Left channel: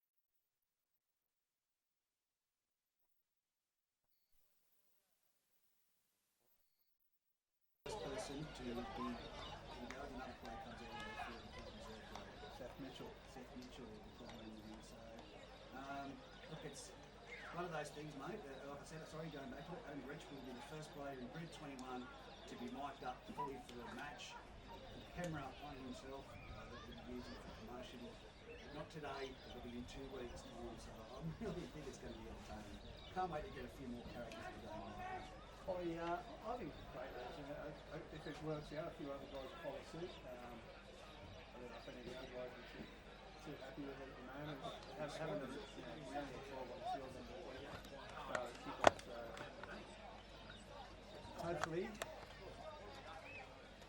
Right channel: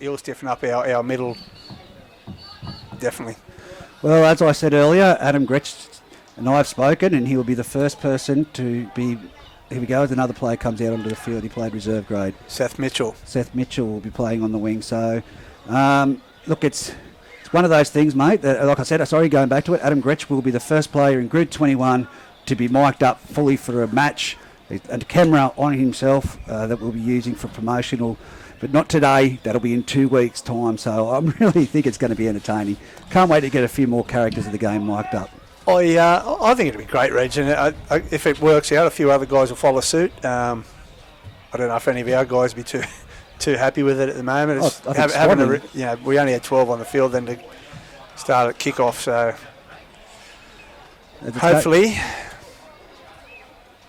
He'll stiffen up our middle, definitely. Well, as I said earlier, Adam Gretsch and I have spoken, and he will be the first person to be. Here we go. As another player comes out onto the field, he played reserve grade. Seth Mitchell will be playing on the wing. So, look, it's one of those things, mate. That, like I said, going back to it, Adam Gretsch will be the first player in Group 21 to be mic'd up fully for a match, and a camera on himself that we'll be using for promotional. But not today. That'll be in 2 weeks' time. So I really think it's going to be entertaining. Can't wait to get a few more characters of the game mic'd up. I think it'll be great, Reg, and if it works out, a few other guys will follow suit. I don't know if any of our guys will be too happy with it at the moment. We only had 12 on the field then to start at kickoff, so hopefully.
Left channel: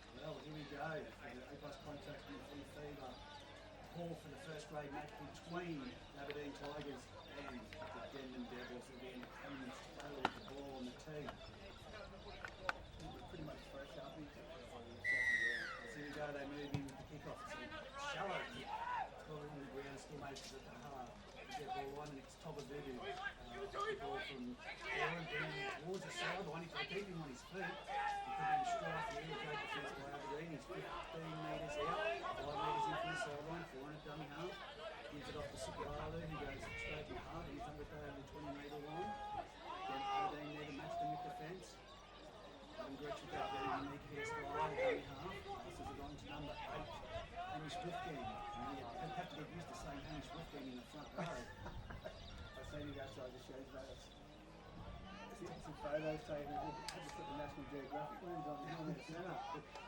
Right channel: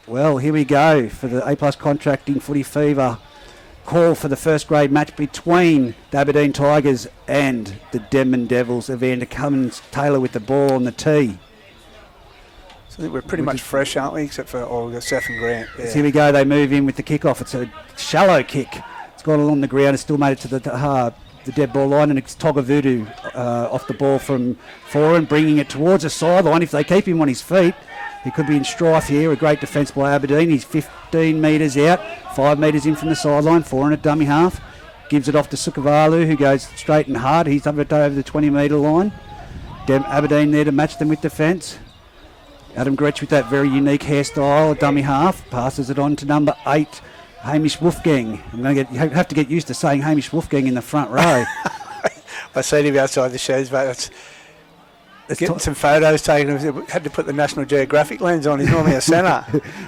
Well, here we go for the A+ Contracting Footy Fever call for the first grade match between the Aberdeen Tigers and the Denman Devils. Evander Cummins-Taylor with the ball on the tee. I think we're pretty much fresh, aren't we? Except for Seth and Grant. Yeah. So here we go. They move in with the kickoff. It's a shallow kick. It's gone along the ground. It's still made it to the dead ball line, and it's Togavudu off the ball from Foran, bringing it towards the sideline. If they keep him on his feet, he could be in strife here. A great defence by Aberdeen. He's 15 metres out, 5 metres in from the sideline. Foran at dummy half. Gives it off to Sukavalu, who goes straight and hard. He's over the 20-metre line. Aberdeen there to match them with defence. Adam Gretsch with that very unique hairstyle, a dummy half, passes it on to number 8, Hamish Wolfgang. Have to get used to saying Hamish Wolfgang in the front row. I seen him outside the sheds, but getting some photos taken. Had to put the National Geographic lens on. He's normally a centre.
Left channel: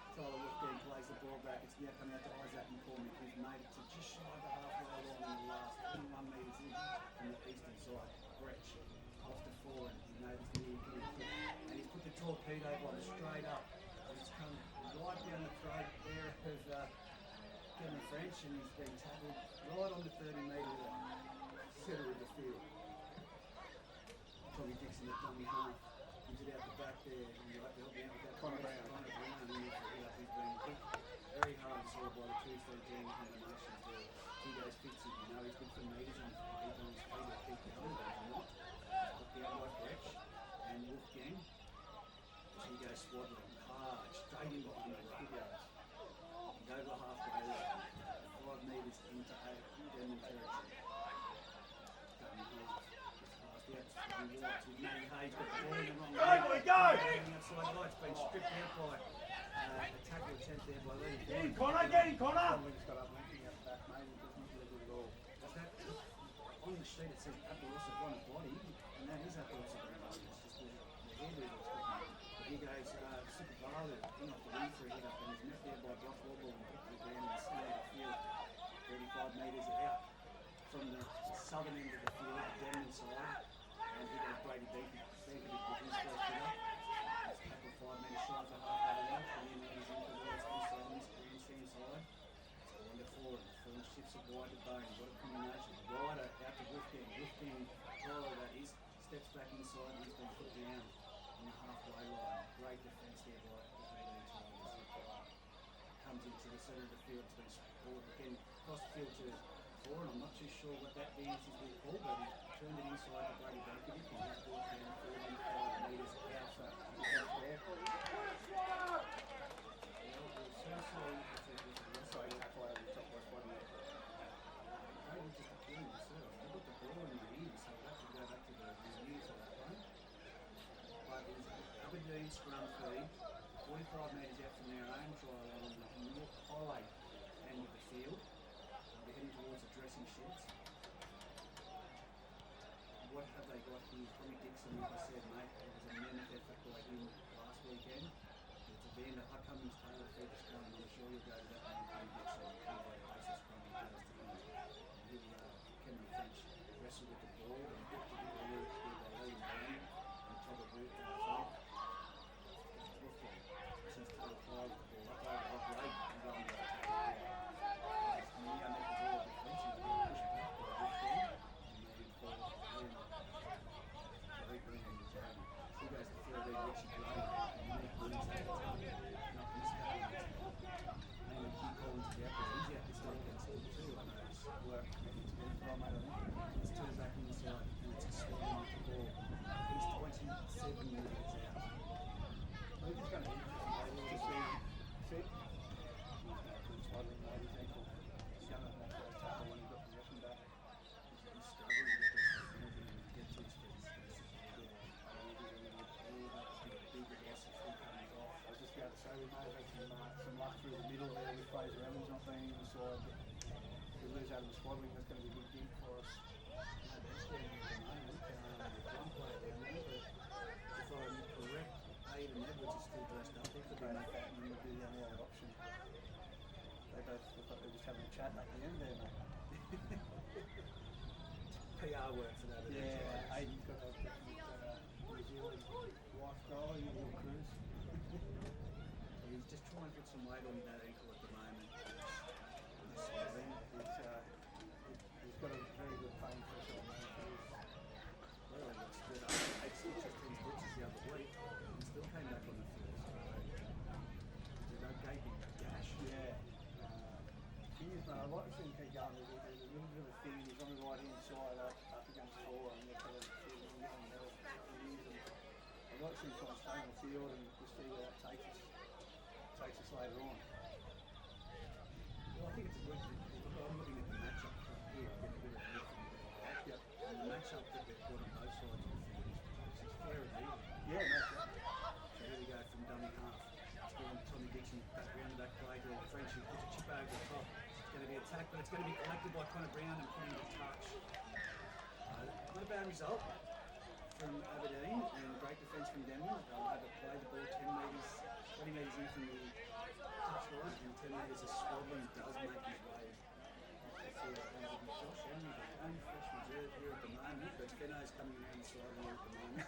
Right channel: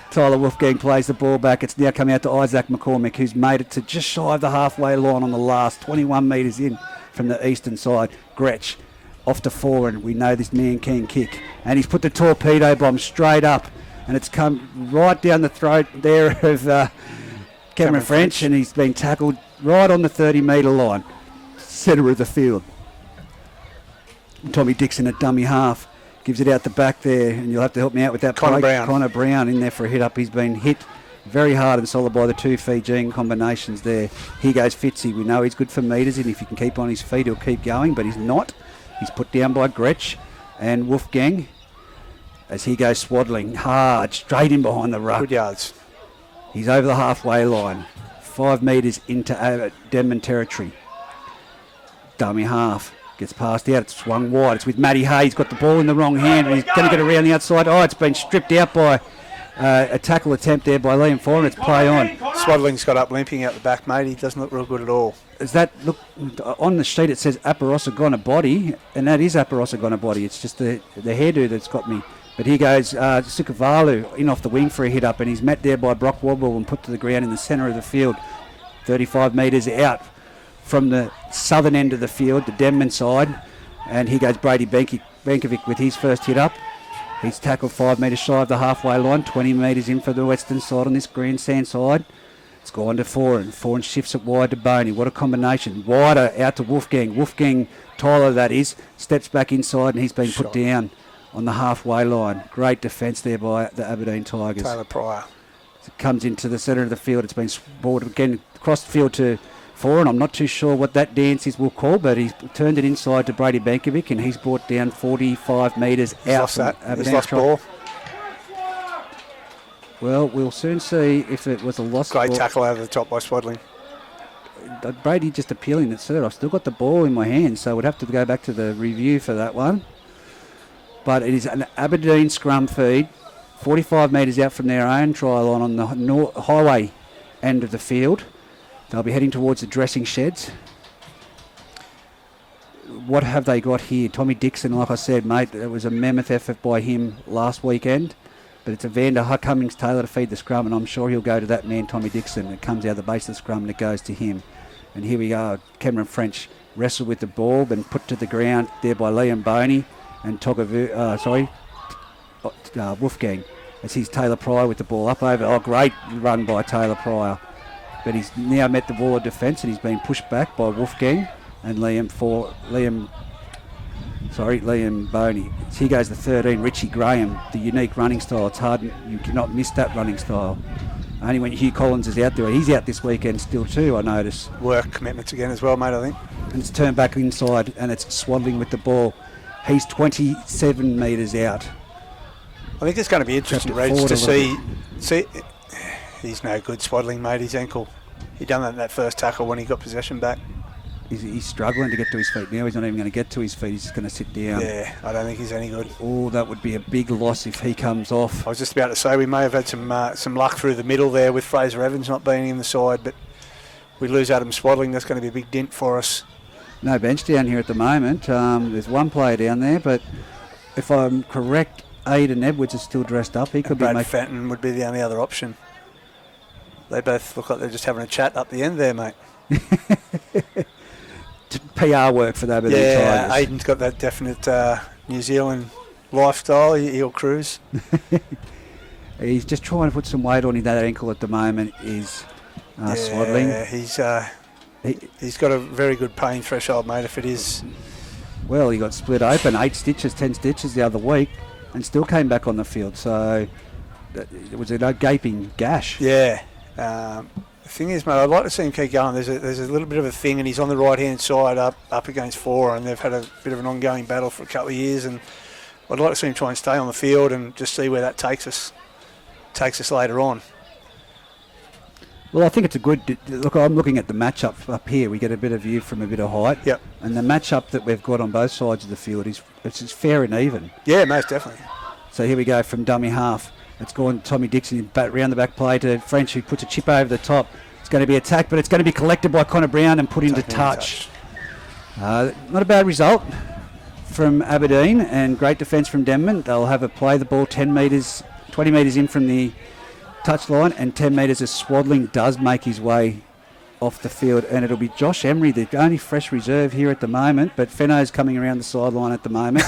Tyler Wolfgang plays the ball back. It's now come out to Isaac McCormick, who's made it to just shy of the halfway line on the last 21 metres in from the eastern side. Gretsch off to Foran. We know this man can kick. And he's put the torpedo bomb straight up. And it's come right down the throat there of Cameron French. And he's been tackled right on the 30-metre line. Centre of the field. And Tommy Dixon at dummy half. Gives it out the back there. And you'll have to help me out with that. Connor Brown in there for a hit up. He's been hit very hard and solid by the two Fijian combinations there. Here goes Fitzy. We know he's good for metres. And if he can keep on his feet, he'll keep going. But he's not. He's put down by Gretsch and Wolfgang as he goes swaddling hard straight in behind the ruck. Good yards. He's over the halfway line, 5 metres into Denman territory. Dummy half gets passed out. It's swung wide. It's with Matty Hay. He's got the ball in the wrong hand and he's going to get around the outside. Oh, it's been stripped out by a tackle attempt there by Liam Foran. It's play on. Swaddling's got up limping out the back, mate. He doesn't look real good at all. Is that, look, on the sheet it says Aparosagona body, and that is Aparosagona body. It's just the hairdo that's got me. But here goes Sukavalu in off the wing for a hit up, and he's met there by Brock Wobble and put to the ground in the centre of the field, 35 metres out from the southern end of the field, the Denman side. And here goes Brady Benkovic with his first hit up. He's tackled 5 metres shy of the halfway line, 20 metres in for the western side on this grandstand side. It's gone to Foran. Foran shifts it wide to Boney. What a combination. Wider out to Wolfgang. Wolfgang, Tyler that is, steps back inside and he's been put down on the halfway line. Great defence there by the Aberdeen Tigers. Taylor Pryor. It comes into the centre of the field. It's been brought again across the field to Foran. I'm not too sure what that dance is we'll call, but he's turned it inside to Brady Benkovic and he's brought down 45 metres out. He's lost ball. Well, we'll soon see if it was a lost ball. Great tackle over the top by Swaddling. Brady just appealing it, sir. I've still got the ball in my hand, so we'd have to go back to the review for that one. But it is an Aberdeen scrum feed, 45 metres out from their own try line on the highway end of the field. They'll be heading towards the dressing sheds. What have they got here? Tommy Dixon, like I said, mate, it was a mammoth effort by him last weekend. But it's Evander Cummins-Taylor to feed the scrum, and I'm sure he'll go to that man, Tommy Dixon. It comes out of the base of the scrum and it goes to him. And here we are. Cameron French wrestled with the ball, been put to the ground there by Liam Boney and Wolfgang. As he's Taylor Pryor with the ball up over. Oh, great run by Taylor Pryor. But he's now met the wall of defence and he's been pushed back by Wolfgang and Liam Boney. So here goes the 13, Richie Graham, the unique running style. It's hard, you cannot miss that running style. Only when Hugh Collins is out there. He's out this weekend still too, I notice. Work commitments again as well, mate, I think. And it's turned back inside and it's Swaddling with the ball. He's 27 metres out. I think it's going to be interesting, Reg, to see. He's no good, Swaddling, mate, his ankle. He done that in that first tackle when he got possession back. He's struggling to get to his feet now. He's not even going to get to his feet. He's just going to sit down. Yeah, I don't think he's any good. Oh, that would be a big loss if he comes off. I was just about to say we may have had some luck through the middle there with Fraser Evans not being in the side, but we lose Adam Swaddling. That's going to be a big dent for us. No bench down here at the moment. There's one player down there, but if I'm correct, Aidan Edwards is still dressed up. He could Brad be. Fenton would be the only other option. They both look like they're just having a chat up the end there, mate. PR work for the Aberdeen Tigers. Yeah, Aidan's got that definite New Zealand lifestyle. He'll cruise. He's just trying to put some weight on that ankle at the moment. Is Swaddling. He's got a very good pain threshold, mate. If it is. Well, he got split open, 10 stitches the other week, and still came back on the field. So it was a gaping gash. Yeah. The thing is, mate, I'd like to see him keep going. There's a little bit of a thing, and he's on the right-hand side up against four, and they've had a bit of an ongoing battle for a couple of years, and I'd like to see him try and stay on the field and just see where that takes us later on. Well, I think it's a good look. I'm looking at the matchup up here. We get a bit of view from a bit of height. Yep. And the matchup that we've got on both sides of the field is fair and even. Yeah, most definitely. So here we go from dummy half. It's gone Tommy Dixon round the back play to French, who puts a chip over the top. It's going to be attacked, but it's going to be collected by Connor Brown and put into touch. Not a bad result from Aberdeen, and great defence from Denman. They'll have a play the ball 10 metres, 20 metres in from the touchline, and 10 metres as Swaddling does make his way off the field, and it'll be Josh Emery, the only fresh reserve here at the moment, but Fenno's coming around the sideline at the moment.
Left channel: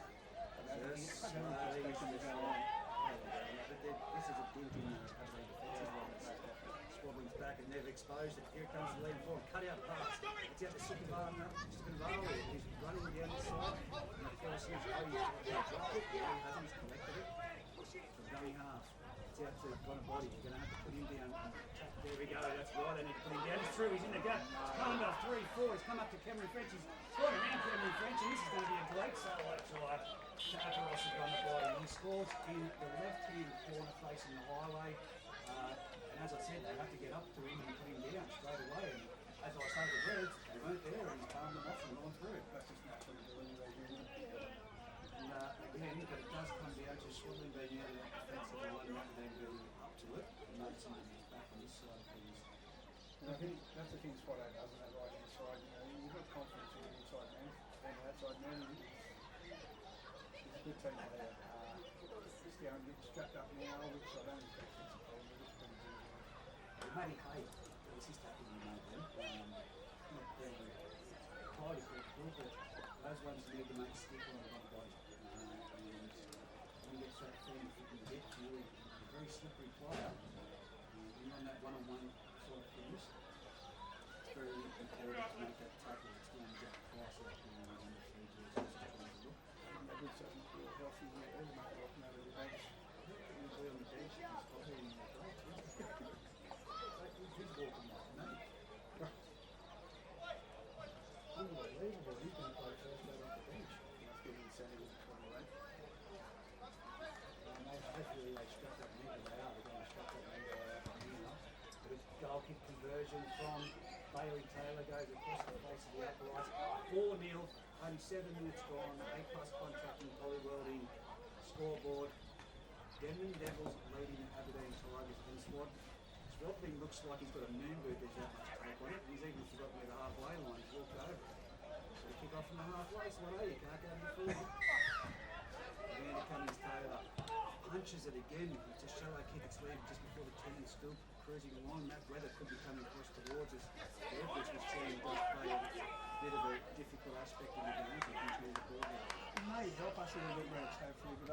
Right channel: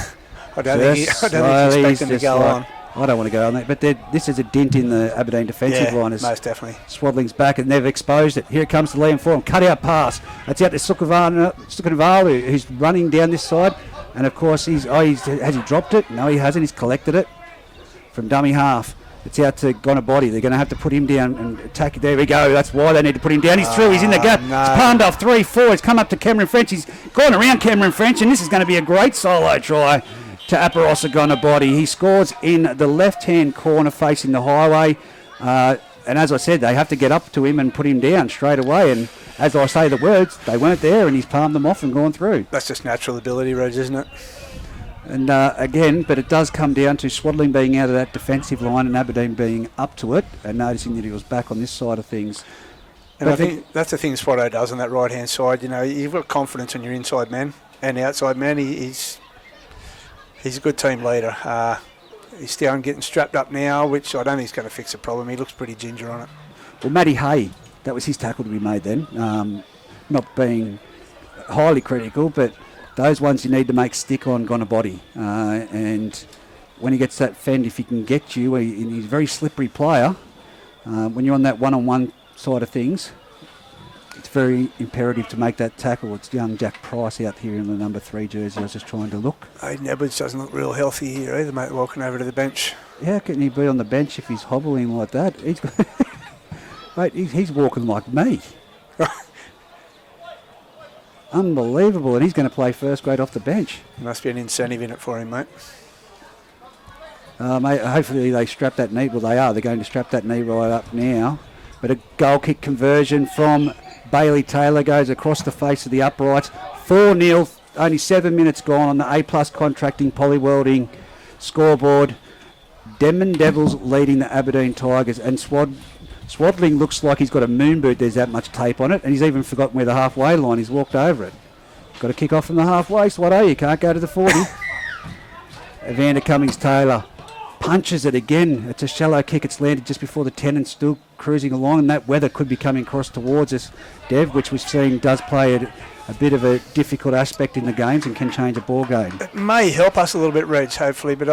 I don't think he's expecting to go on. I don't want to go on that, but this is a dent in the Aberdeen defensive line. Most definitely. Swaddling's back and they've exposed it. Here it comes to Liam Forum. Cut out pass. It's out to Sukanavalu, who's running down this side. And of course, has he dropped it? No, he hasn't. He's collected it from dummy half. It's out to Gonabody. They're going to have to put him down and attack it. There we go. That's why they need to put him down. He's through. He's in the gap. No. It's palmed off 3-4. He's come up to Cameron French. He's gone around Cameron French, and this is going to be a great solo try to Aparosa Gonabody. He scores in the left-hand corner facing the highway. And as I said, they have to get up to him and put him down straight away. And as I say the words, they weren't there, and he's palmed them off and gone through. That's just natural ability, Reg, isn't it? And again, but it does come down to Swaddling being out of that defensive line and Aberdeen being up to it and noticing that he was back on this side of things. And I think that's the thing Swatto does on that right-hand side. You know, you've got confidence in your inside man and outside man. He's a good team leader. He's down getting strapped up now, which I don't think is going to fix the problem. He looks pretty ginger on it. Well, Matty Hay, that was his tackle to be made then. Not being highly critical, but those ones you need to make stick on Gonabody. And when he gets that fend, if he can get you, he's a very slippery player. When you're on that one-on-one side of things, it's very imperative to make that tackle. It's young Jack Price out here in the number 3 jersey. I was just trying to look. Aidan Edwards doesn't look real healthy here either, mate, walking over to the bench. How can he be on the bench if he's hobbling like that? Mate, he's walking like me. Unbelievable, and he's going to play first grade off the bench. Must be an incentive in it for him, mate. Mate, hopefully they strap that knee. Well, they are. They're going to strap that knee right up now. But a goal kick conversion from Bailey Taylor goes across the face of the uprights. 4-0, only 7 minutes gone on the A-plus contracting poly-welding scoreboard. Denman Devils leading the Aberdeen Tigers, and Swaddling looks like he's got a moon boot. There's that much tape on it, and he's even forgotten where the halfway line. He's walked over it. Got to kick off from the halfway, Swatto. You can't go to the 40. Evander Cummings-Taylor punches it again. It's a shallow kick. It's landed just before the 10 and still cruising along, and that weather could be coming across towards us, Dev, which we've seen does play a bit of a difficult aspect in the games and can change a ball game. It may help us a little bit, Reg, hopefully, but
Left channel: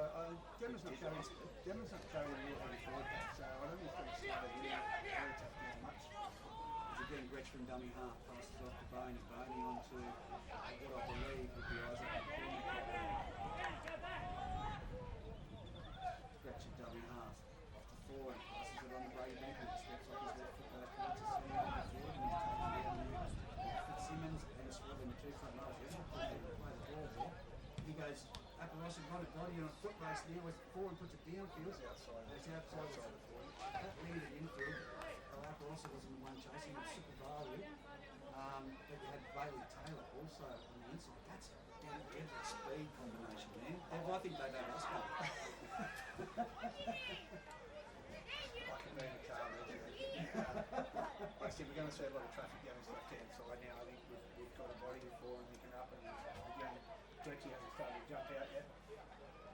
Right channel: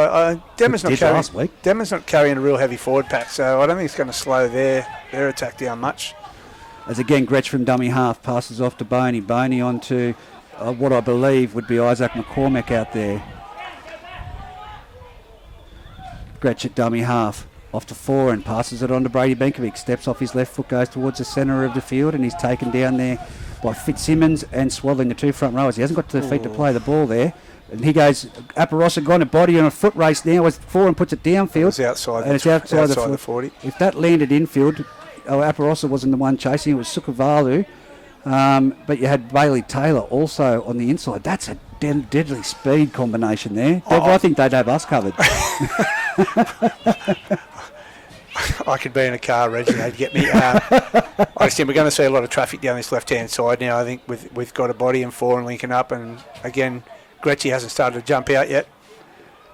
Denman's not carrying a real heavy forward pack, so I don't think it's going to slow their attack down much. As again, Gretsch from dummy half passes off to Boney. Boney on to what I believe would be Isaac McCormack out there. Gretsch at dummy half. off to four and passes it on to Brady Benkovic. Steps off his left foot, goes towards the centre of the field, and he's taken down there by Fitzsimmons and Swaddling, the two front rowers. He hasn't got to the feet to play the ball there. And he goes, Aparosa gone a body on a foot race now as four and puts it downfield. It's outside, and it's outside the 40. If that landed infield, Aparosa wasn't the one chasing, it was Sukavalu. But you had Bailey Taylor also on the inside. That's a deadly speed combination there. Dev, I think they'd have us covered. I could be in a car, Reggie, they'd get me. I just think we're going to see a lot of traffic down this left-hand side now. I think we've got a body and four and linking up, and again, Gretchy hasn't started to jump out yet.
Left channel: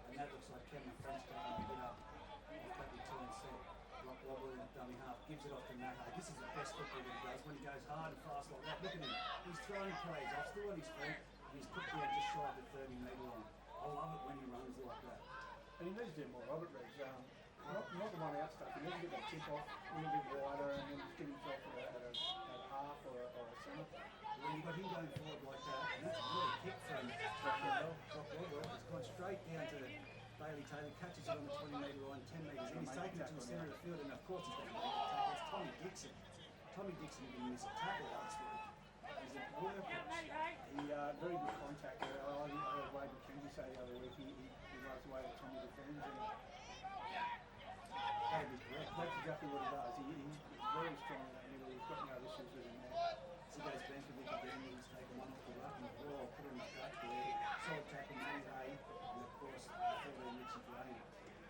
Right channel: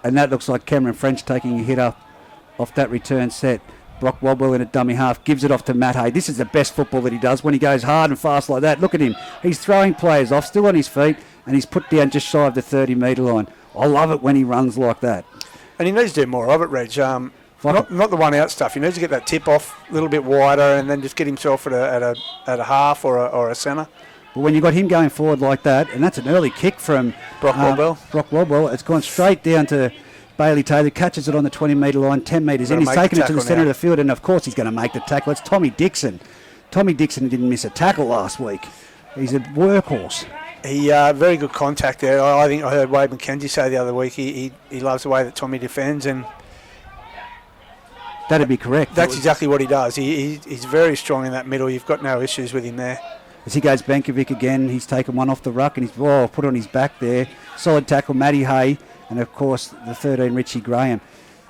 And that looks like Cameron French taking a hit off that return set. Brock Wobble in a dummy half, gives it off to Matt Hay. This is the best football that he does when he goes hard and fast like that. Look at him. He's throwing players off, still on his feet, and he's put down just shy of the 30-metre line. I love it when he runs like that. And he needs to do more of it, Reg. Not the one-out stuff. He needs to get that tip off a little bit wider and then just get himself at a half or a centre. But when you got him going forward like that, and that's an early kick from Brock Wobble, it's gone straight down to Bailey Taylor, catches it on the 20-metre line, 10 metres in. He's taken it to the centre of the field, and of course he's going to make the tackle. It's Tommy Dixon. Tommy Dixon didn't miss a tackle last week. He's a workhorse. He very good contact there. I think I heard Wade McKenzie say the other week he loves the way that Tommy defends, and that'd be correct. That's exactly what he does. He's very strong in that middle. You've got no issues with him there. As he goes Benkovic again, he's taken one off the ruck and he's put on his back there. Solid tackle, Matty Hay, and of course the 13, Richie Graham.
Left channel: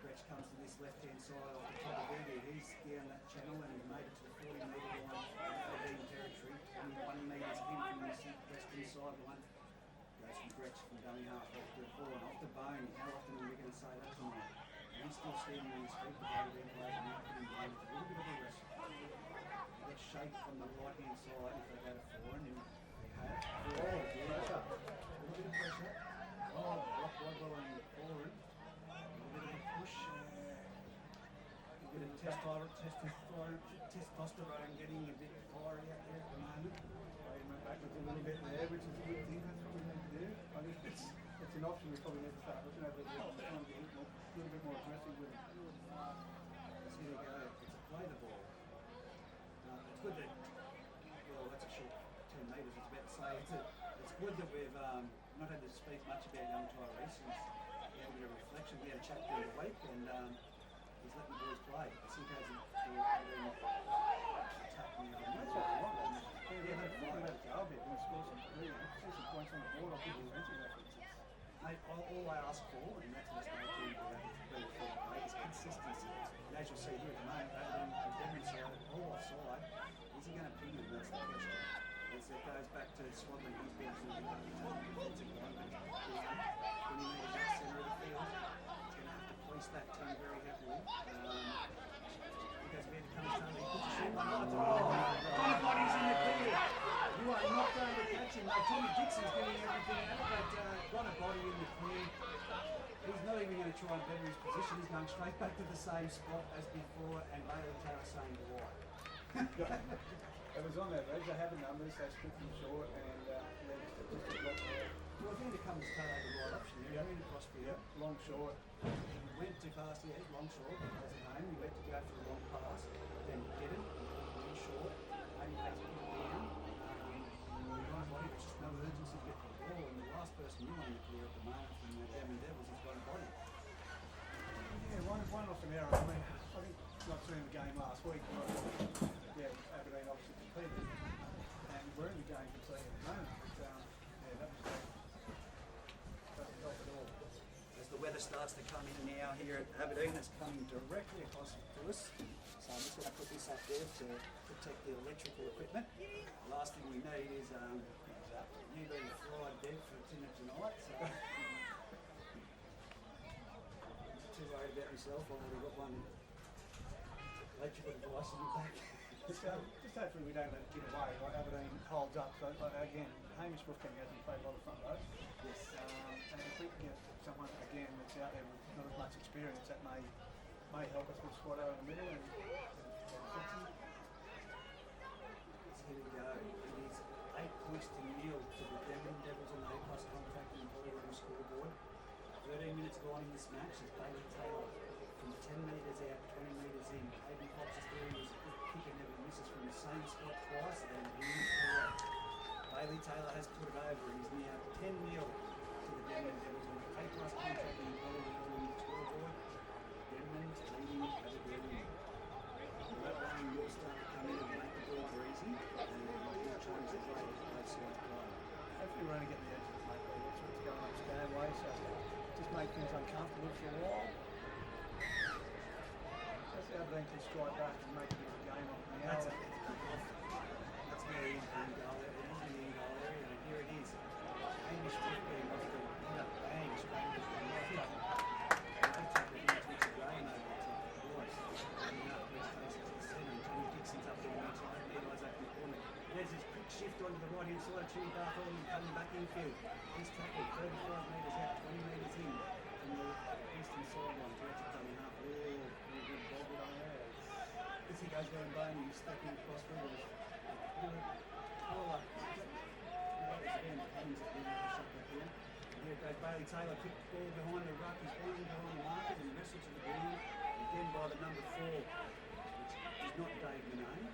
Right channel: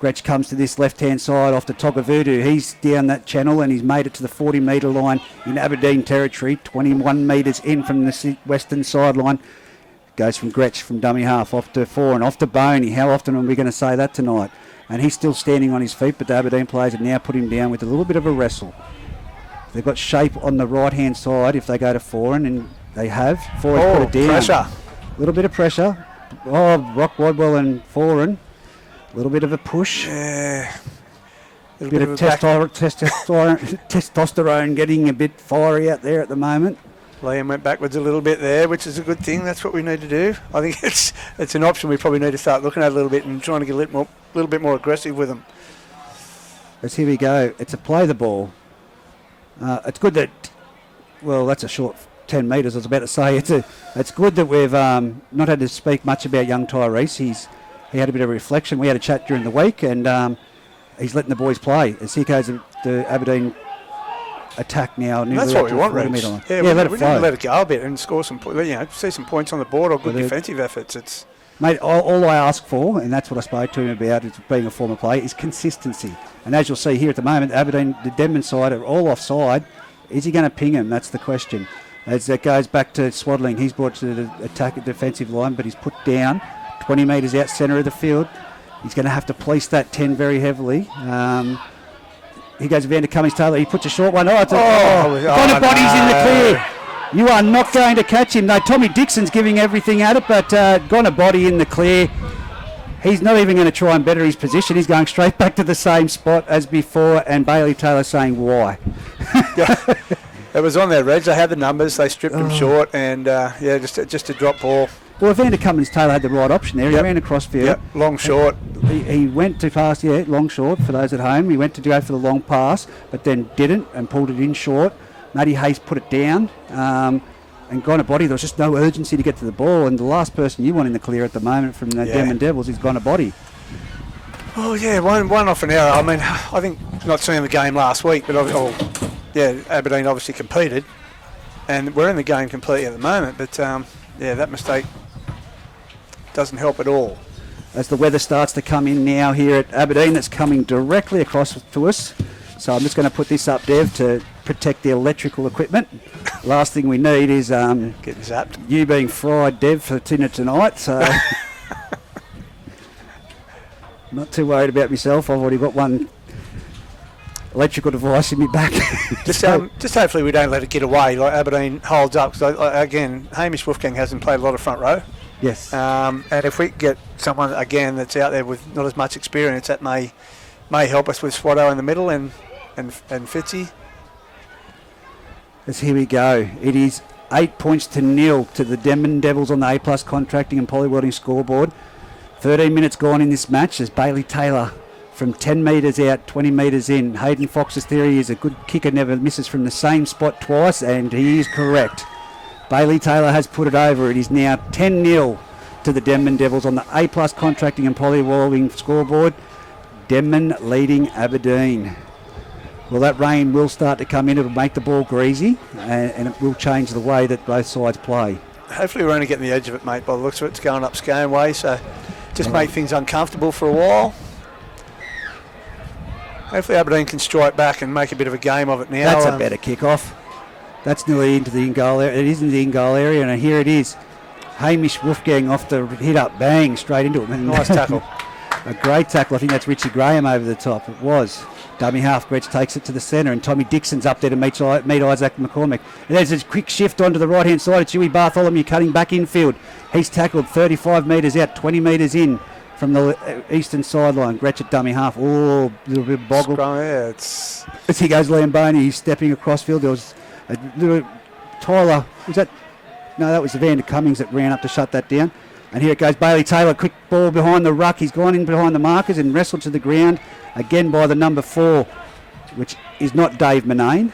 Gretsch comes to this left-hand side off to Togavudu. He's down that channel and he's made it to the 40-metre line in Aberdeen territory, 21 metres in from the western sideline. Goes from Gretsch from dummy half off to four and off to Boney. How often are we going to say that tonight? And he's still standing on his feet, but the Aberdeen players have now put him down with a little bit of a wrestle. They've got shape on the right-hand side if they go to Foreign, and they have. Foreign put it down. Pressure. A little bit of pressure. Rock Wadwell and Foreign. A little bit of a push. Yeah. A bit of testosterone getting a bit fiery out there at the moment. Liam went backwards a little bit there, which is a good thing. That's what we need to do. I think it's an option we probably need to start looking at a little bit and trying to get a little bit more aggressive with them. As here we go. It's a play the ball. It's good that, well, that's a short 10 metres, I was about to say. It's good that we've not had to speak much about young Tyrese. He had a bit of a reflection. We had a chat during the week, and he's letting the boys play. As here goes the Aberdeen attack now. That's what we want, Reg. Yeah, let it flow. Let it go a bit and score some, see some points on the board or good defensive efforts. Mate, all I ask for, and that's what I spoke to him about, is being a former player, is consistency. And as you'll see here at the moment, Aberdeen, the Denman side, are all offside. Is he going to ping him? That's the question. As it goes back to Swaddling, he's brought to the attack defensive line, but he's put down 20 metres out centre of the field. He's going to have to police that 10 very heavily. He goes Vander Cummings Taylor. He puts a short one. Body's in the clear. You are not going to catch him. No, Tommy Dixon's giving everything at it, but gone a body in the clear. He's not even going to try and better his position. He's going straight back to the same spot as before, and Bailey Taylor saying, why? It was on there, Reg. They had the numbers. They stripped him short, and just a drop ball. Well, Vander Cummings Taylor had the right option there. He ran across field. Yep, long short. He went to pass, long short for those at home. He went to go for the long pass, but then didn't and pulled it in short. Matty Hayes put it down and gone a body. There was just no urgency to get to the ball, and the last person you want in the clear at the moment from the Denman Devils is gone a body. Oh, yeah, one off an error. I mean, I think not seeing the game last week, but Aberdeen obviously competed, and we're in the game completely at the moment, but that mistake doesn't help at all. As the weather starts to come in now here at Aberdeen, that's coming directly across to us. So I'm just going to put this up, Dev, to protect the electrical equipment. Last thing we need is getting zapped. You being fried, Dev, for dinner tonight. So not too worried about myself. I've already got one electrical device in my back. just hopefully we don't let it get away. Like Aberdeen holds up. Because again, Hamish Wolfgang hasn't played a lot of front row. Yes. And if we get someone again that's out there with not as much experience, that may help us with Swatto in the middle and Fitzy. As here we go. It is 8 points to 0 to the Denman Devils on the A+ contracting and polywelding scoreboard. 13 minutes gone in this match as Bailey Taylor from 10 metres out, 20 metres in. Hayden Fox's theory is a good kicker never misses from the same spot twice, and he is correct. Bailey Taylor has put it over. It is now 10-0 to the Denman Devils on the A+ Contracting and Polywalling scoreboard. Denman leading Aberdeen. Well, that rain will start to come in. It'll make the ball greasy, and it will change the way that both sides play. Hopefully we're only getting the edge of it, mate, by the looks of it. It's going up Scone way, so just make things uncomfortable for a while. Hopefully Aberdeen can strike back and make a bit of a game of it now. That's a better kick-off. That's nearly into the in-goal area. It is in the in-goal area, and here it is. Hamish Wolfgang off the hit-up, bang, straight into it. Nice tackle. A great tackle. I think that's Richie Graham over the top. It was. Dummy half, Gretsch takes it to the centre, and Tommy Dixon's up there to meet Isaac McCormick. And there's a quick shift onto the right-hand side. It's Huey Bartholomew cutting back infield. He's tackled 35 metres out, 20 metres in from the eastern sideline. Gretsch at dummy half. Oh, a little bit boggled. Yeah, it's... As he goes Lamboni, he's stepping across field. There was a little... Tyler, was that... No, that was Evander Cummings that ran up to shut that down. And here it goes, Bailey Taylor, quick ball behind the ruck. He's gone in behind the markers and wrestled to the ground, again by the number 4, which is not Dave Manane.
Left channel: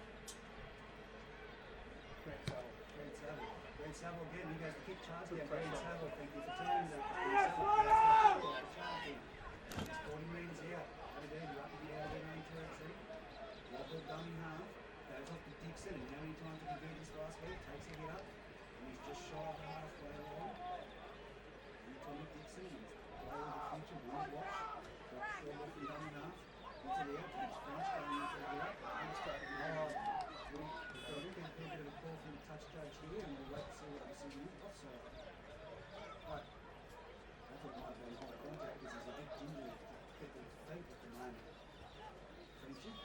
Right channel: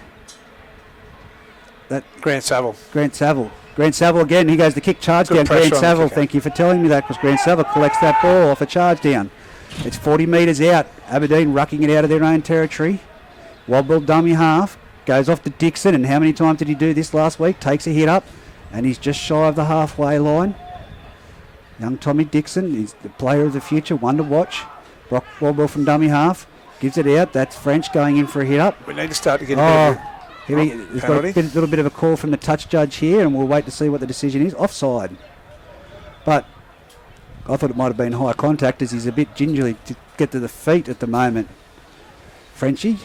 Grant Saville. Grant Saville again, he goes the kick charge Good down. Grant Saville, kicker. thank you for telling me that, because Grant Saville collects that ball off a charge down. It's 40 metres out. Aberdeen rucking it out of their own territory. Wobble dummy half, goes off to Dixon, and how many times did he do this last week? Takes a hit up, and he's just shy of the halfway line. Young Tommy Dixon is the player of the future, one to watch. Brock Wobble from dummy half, gives it out. That's French going in for a hit up. We need to start to get a bit of He's got a little bit of a call from the touch judge here, and we'll wait to see what the decision is. Offside. But I thought it might have been high contact, as he's a bit gingerly to get to the feet at the moment. Frenchie.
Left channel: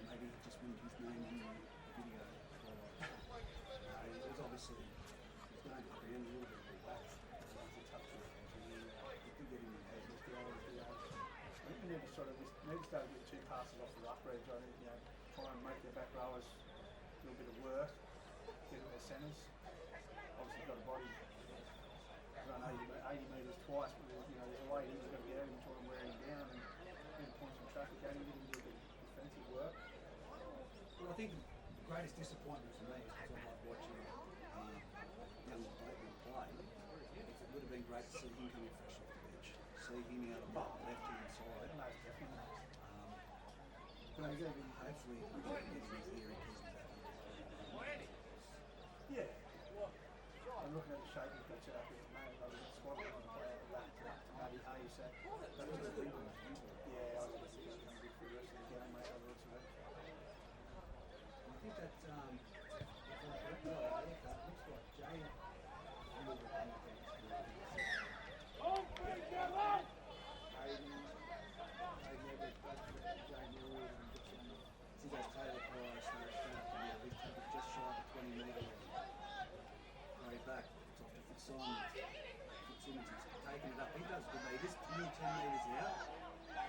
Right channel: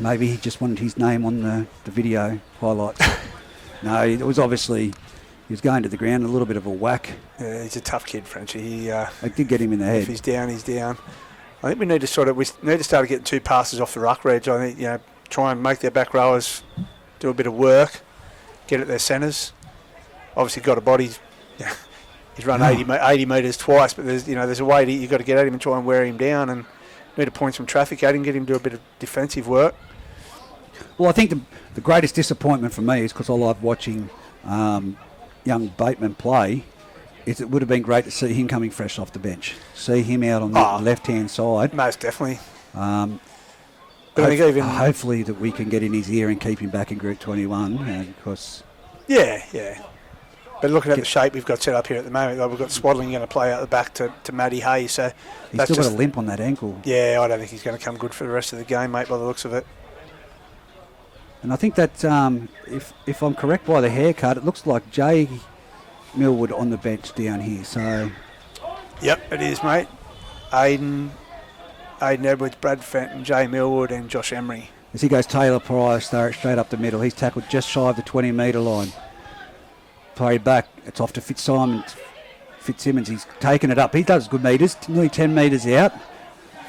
Maybe he just wanted his name on the video highlights. No, it was obviously... He was going to the ground, a little bit of a whack. Yeah, he's a tough kid, Frenchie. I did get him in the head. If he's down, he's down. I think we need to start getting 2 passes off the ruck, Reg. I think, try and make their back rowers do a bit of work, get at their centres. Obviously got a body. He's run 80 metres twice, but there's a way you've got to get at him and try and wear him down, and need to point some traffic at him, get him to do a bit of defensive work. Well, I think the greatest disappointment for me is because I like watching young Bateman play, is it would have been great to see him coming fresh off the bench. See him out on the left-hand side. Most definitely. But I think hopefully that we can get in his ear and keep him back in Group 21. Because yeah. But looking at the shape we've got set up here at the moment, we've got Swaddling going to play out the back to Matty Hay. So he's still got a limp on that ankle. Yeah, I don't think he's going to come good for the rest of the game, mate, by the looks of it. And I think that if I'm correct by the haircut, it looks like Jay Millwood on the bench down here. So, yep, it is, mate. Aiden Edwards, Brad Fenton, Jay Millwood, and Josh Emery. As he goes, Taylor Pryor straight up the middle. He's tackled just shy of the 20-metre line. Play back. It's off to Fitzsimmons. He's taken it up. He does good metres, nearly 10 metres out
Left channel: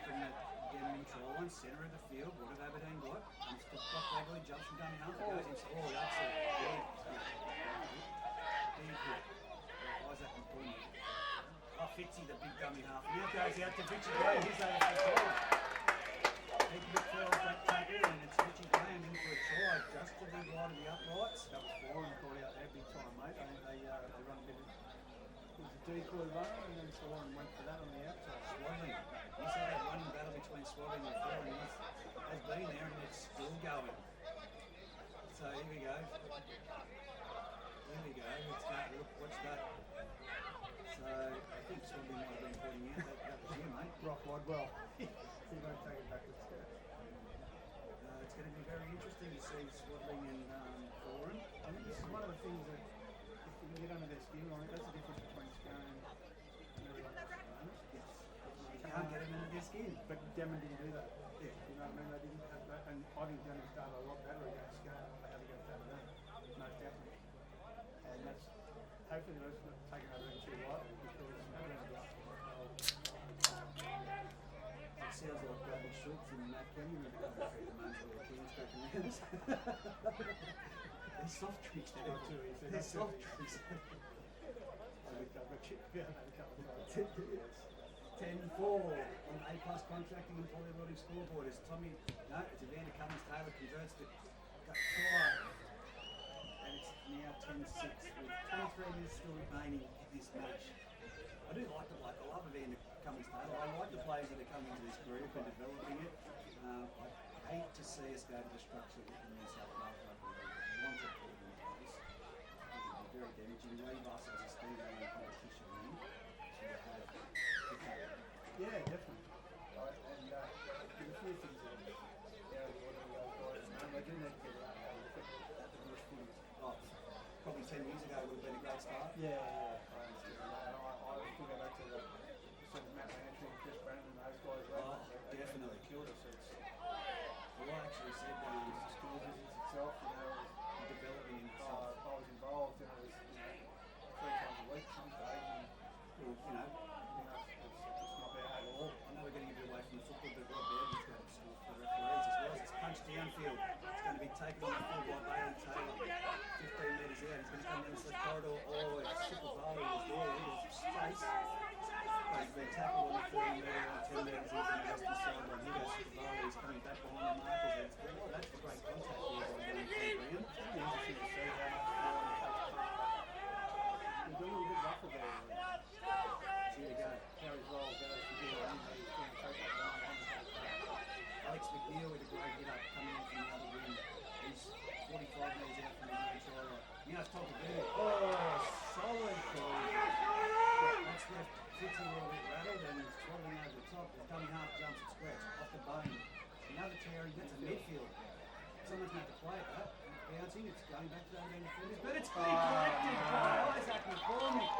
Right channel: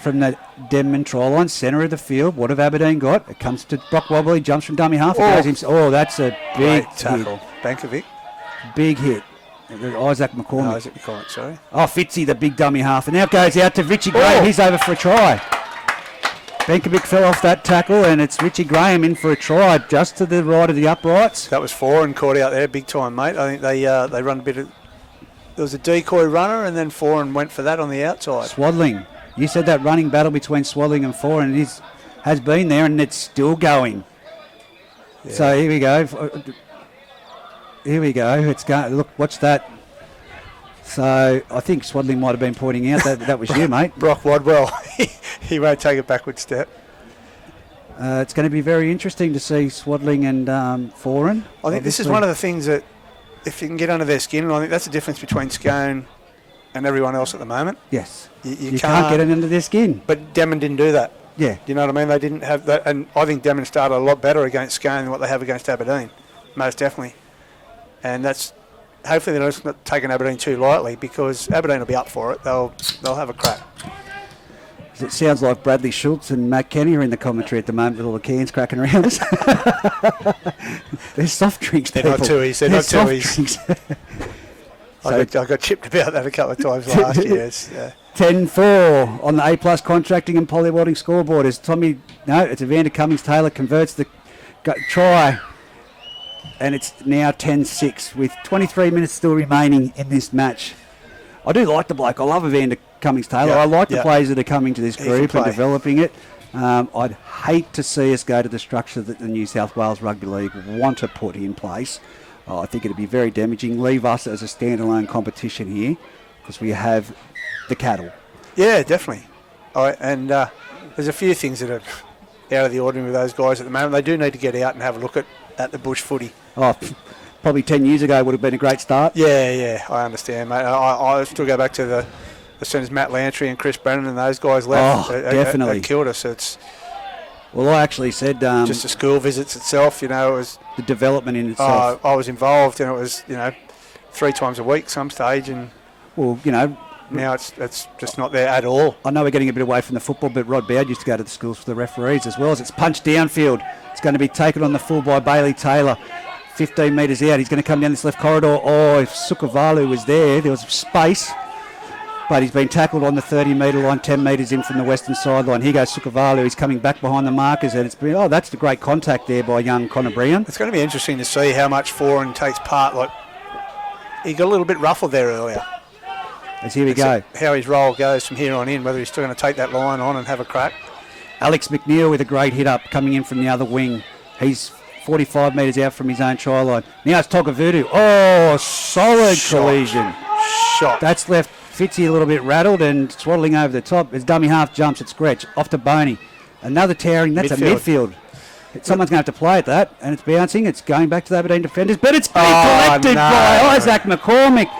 from the Denman try line, centre of the field. What have Aberdeen got? It comes to Brock Wobble. He jumps from dummy half. That's a big tackle. Bankovic. Big hit. Isaac McCormick. No, Isaac McCormick, sorry. Fitzy, the big dummy half. And now it goes out to Richie Graham. He's over for a try. Bankovic fell off that tackle, and it's Richie Graham in for a try just to the right of the uprights. That was Foran caught out there, big time, mate. I think they run a bit of... There was a decoy runner, and then Foran went for that on the outside. Swaddling. You said that running battle between Swaddling and Foran has been there, and it's still going. Yeah. So here we go. It's going. Look, watch that. So I think Swaddling might have been pointing out that was you, mate. Brock Wadwell. He won't take a backward step. It's going to be very interesting to see Swaddling and Foran. I think this is one of the things that, if you can get under their skin, and I think that's the difference between Scone and everyone else at the moment. Yes. You can't get it under their skin. But Denman didn't do that. Yeah. Do you know what I mean? They didn't have that. And I think Denman started a lot better against Scone than what they have against Aberdeen. Most definitely. And that's... Hopefully they're not taking Aberdeen too lightly, because Aberdeen will be up for it. They'll have a crack. It sounds like Bradley Schultz and Matt Kenny are in the commentary at the moment with all the cans cracking around us. They're soft drinks, They're people. not twoies. They're not twoies. I got chipped about that a couple of times last year. 10-4 on the A+ contracting and polywadding scoreboard as it's Evander Cummings-Taylor converts the try, and it's now 10-6 with 23 minutes still remaining in this match. I do like the bloke. I love Evander Cummings-Taylor. I like the players that are coming to this group and developing it. I'd hate to see us go to the structure that the New South Wales Rugby League want to put in place. I think it'd be very damaging. Leave us as a standalone competition here because we have the cattle. Yeah, definitely. And there's a few things that are out of the ordinary with those guys at the moment. They do need to get out and have a look at the bush footy. Probably 10 years ago would have been a great start. Yeah, I understand, mate. I still go back to as soon as Matt Lantry and Chris Brennan and those guys left. Definitely. It killed us. It's Well, I actually said... just the school visits itself, it was... The development in itself. I was involved, and it was, 3 times a week some stage, and... Well, now it's just not there at all. I know we're getting a bit away from the football, but Rod Baird used to go to the schools for the referees as well. As it's punched downfield. It's going to be taken on the full by Bailey Taylor. 15 metres out. He's going to come down this left corridor. If Sukavalu was there was space. But he's been tackled on the 30-metre line, 10 metres in from the western sideline. Here goes Sukavalu. He's coming back behind the markers, and it's been, that's the great contact there by young Connor Brown. It's going to be interesting to see how much Foran takes part. He got a little bit ruffled there earlier. As here we go. How his role goes from here on in, whether he's still going to take that line on and have a crack. Alex McNeil with a great hit up coming in from the other wing. He's 45 metres out from his own try line. Now it's Tokavutu. Solid collision. Shot. That's left Fitzy a little bit rattled and swaddling over the top. As dummy half jumps at Scratch. Off to Boney. Another towering. That's a midfield. Someone's going to have to play at that, and it's bouncing. It's going back to the Aberdeen defenders, but it's being collected by Isaac McCormick.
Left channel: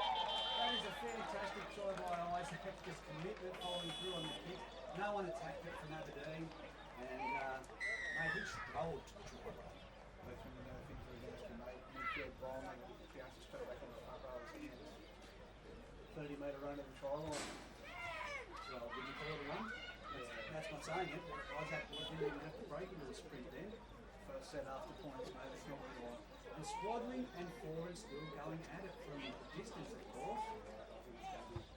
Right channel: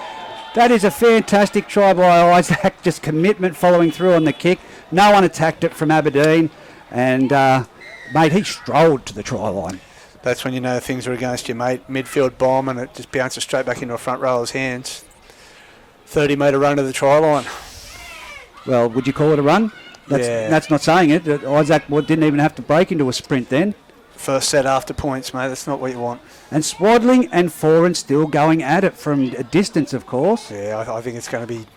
That is a fantastic try by Isaac. Just commitment following through on the kick. No one attacked it from Aberdeen, and mate, he strolled to the try line. That's when you know things are against you, mate. Midfield bomb, and it just bounces straight back into a front rower's hands. 30-metre run to the try line. Well, would you call it a run? That's not saying it. Isaac didn't even have to break into a sprint then. First set after points, mate. That's not what you want. And Swaddling and Foran still going at it from a distance, of course. Yeah, I think it's going to be...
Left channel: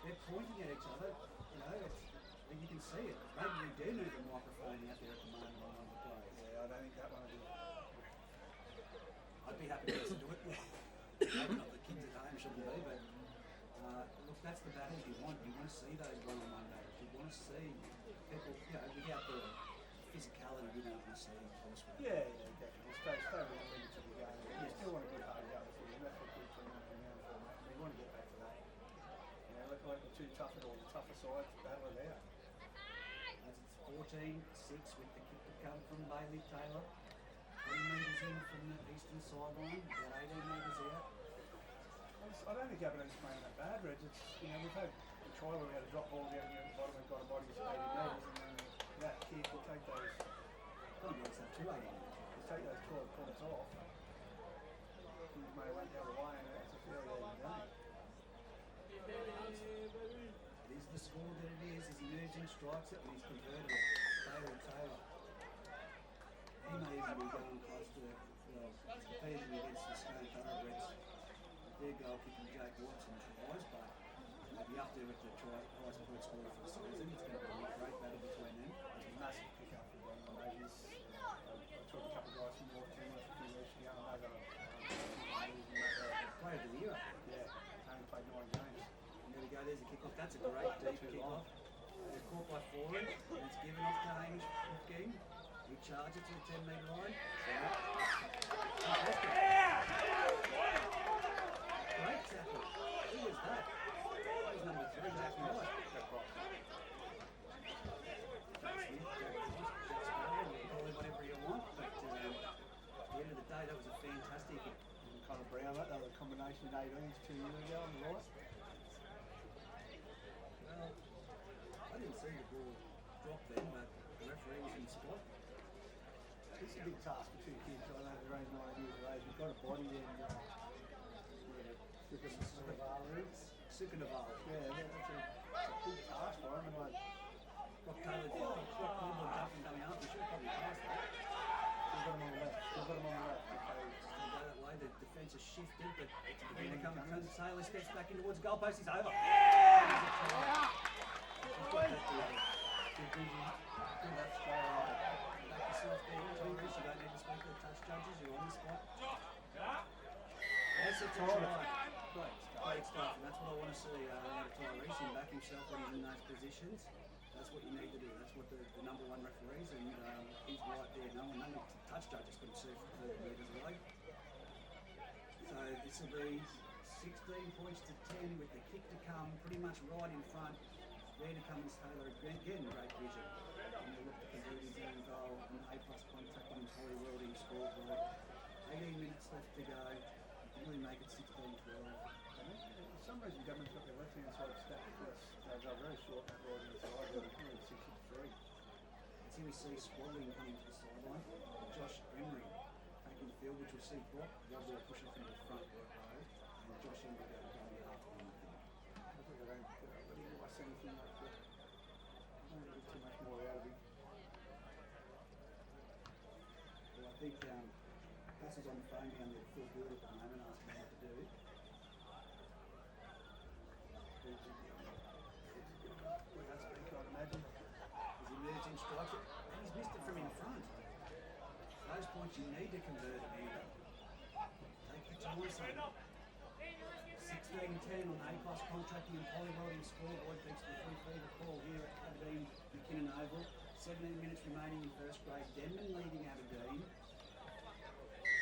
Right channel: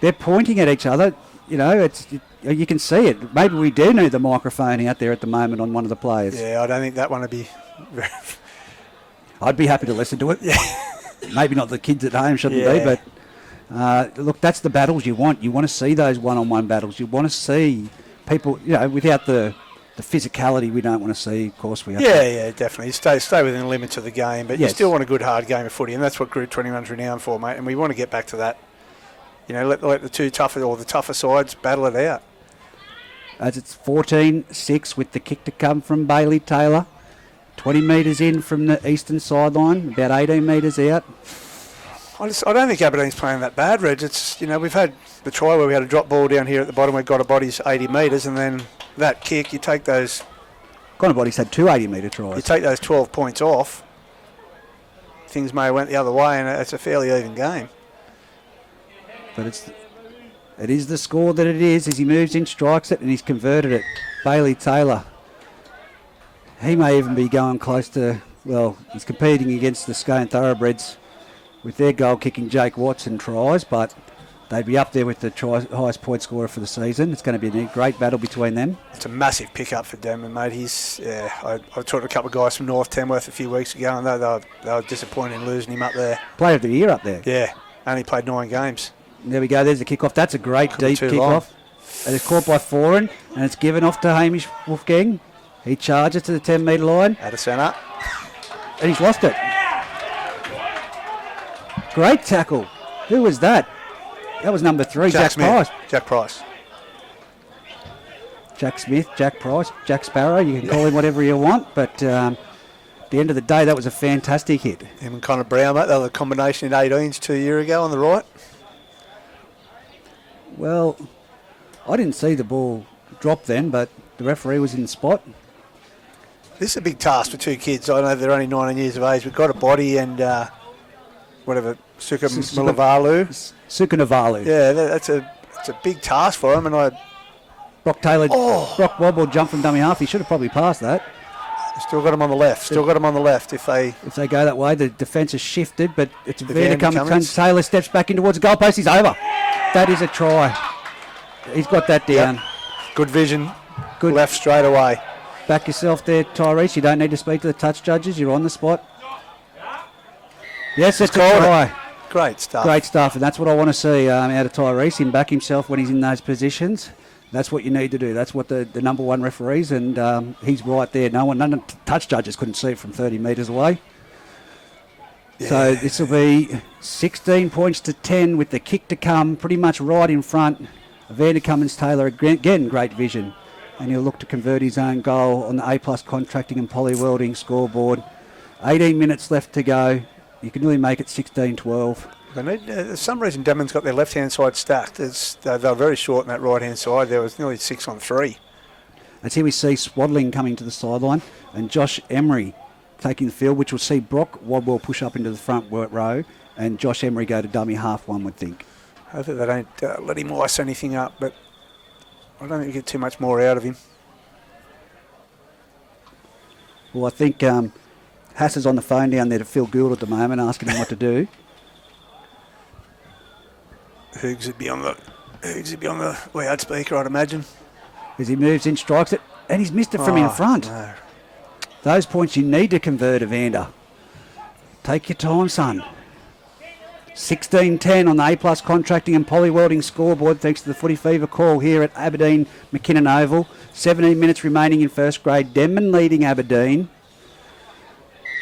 They're pointing at each other. You can see it. Maybe we do need the microphone out there at the moment on one of the players. Yeah, I don't think that one would be... I'd be happy to listen to it. Yeah. Maybe not the kids at home shouldn't be, but look, that's the battles you want. You want to see those one-on-one battles. You want to see people, without the physicality we don't want to see, of course. We have to definitely. Stay within the limits of the game, but you still want a good, hard game of footy, and that's what Group 21's renowned for, mate, and we want to get back to that. Let the tougher sides battle it out. As it's 14-6 with the kick to come from Bailey Taylor. 20 metres in from the eastern sideline, about 18 metres out. I don't think Aberdeen's playing that bad, Reg. It's, we've had the try where we had a drop ball down here at the bottom where Got a Body's 80 metres, and then that kick, you take those... Got a Body's had 2 80-metre tries. You take those 12 points off, things may have went the other way, and it's a fairly even game. But it is the score that it is as he moves in, strikes it, and he's converted it. Bailey Taylor. He may even be going close to, he's competing against the Scone Thoroughbreds with their goal-kicking Jake Watson tries, but they'd be up there with the highest point scorer for the season. It's going to be a great battle between them. It's a massive pick-up for Denman, mate. I talked to a couple of guys from North Tamworth a few weeks ago, and they were disappointed in losing him up there. Player of the year up there. Yeah, only played 9 games. There we go, there's the kickoff. That's a great deep kickoff. And it's caught by Foran, and it's given off to Hamish Wolfgang. He charges to the 10-metre line. Out of centre. And he's lost it. Great tackle. Who was that? That was number 3, Jack Price. Jack Price. Jack Smith, Jack Price, Jack Sparrow. You can call him whatever you want, but at the end of the day, that was a fantastic hit. Him and Connor Brown, mate. They were the combination in 18s 2 years ago on the right. Well, I didn't see the ball drop then, but the referee was in the spot. This is a big task for 2 kids. I know they're only 19 years of age. We've got a Body and Sukanavalu. Sukanavalu. Yeah, it's a big task for him. And Brock Taylor, Brock Wobble jumped from dummy half. He should have probably passed that. Still got him on the left. If they go that way, the defence has shifted, but it's Vandercummins. Taylor steps back in towards the goalpost. He's over. That is a try. He's got that down. Yep. Good vision. Good left straight away. Back yourself there, Tyrese. You don't need to speak to the touch judges. You're on the spot. Yes, it's a try. Great stuff. And that's what I want to see out of Tyrese. Him back himself when he's in those positions. That's what you need to do. That's what the number one referees, and he's right there. None of the touch judges couldn't see it from 30 metres away. Yeah. So this will be 16 points to 10 with the kick to come, pretty much right in front. Vandercummins Taylor, again, great vision. And he'll look to convert his own goal on the A+ contracting and poly welding scoreboard. 18 minutes left to go. You can really make it 16-12. For some reason, Denman's got their left-hand side stacked. They're very short on that right-hand side. There was nearly 6 on 3. And here we see Swaddling coming to the sideline and Josh Emery taking the field, which will see Brock Wadwell push up into the front row and Josh Emery go to dummy half, one would think. I think they don't let him ice anything up, but I don't think you get too much more out of him. Well, I think Hass is on the phone down there to Phil Gould at the moment, asking him what to do. Hoogs would be on the loudspeaker, I'd imagine. As he moves in, strikes it, and he's missed it from in front. No. Those points you need to convert, Evander. Take your time, son. 16-10 on the A+ contracting and poly welding scoreboard, thanks to the Footy Fever call here at Aberdeen McKinnon Oval. 17 minutes remaining in first grade. Denman leading Aberdeen.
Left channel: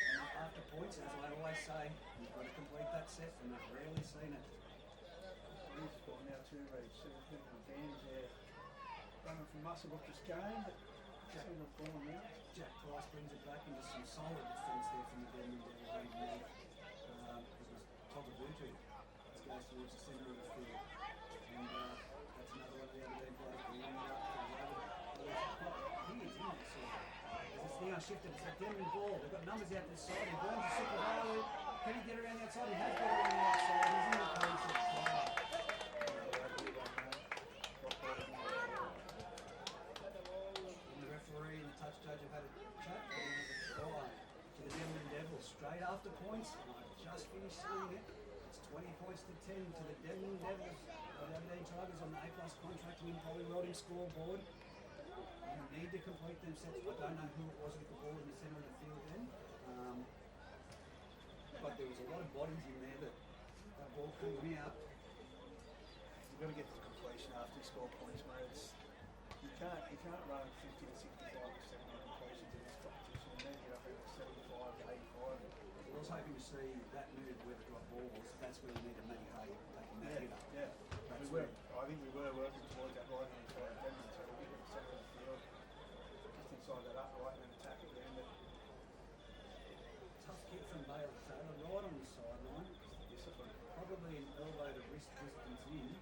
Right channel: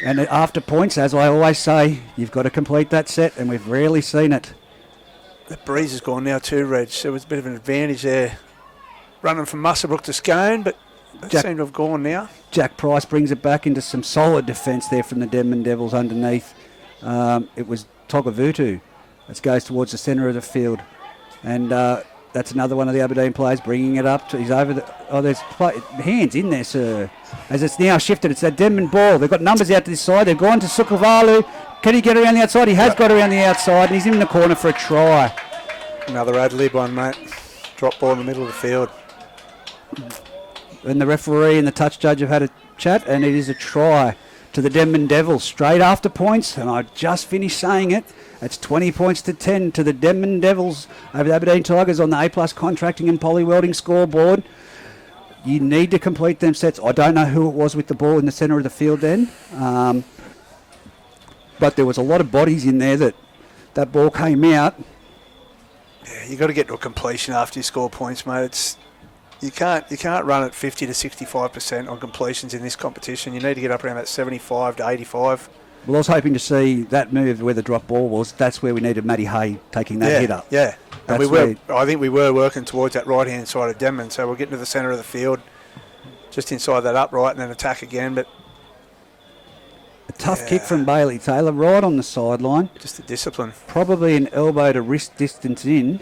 And after points, as I always say, you've got to complete that set, and we've rarely seen it. The breeze has gone now too, Reg. There was a bit of an advantage there. Running from Musselbrook to Scone, but they seem to have gone now. Jack Price brings it back into some solid defence there from the Denman Devils underneath. It was Togavutu that goes towards the centre of the field. And that's another one of the Aberdeen players bringing it up. He's over the... Oh, there's hands in there, sir. As it's now shifted, it's that Denman ball. They've got numbers out to this side. They've gone to Sukuvalu. Can he get around the outside? He has got around the outside, and he's in the corner for a try. Another ad-lib one, mate. Drop ball in the middle of the field. And the referee and the touch judge have had a chat, and it is a try to the Denman Devils. Straight after points, and I just finished saying it. It's 20 points to 10 to the Denman Devils over the Aberdeen Tigers on the A+ contracting and poly welding scoreboard. You need to complete them sets. I don't know who it was with the ball in the centre of the field then. But there was a lot of bodies in there that ball came out. Yeah, you've got to get to a completion after you score points, mate. You can't run at 50 to 65% on completions in this competition. You need to get up around that 75 to 85. Well, I was hoping to see that move where the drop ball was. That's where we needed Matty Hay taking that hit up. Yeah, and I think we were working towards that right-hand side of Denman, so we're getting to the centre of the field, just inside that upright, and then attack again. But a tough kick from Bailey Taylor, right on the sideline. Just the discipline. Probably an elbow to wrist distance in.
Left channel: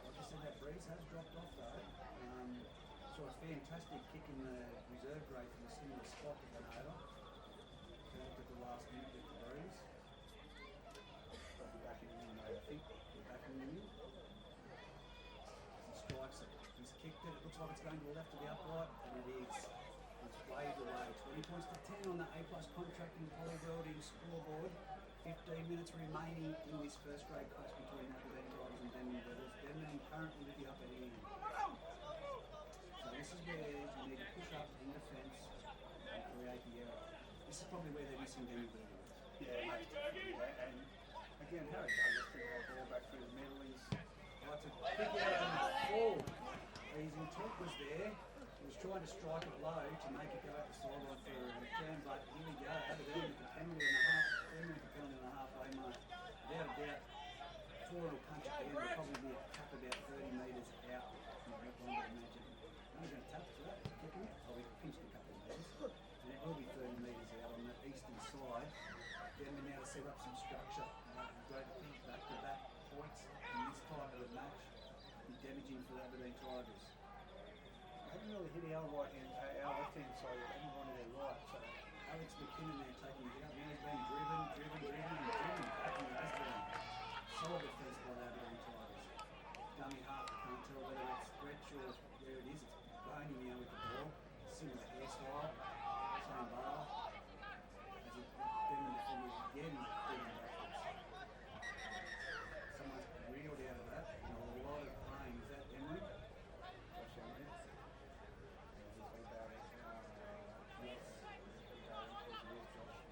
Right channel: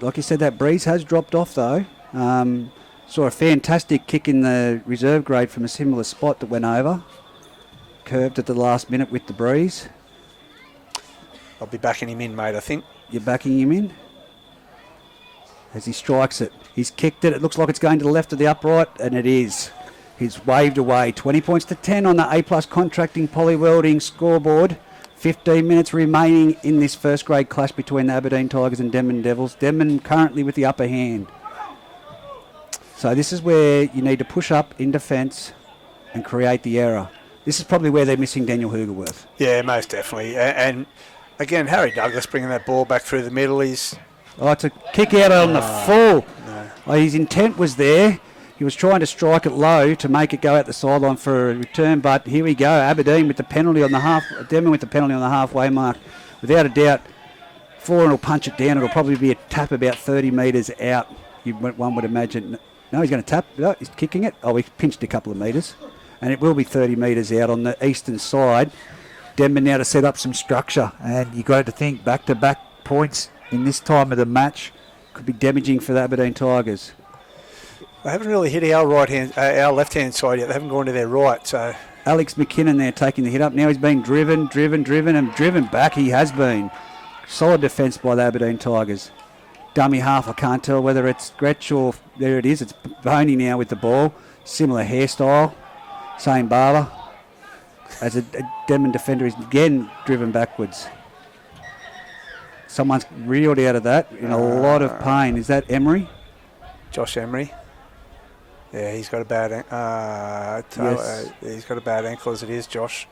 Like you said, that breeze has dropped off, though. Saw a fantastic kick in the reserve grade from a similar spot that went over. Curved at the last minute with the breeze. I'll be backing him in, mate, I think. You're backing him in? As he strikes it. He's kicked it. It looks like it's going to the left of the upright, and it is. He's waved away. 20 points to 10 on the A+ contracting poly welding scoreboard. 15 minutes remaining in this first grade clash between the Aberdeen Tigers and Denman Devils. Denman currently with the upper hand. So this is where you need to push up in defence and create the error. This is probably where they're missing Daniel Hoogerworth. Yeah, most definitely. And again, Harry Douglas bringing that ball back through the middle. It's a kick out on the full. No. His intent was there. He was trying to strike it low to make it go out the sideline for a return, but here we go. Aberdeen with the penalty on the Denman with the penalty on the halfway mark. Without a doubt, Foran will punch it down. It'll probably be a tap about 30 metres out, one would imagine. No, he's going to tap. No, he's kicking it. Oh, he pinched a couple of metres. And it will be 30 metres out on the eastern side. Denman now to set up some structure. And you've got to think back-to-back points in this time of the match could be damaging for the Aberdeen Tigers. They haven't really hit our left-hand side yet. They haven't gone to their right. So Alex McKinnon there taking the hit up. Now he's been driven back. He has been. Solid defence by the Aberdeen Tigers. Dummy half, I can't tell whether it's Gretsch or there it is. It's Boney now with the ball. Similar hairstyle, same barber. As a Denman defender is again driven backwards. Someone's reeled out of that in a lot of pain. Is that Emery? Josh Emery. Yeah, he's got a bad he's got a bad ankle as it is, Josh.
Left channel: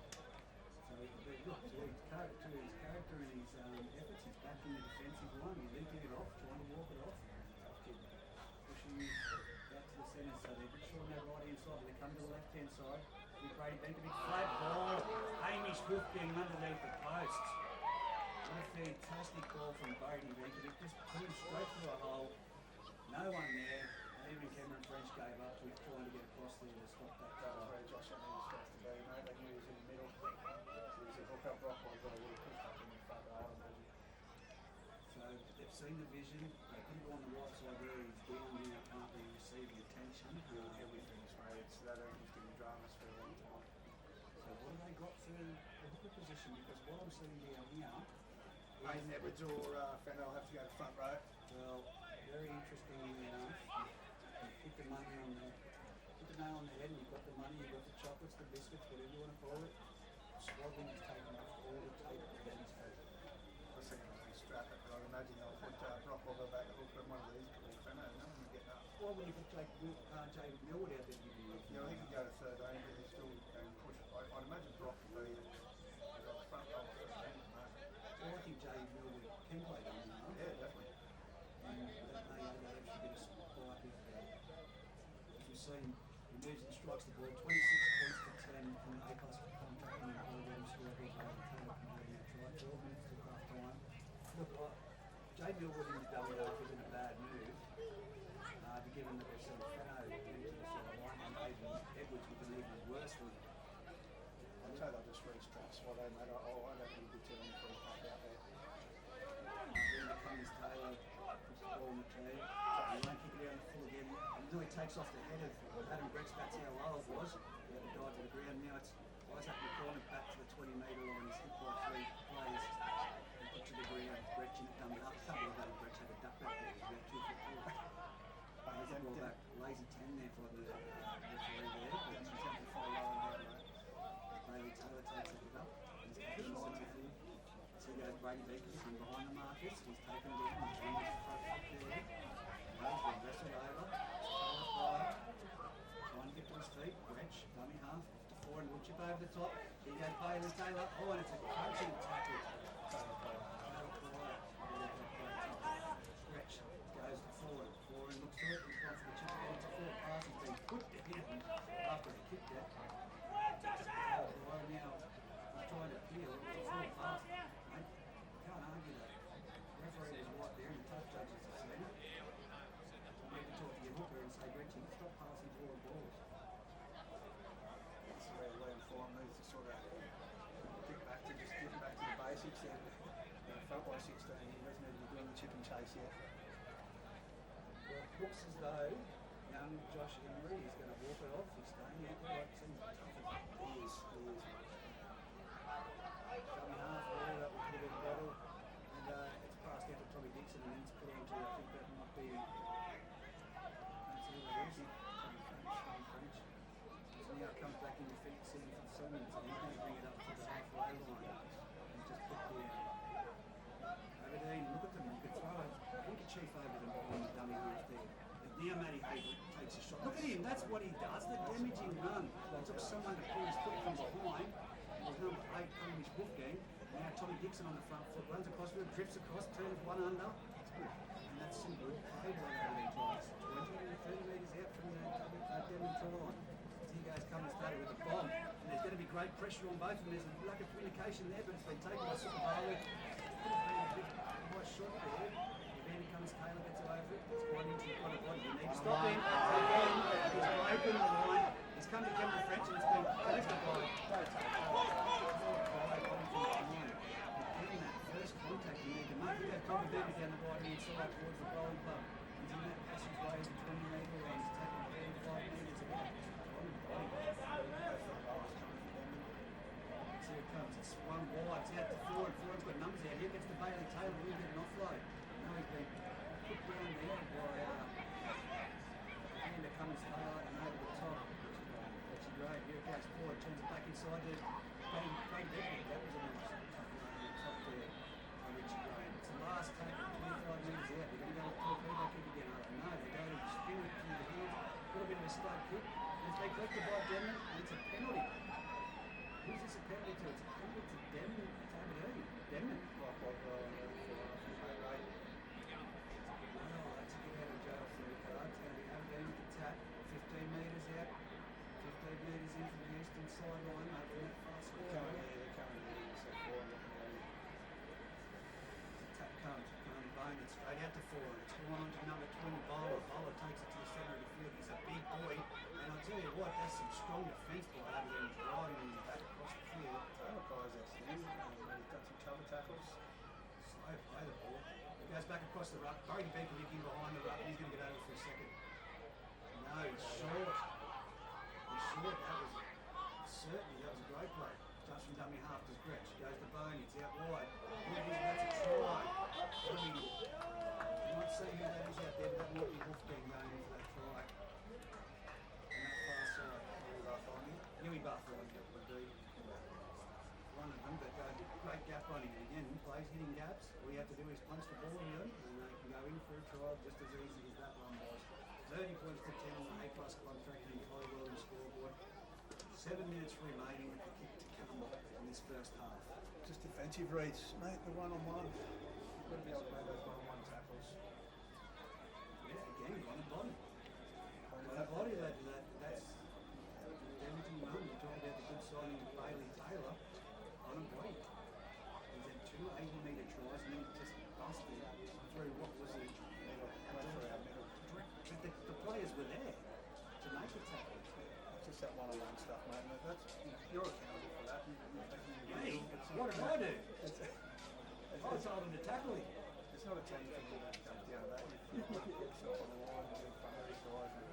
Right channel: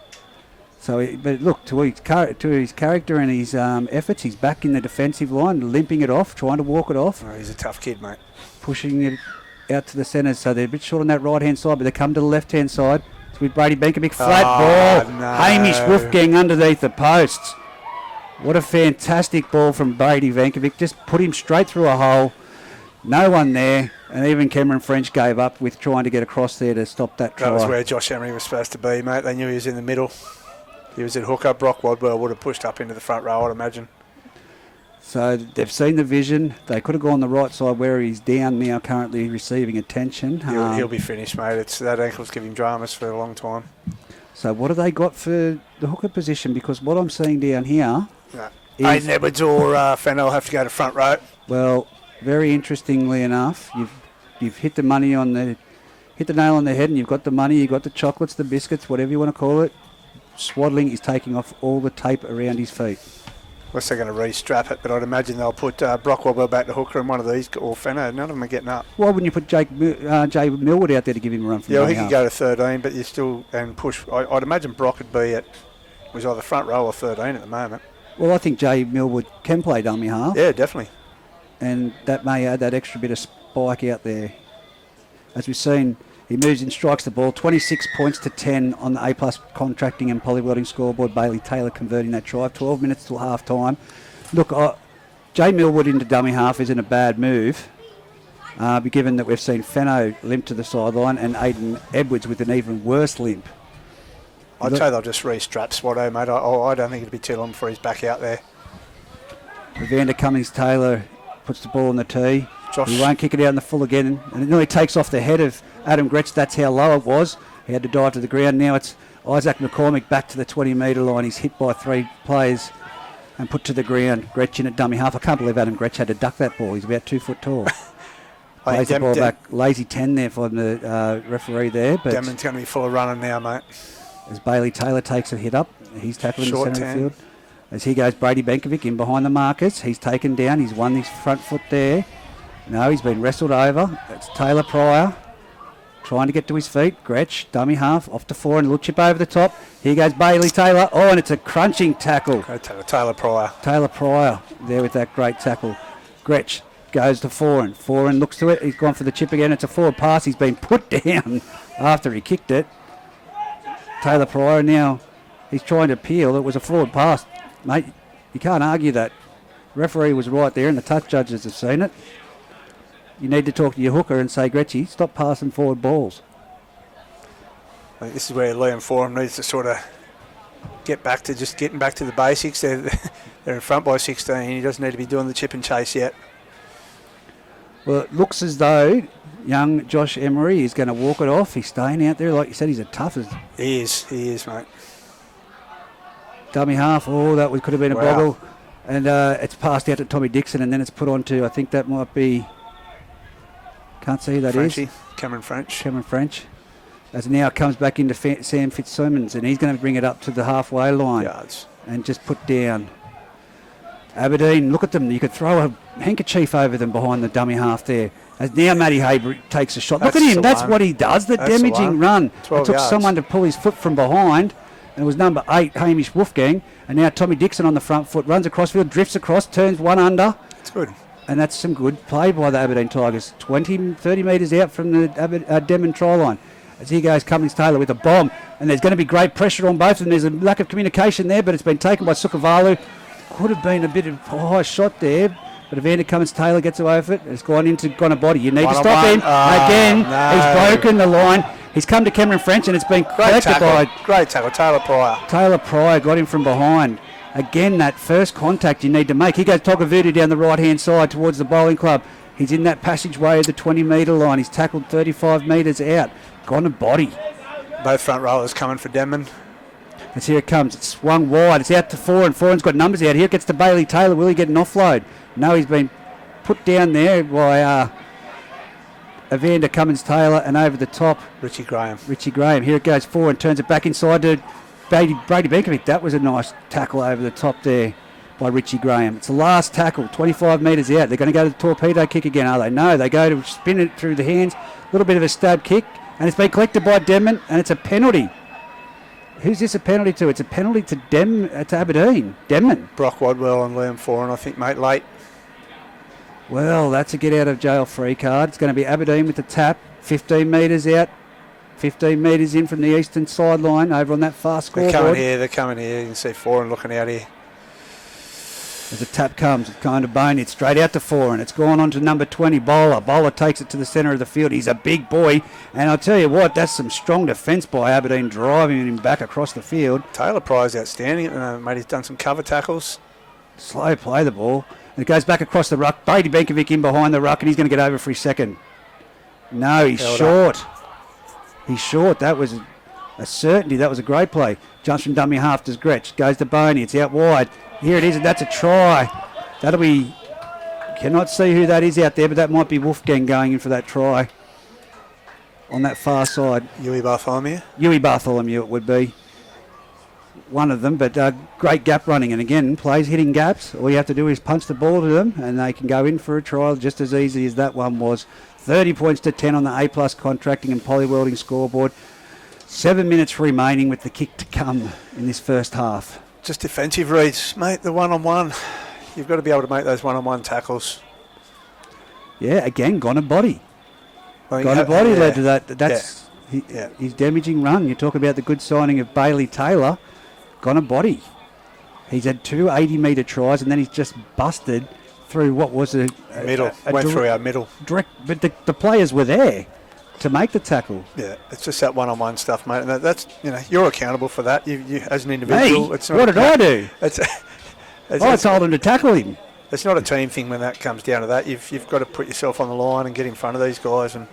So, but look, to his character and his efforts, he's back in the defensive line, limping it off, trying to walk it off. Oh, he's a tough kid, mate. Pushing it out to the centre, so they're a bit short on that right-hand side, but they come to the left-hand side. It's with Brady Benkovic, flat ball. No. Hamish Wolfgang underneath the posts. What a fantastic ball from Brady Benkovic. Just put him straight through a hole. No one there. And even Cameron French gave up with trying to get across there to stop that try. That was where Josh Emery was supposed to be, mate. They knew he was in the middle. He was at hooker. Brock Wadwell would have pushed up into the front row, I'd imagine. So they've seen the vision. They could have gone the right side where he's down now, currently receiving attention. He'll be finished, mate. That ankle's giving dramas for a long time. So what have they got for the hooker position? Because what I'm seeing down here is... Aiden Edwards or Fennell have to go to front row. Well, very interestingly enough, you've hit the nail on the head, and you've got the money, you've got the chocolates, the biscuits, whatever you want to call it. Swaddling is taking off all the tape around his feet. Unless they're going to re-strap it, but I'd imagine they'll put Brock Wadwell back to hooker and one of these, or Fenner. None of them are getting up. Why wouldn't you put Jay Millwood out there to give him a run from he could go to 13, but you still and push. I'd imagine Brock would be was either front row or 13 at the moment. Well, I think Jay Millwood can play dummy half. Yeah, definitely. And that may add that extra bit of spike out there. As we've seen, he moves in, strikes the ball, 26 points to 10 on the A-plus contracting and polywelding scoreboard. Bailey Taylor converting that try, 12 minutes till half-time. Look, Jay Millwood into dummy half isn't a bad move, given that we've seen Fenno limp to the sideline and Aiden Edwards with an even worse limp. I'd say they'll just re-strap Swatto, mate. I don't think it'll be too long before he's back out there. Evander Cummings-Taylor puts the ball on the tee. Josh. He won't kick it out in the full again, and it nearly takes off the head of Adam Gretsch. That's how low it was. He had to dive to the ground. Now it's Isaac McCormick back to the 20-metre line. He's hit by 3 players and put to the ground. Gretsch in at dummy half. I can't believe Adam Gretsch had to duck that ball. He's about 2 foot tall. Plays the ball back. Lazy 10 there for the referee there. But Denman's going to be full of running now, mate. As Bailey Taylor takes a hit up, he's tackled in the centre of the field. As he goes, Brady Benkovic in behind the markers. He's taken down. He's won his front foot there. No, he's been wrestled over. It's Taylor Pryor trying to get to his feet. Gretsch, dummy half, off to 4 and a little chip over the top. Here goes Bailey Taylor. Oh, and it's a crunching tackle. Taylor Pryor. Taylor Pryor there with that great tackle. Gretsch goes to 4 and looks to it. He's gone for the chip again. It's a forward pass. He's been put down after he kicked it. Taylor Pryor now, he's trying to appeal. It was a forward pass. Mate, you can't argue that. Referee was right there and the touch judges have seen it. You need to talk to your hooker and say, Gretchy, stop passing forward balls. I think this is where Liam Forum needs to sort of getting back to the basics. They're in front by 16. He doesn't need to be doing the chip and chase yet. Well, it looks as though young Josh Emery is going to walk it off. He's staying out there. Like you said, he's a tough as... He is, mate. Dummy half. Oh, that could have been a boggle. And it's passed out to Tommy Dixon, and then it's put on to, I think that might be... Can't see who that Frenchie. is. Cameron French. As now it comes back into Sam Fitzsimmons, and he's going to bring it up to the halfway line. Yards. And just put down. Aberdeen, look at them. You could throw a handkerchief over them behind the dummy half there. As now Matty Haber takes a shot. Look at him. That's what he does. The damaging run. It took someone to pull his foot from behind. And it was number 8, Hamish Wolfgang. And now Tommy Dixon on the front foot. Runs across field, drifts across, turns one under. It's good. And that's some good play by the Aberdeen Tigers. 30 metres out from the Denman try line. As he goes, Cummings-Taylor with a bomb. And there's going to be great pressure on both of them. There's a lack of communication there, but it's been taken by Sukavalu. Could have been a bit of a high shot there. But Evander Cummins-Taylor gets away with it. It's gone into body. You need to stop him. Again, he's broken the line. He's come to Cameron French, and it's been collected by... Great tackle, Taylor Pryor. Taylor Pryor got him from behind. Again, that first contact you need to make. He goes Togavudu down the right-hand side towards the bowling club. He's in that passageway of the 20-metre line. He's tackled 35 metres out. Gone to body. Both front rollers coming for Denman. As here it comes. It's swung wide. It's out to Foran. Foran's got numbers out here. It gets to Bailey Taylor. Will he get an offload? No, he's been put down there by Evander Cummins-Taylor, and over the top, Richie Graham. Here it goes forward, turns it back inside to Brady Benkovic. That was a nice tackle over the top there by Richie Graham. It's the last tackle, 25 metres out. They're going to go to the torpedo kick again, are they? No, they go to spin it through the hands. A little bit of a stab kick, and it's been collected by Denman, and it's a penalty. Who's this a penalty to? It's a penalty to Aberdeen. Denman. Brock Wadwell and Liam Foran, I think, mate, late. Well, that's a get out of jail free card. It's going to be Aberdeen with the tap. 15 metres out. 15 metres in from the eastern sideline over on that far scoreboard. They're coming here. You can see Foran looking out here. As the tap comes, it's kind of bony. It's straight out to Foran. It's gone on to number 20, Bowler. Bowler takes it to the centre of the field. He's a big boy. And I'll tell you what, that's some strong defence by Aberdeen, driving him back across the field. Taylor Pry's outstanding. Mate, he's done some cover tackles. Slow play the ball. And it goes back across the ruck. Brady Benkovic in behind the ruck, and he's going to get over for his second. No, he's short. He's short. That was a certainty. That was a great play. Jumps from dummy half to Gretsch. Goes to Boney. It's out wide. Here it is, and that's a try. That'll be... Cannot see who that is out there, but that might be Wolfgang going in for that try on that far side. Yui Bartholomew it would be. One of them, but great gap running. And again, plays hitting gaps. All you have to do is punch the ball to them, and they can go in for a trial just as easy as that one was. 30 points to 10 on the A+ contracting and polywelding scoreboard. 7 minutes remaining with the kick to come in this first half. Just defensive reads, mate, the one-on-one. You've got to be able to make those one-on-one tackles. Yeah, again, gone a body. Well, gone a body led to that. That's yeah. His damaging run. You talk about the good signing of Bailey Taylor. Gone a body. He's had 2 80-metre tries, and then he's just busted through what was a middle. Went through our middle. Direct, but the players were there to make the tackle. Yeah, it's just that one-on-one stuff, mate. And that's, you're accountable for that. You as an individual. Me? It's not, what did I do? I told him to tackle him. It's not a team thing when that comes down to that. You've got to put yourself on the line and get in front of these guys. And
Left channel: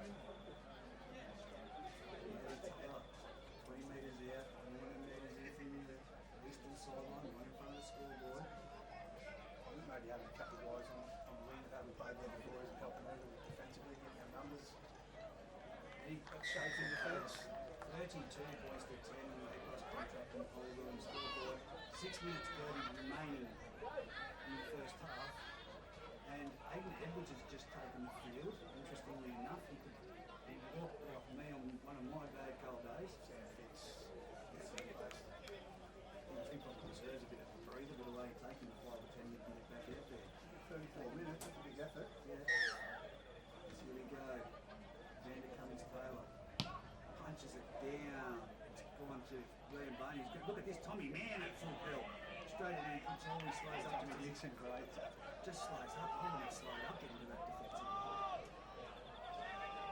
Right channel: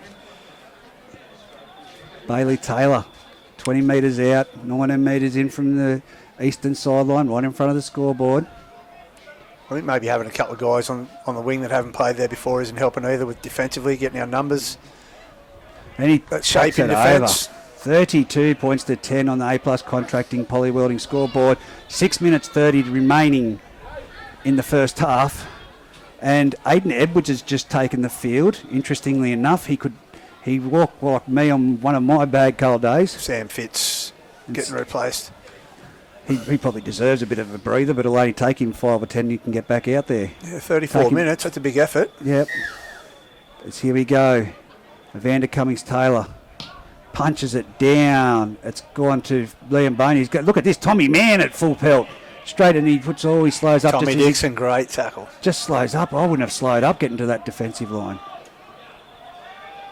Bailey Taylor, 20 metres out, 19 metres in from the eastern sideline, right in front of the scoreboard. I think maybe having a couple of guys on the wing that haven't played there before isn't helping either with defensively, getting our numbers. And he shape in defence. 32 points to 10 on the A+ contracting polywelding scoreboard. 6 minutes 30 remaining in the first half. And Aidan Edwards has just taken the field. Interestingly enough, he walked like me on one of my bad cold days. Sam Fitz getting replaced. He probably deserves a bit of a breather, but it'll only take him 5 or 10 you can get back out there. Yeah, 34 minutes, that's a big effort. Yep. Here we go. Evander Cummins-Taylor punches it down. It's gone to Liam Boney. Look at this, Tommy Mann at full pelt. Straight, and he slows up. Tommy Dixon, great tackle. Just slows up. I wouldn't have slowed up getting to that defensive line.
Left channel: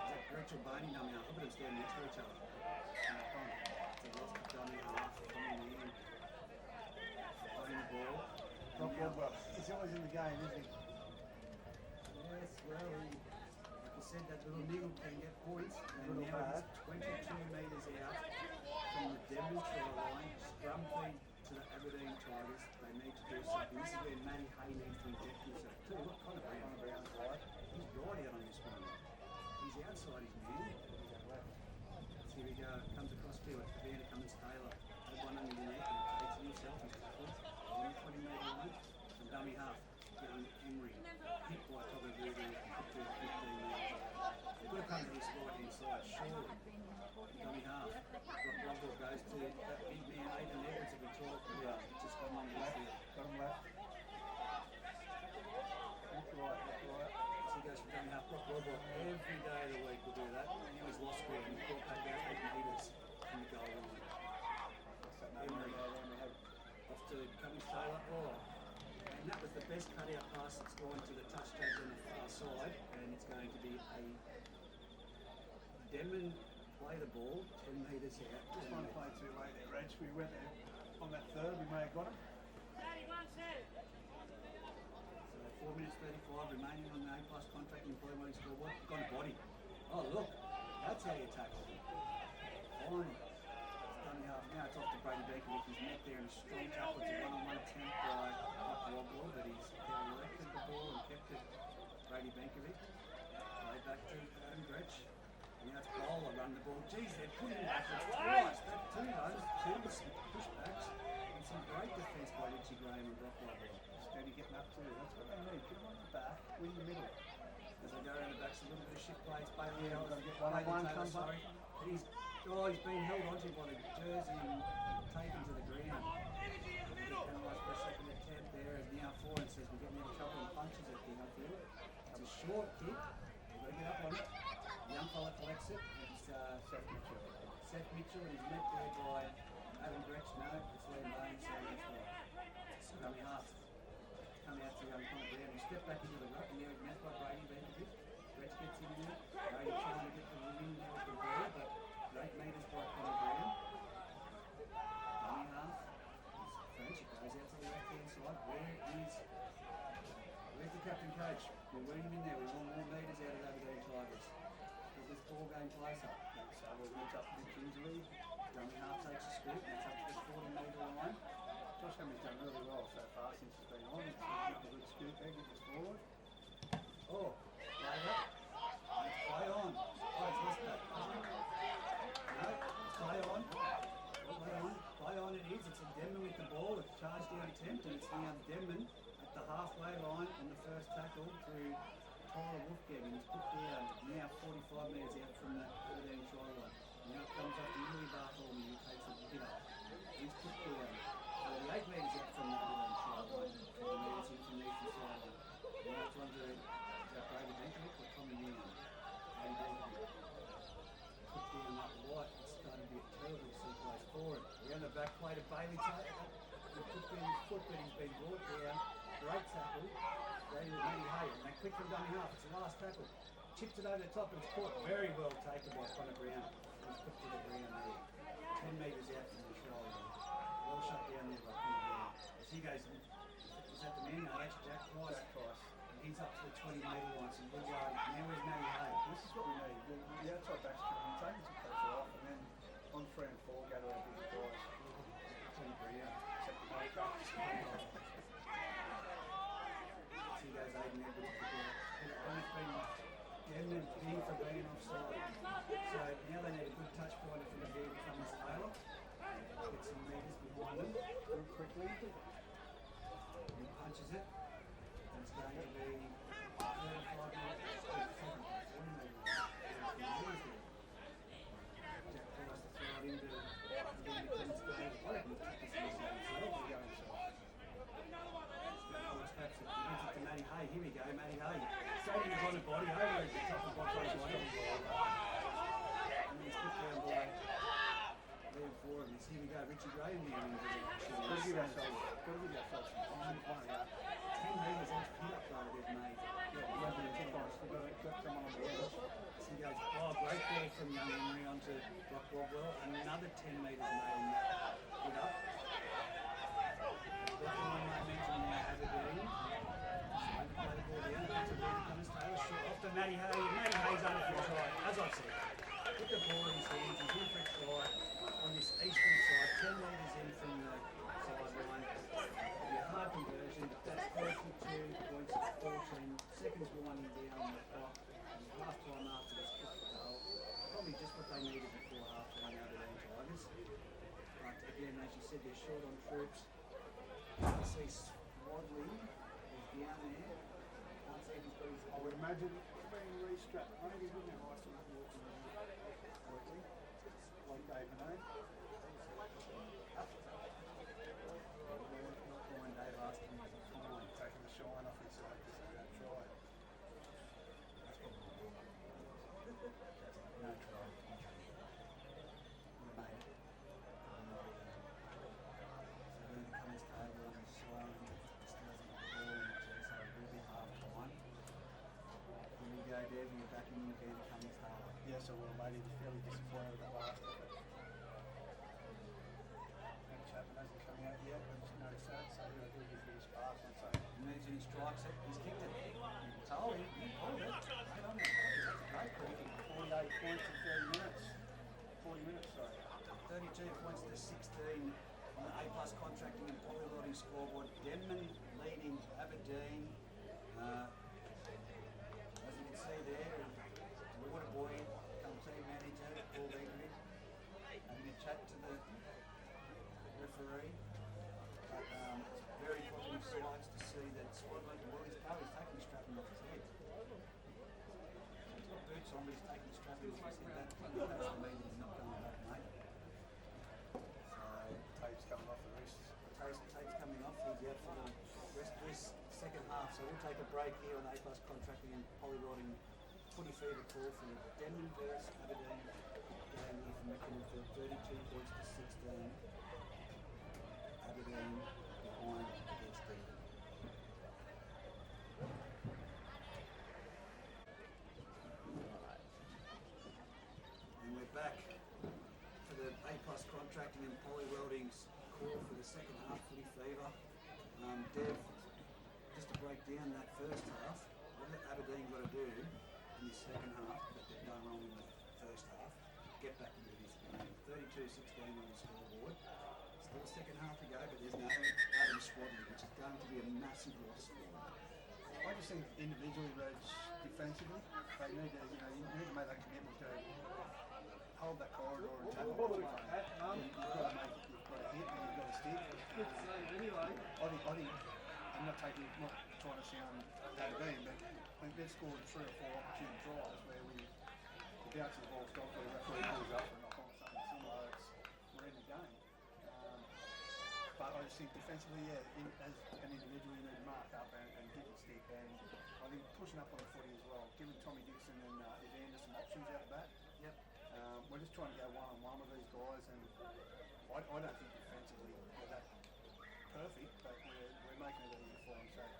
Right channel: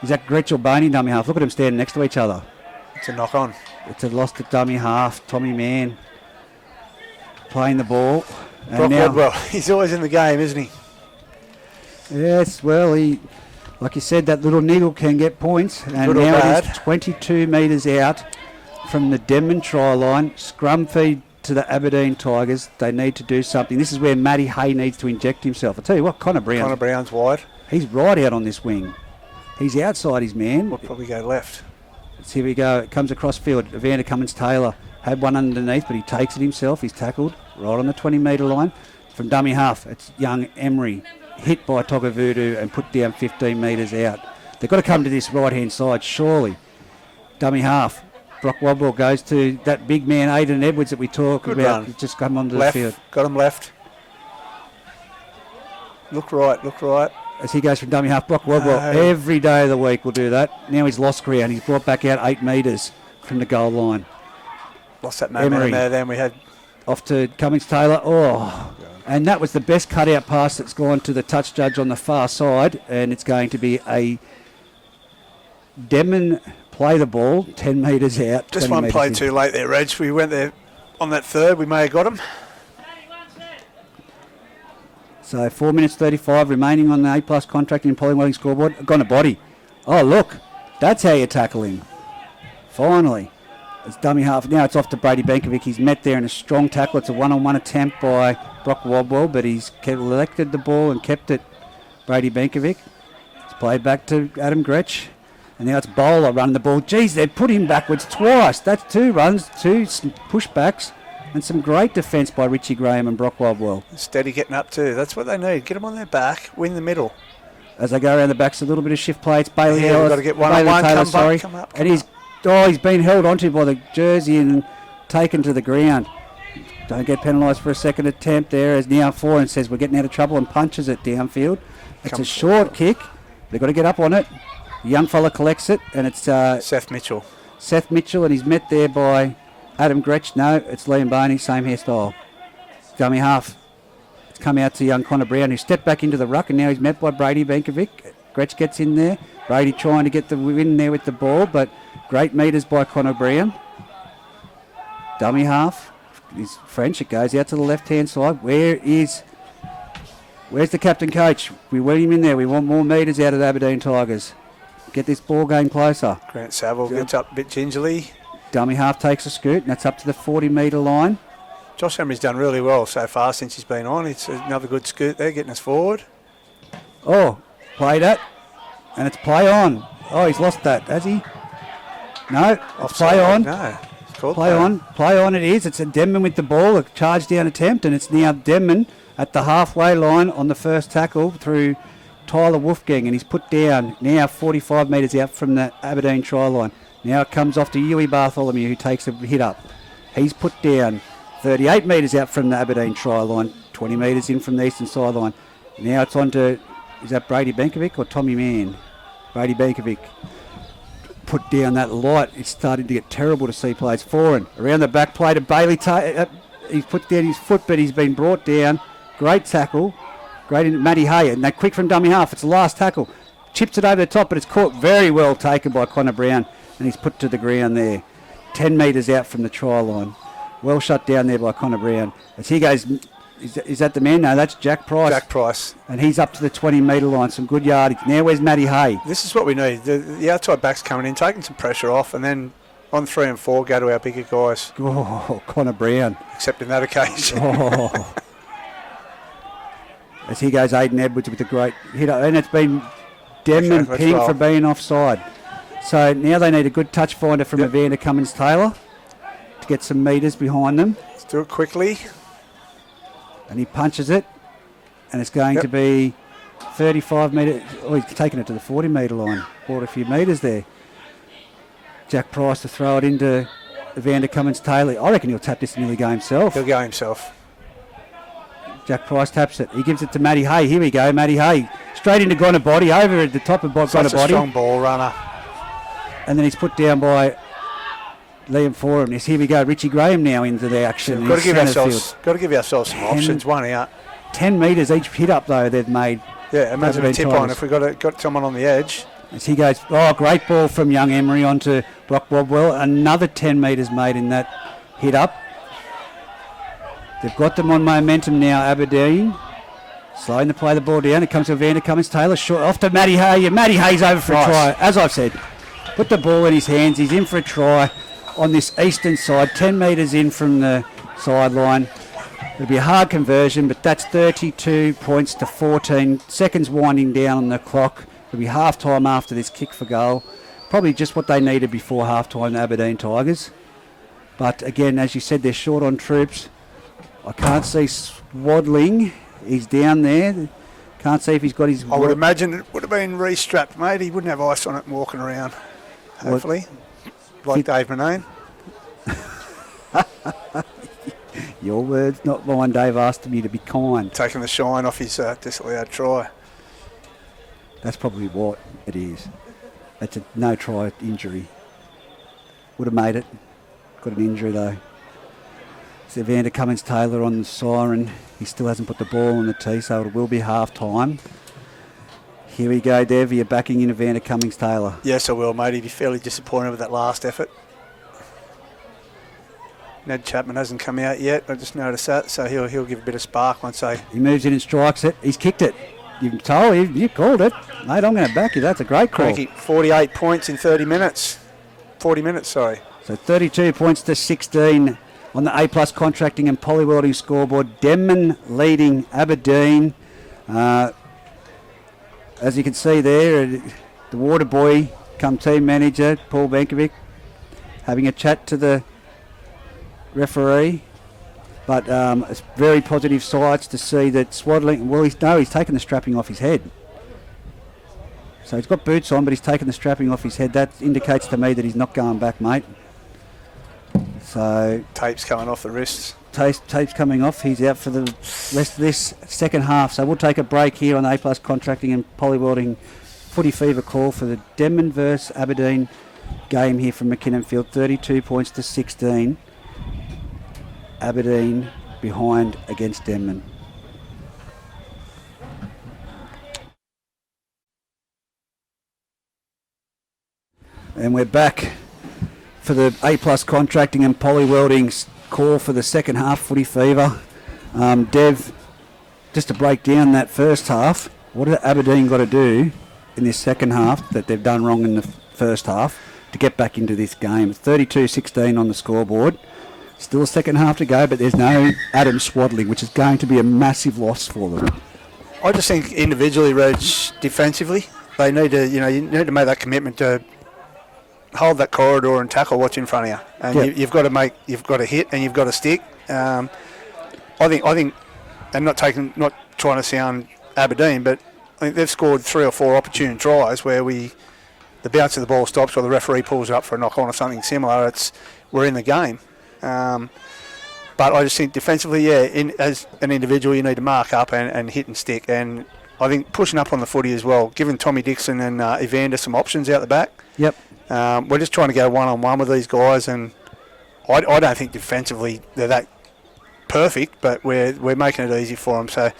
Is that Gretsch or Boney dummy half? Look at them standing next to each other. It's a knock on. It's a lost at dummy half. Tommy Mann playing the ball. Brock Wadwell, he's always in the game, isn't he? Yes, well, like you said, that little niggle can get points. And now it is 22 metres out from the Denman try line. Scrum feed to the Aberdeen Tigers. They need to do something. This is where Matty Hay needs to inject himself. I'll tell you what, Connor Brown's wide. He's right out on this wing. He's outside his man. We'll probably go left. Here we go. It comes across field. Evander Cummins-Taylor had one underneath, but he takes it himself. He's tackled right on the 20-metre line. From dummy half, it's young Emery, hit by Togavudu and put down 15 metres out. They've got to come to this right-hand side, surely. Dummy half. Brock Wadwell goes to that big man, Aidan Edwards, that we talk Good about. Run. He's just come onto left. the field. Got him left. Look right. As he goes from dummy half, Brock Wadwell every day of the week will do that. Now he's lost ground. He's brought back out 8 metres from the goal line. Lost that momentum there. Then we had off to Cummins-Taylor. And that was the best cutout pass that's gone to the touch judge on the far side. And it's going to be a Denman play the ball 10 metres out. Just one play too late there, Reg. We went there on that third. We may have got him. So 4 minutes 35 remaining on the A+ contracting and polywelding scoreboard. Gone a body. Oh, look. That's how you tackle him. Finally. It's dummy half. Now it's off to Brady Benkovic. He's met there in a strong tackle. It's a one-on-one attempt by Brock Wadwell, but he's collected the ball and kept it. Brady Benkovic. It's Played back to Adam Gretsch. And now it's Bowler running the ball. Geez, they've put him backwards twice. That's 2 runs, 2 pushbacks, and some great defence by Richie Graham and Brock Wildwell. Steady getting up too. That's what they need. Get them on their back, win the middle. As they go around the backs, a little bit of shift play. It's Bailey Ellis. Got to get one-on-one. Come up. And he's been held onto by the jersey and taken to the ground. Don't get penalised for a second attempt there, as now Foran says we're getting out of trouble and punches it downfield. It's a short kick. They've got to get up on it. The young fella collects it, and it's Seth Mitchell. And he's met there by Adam Gretsch. No, it's Liam Boney, same hairstyle. Dummy half. It's come out to young Connor Brown, who stepped back into the ruck, and now he's met by Brady Benkovic. Gretsch gets in there. Brady trying to get the win there with the ball, but great meters by Connor Brown. Dummy half. He's French. It goes out to the left-hand side. Where's the captain coach? We want him in there. We want more meters out of the Aberdeen Tigers. Get this ball game closer. Grant Saville gets up a bit gingerly. Dummy half takes a scoot, and that's up to the 40-metre line. Josh Emery's done really well so far since he's been on. It's another good scoot there, getting us forward. Oh, played it, and it's play on. Oh, he's lost that, has he? No, it's play on. No, it's called play on. Play on it is. It's a Denman with the ball, a charge down attempt, and it's now Denman at the halfway line on the first tackle through Tyler Wolfgang, and he's put down now 45 metres out from the Aberdeen try line. Now it comes off to Yui Bartholomew, who takes a hit up. He's put down 38 metres out from the Aberdeen try line, 20 metres in from the eastern sideline. Now it's on to, is that Brady Benkovic or Tommy Mann? Brady Benkovic put down that light. It's starting to get terrible to see plays. Foran around the back play to Bailey. He's put down his foot, but he's been brought down. Great tackle. Great in Matty Hay, and they're quick from dummy half. It's the last tackle. Chips it over the top, but it's caught very well taken by Connor Brown, and he's put to the ground there. 10 metres out from the try line. Well shut down there by Connor Brown. As he goes, is that the man? No, that's Jack Price. Jack Price. And he's up to the 20-metre line. Some good yardage. Now where's Matty Hay? This is what we need. The outside backs coming in, taking some pressure off, and then on 3 and 4, go to our bigger guys. Oh, Connor Brown. Except in that occasion. Oh. As he goes, Aidan Edwards with a great hit up. And it's been Denman ping for being offside. So now they need a good touch finder from Evander Cummins-Taylor to get some metres behind them. Let's do it quickly. And he punches it. And it's going to be 35 metres. Oh, he's taken it to the 40-metre line. Brought a few metres there. Jack Price to throw it into Evander Cummins-Taylor. I reckon he'll tap this and nearly go himself. He'll go himself. Jack Price taps it. He gives it to Matty Hay. Here we go, Matty Hay. Straight into Gonabody, over at the top of Gonabody. Such a strong ball runner. And then he's put down by Liam Foran. Yes, here we go. Richie Graham now into the action. Got to give ourselves some options. 1 out. 10 metres each hit up though they've made. Yeah, imagine a tip on if we got someone on the edge. As he goes, great ball from young Emery onto Brock Bobwell. Another 10 metres made in that hit up. They've got them on momentum now, Aberdeen. Slowing to play the ball down. It comes to Evander Cummins-Taylor. Short off to Matty Hay. Matty Hay's over for a try. As I've said, put the ball in his hands. He's in for a try on this eastern side. 10 metres in from the sideline. It'll be a hard conversion, but that's 32 points to 14. Seconds winding down on the clock. It'll be half-time after this kick for goal. Probably just what they needed before half-time, the Aberdeen Tigers. But again, as you said, they're short on troops. I can't see Swadling. He's down there. Can't see if he's got his... I would imagine it would have been re-strapped, mate. He wouldn't have ice on it and walking around, hopefully. Like Dave Manane. Your words, not mine. Dave asked me to be kind. Taking the shine off his disallowed try. That's probably what it is. That's a no-try injury. Would have made it. Got an injury, though. It's Evander Cummins-Taylor on the siren. He still hasn't put the ball on the tee, so it will be half-time. Here we go, Dev. You're backing in Evander Cummins-Taylor. Yes, I will, mate. He'd be fairly disappointed with that last effort. Ned Chapman hasn't come out yet. I just noticed that, so he'll give a bit of spark once they... He moves in and strikes it. He's kicked it. You've told him. You called it. Mate, I'm going to back you. That's a great call. Cranky. 48 points in 30 minutes. 40 minutes, sorry. So 32 points to 16 on the A-plus contracting and polywelding scoreboard. Denman leading Aberdeen. As you can see there, the water boy come team manager, Paul Benkovic, having a chat to the referee. But it's very positive sights to see that Swaddling, he's taken the strapping off his head. So he's got boots on, but he's taken the strapping off his head. That indicates to me that he's not going back, mate. So tape's coming off the wrists. Tape's coming off. He's out for the rest of this second half. So we'll take a break here on the A+ Contracting and Polywelding Footy Fever call for the Denman versus Aberdeen game here from McKinnon Field. 32 points to 16. Aberdeen behind against Denman. And we're back for the A+ Contracting and Polywelding's call for the second half Footy Fever. Dev, just to break down that first half, what have Aberdeen got to do in this second half that they've done wrong in the first half to get back into this game? It's 32-16 on the scoreboard. Still a second half to go, but there's no Adam Swaddling, which is going to be a massive loss for them. I just think individually, Reg, defensively, they need to, you need to make that commitment to hold that corridor and tackle what's in front of you. And you've got to hit and you've got to stick. I think, and not trying to sound Aberdeen, but I think they've scored 3 or 4 opportune tries where the bounce of the ball stops or the referee pulls it up for a knock on or something similar. We're in the game. But I just think defensively, as an individual, you need to mark up and hit and stick. And I think pushing up on the footy as well, giving Tommy Dixon and Evander some options out the back. Yep. We're just trying to go one-on-one with these guys, and I don't think defensively they're that perfect, but we're making it easy for them. So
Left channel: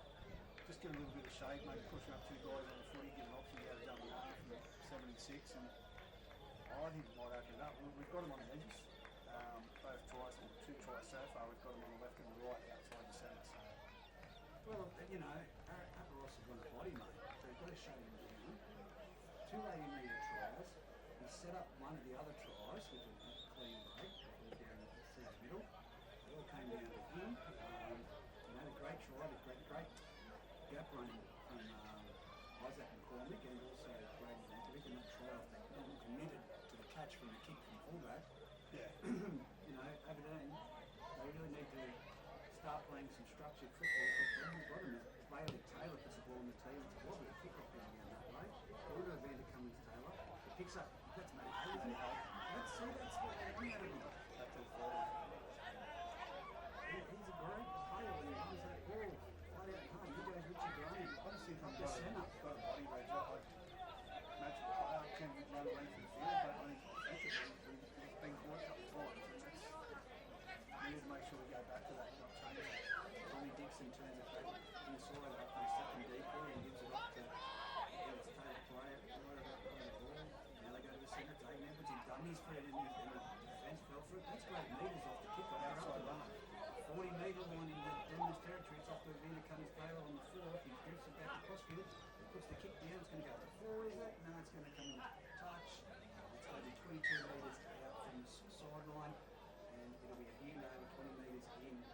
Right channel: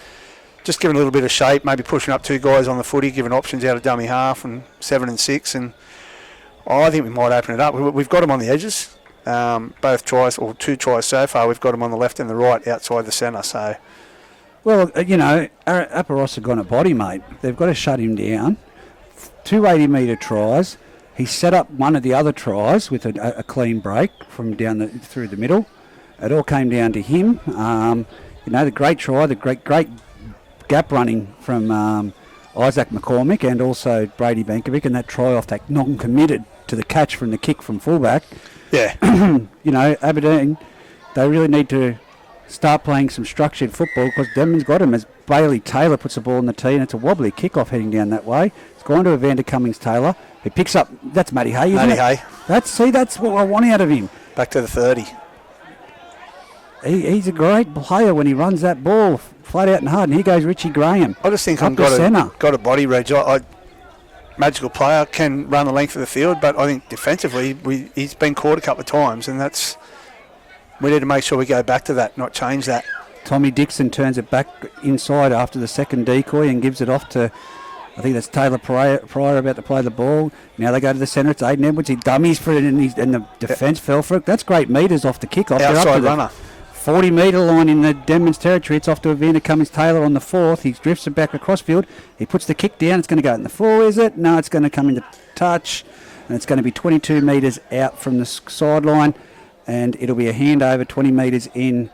just giving a little bit of shape, maybe pushing up 2 guys on the footy, giving options out of dummy half and 7 and 6, and I think we might open it up. We've got them on the edges. Both tries, or 2 tries so far, we've got them on the left and the right outside the centre. So, well, Aparos have gone a body, mate. They've got to shut him down. 2 80-metre tries. He set up one of the other tries with a clean break from down through the middle. It all came down to him. The great try, the great gap running from Isaac McCormick and also Brady Benkovic, and that try off that non-committed to the catch from the kick from fullback. Yeah. Aberdeen, they really need to start playing some structured football because Denman's got him as Bailey Taylor puts the ball in the tee, and it's a wobbly kickoff heading down that way. It's gone to Evander Cummings-Taylor. He picks up, that's Matty Hay, isn't it? Matty Hay. That's what I want out of him. Back to the 30. He's a great player when he runs that ball flat out and hard, and here goes Richie Graham. I just think I've got a body, Reg. Magical player, can run the length of the field, but I think defensively he's been caught a couple of times, and we need to make sure we go back to that, not change that. Tommy Dixon turns it back inside after the second decoy and gives it off to, I think that's Taylor Pryor about to play the ball. Now they go to the centre. It's Aiden Edwards. He dummies for it, and the defence fell for it. That's great metres off the kickoff. Outside runner. 40-metre line in the Denman's territory. It's off to Evander Cummings-Taylor on the 4th. He drifts it back across field. He puts the kick down. It's going to go in the 4, is it? No, it's going to come into touch, and it's going to be 22 metres out from the sideline, and it'll be a handover 20 metres in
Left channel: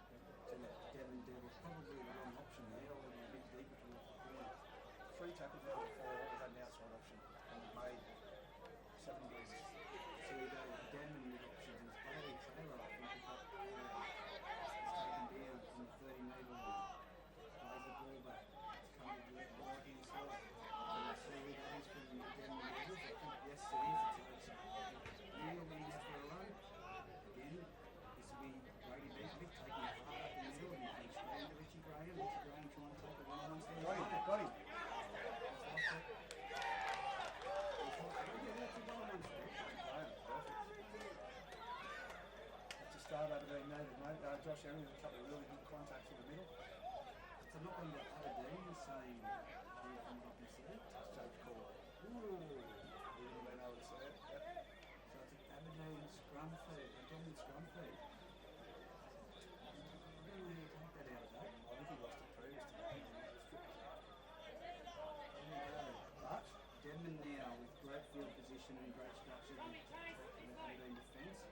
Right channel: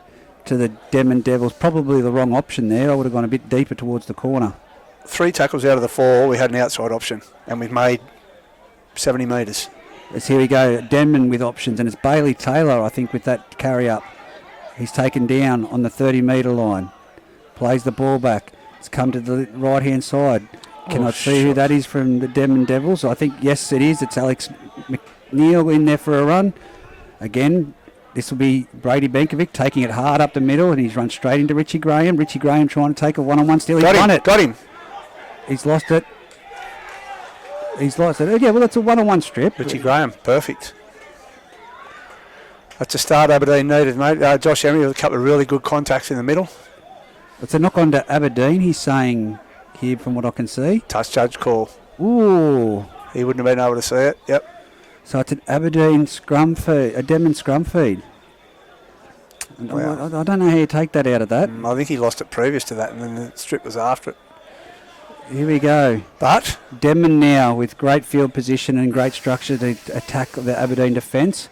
to the Denman Devils. Probably the wrong option there. I would have gone a bit deeper towards the corner. 3 tackles out of the 4, we had an outside option, and we've made 70 metres. Here we go, Denman with options, and it's Bailey Taylor, I think, with that carry up. He's taken down on the 30-metre line. Plays the ball back. It's come to the right-hand side. Cannot see who that is from the Denman Devils. I think, yes, it is. It's Alex McNeil in there for a run. Again, this will be Brady Benkovic taking it hard up the middle, and he's run straight into Richie Graham. Richie Graham trying to take a one-on-one steal. He's won it. Got him. He's lost it. Yeah, well, it's a one-on-one strip. Richie Graham, perfect. That's a start Aberdeen needed, mate. Josh Emery with a couple of really good contacts in the middle. It's a knock on to Aberdeen, he's saying here from what I can see. Touch judge call. Ooh. He wouldn't have been able to see it, yep. So it's an Aberdeen scrum feed, a Denman scrum feed. Wow. I don't know how you take that out of that. I think he lost it previous to that, and then the strip was after it. Here we go. But Denman now with great field position and great structure to attack the Aberdeen defence.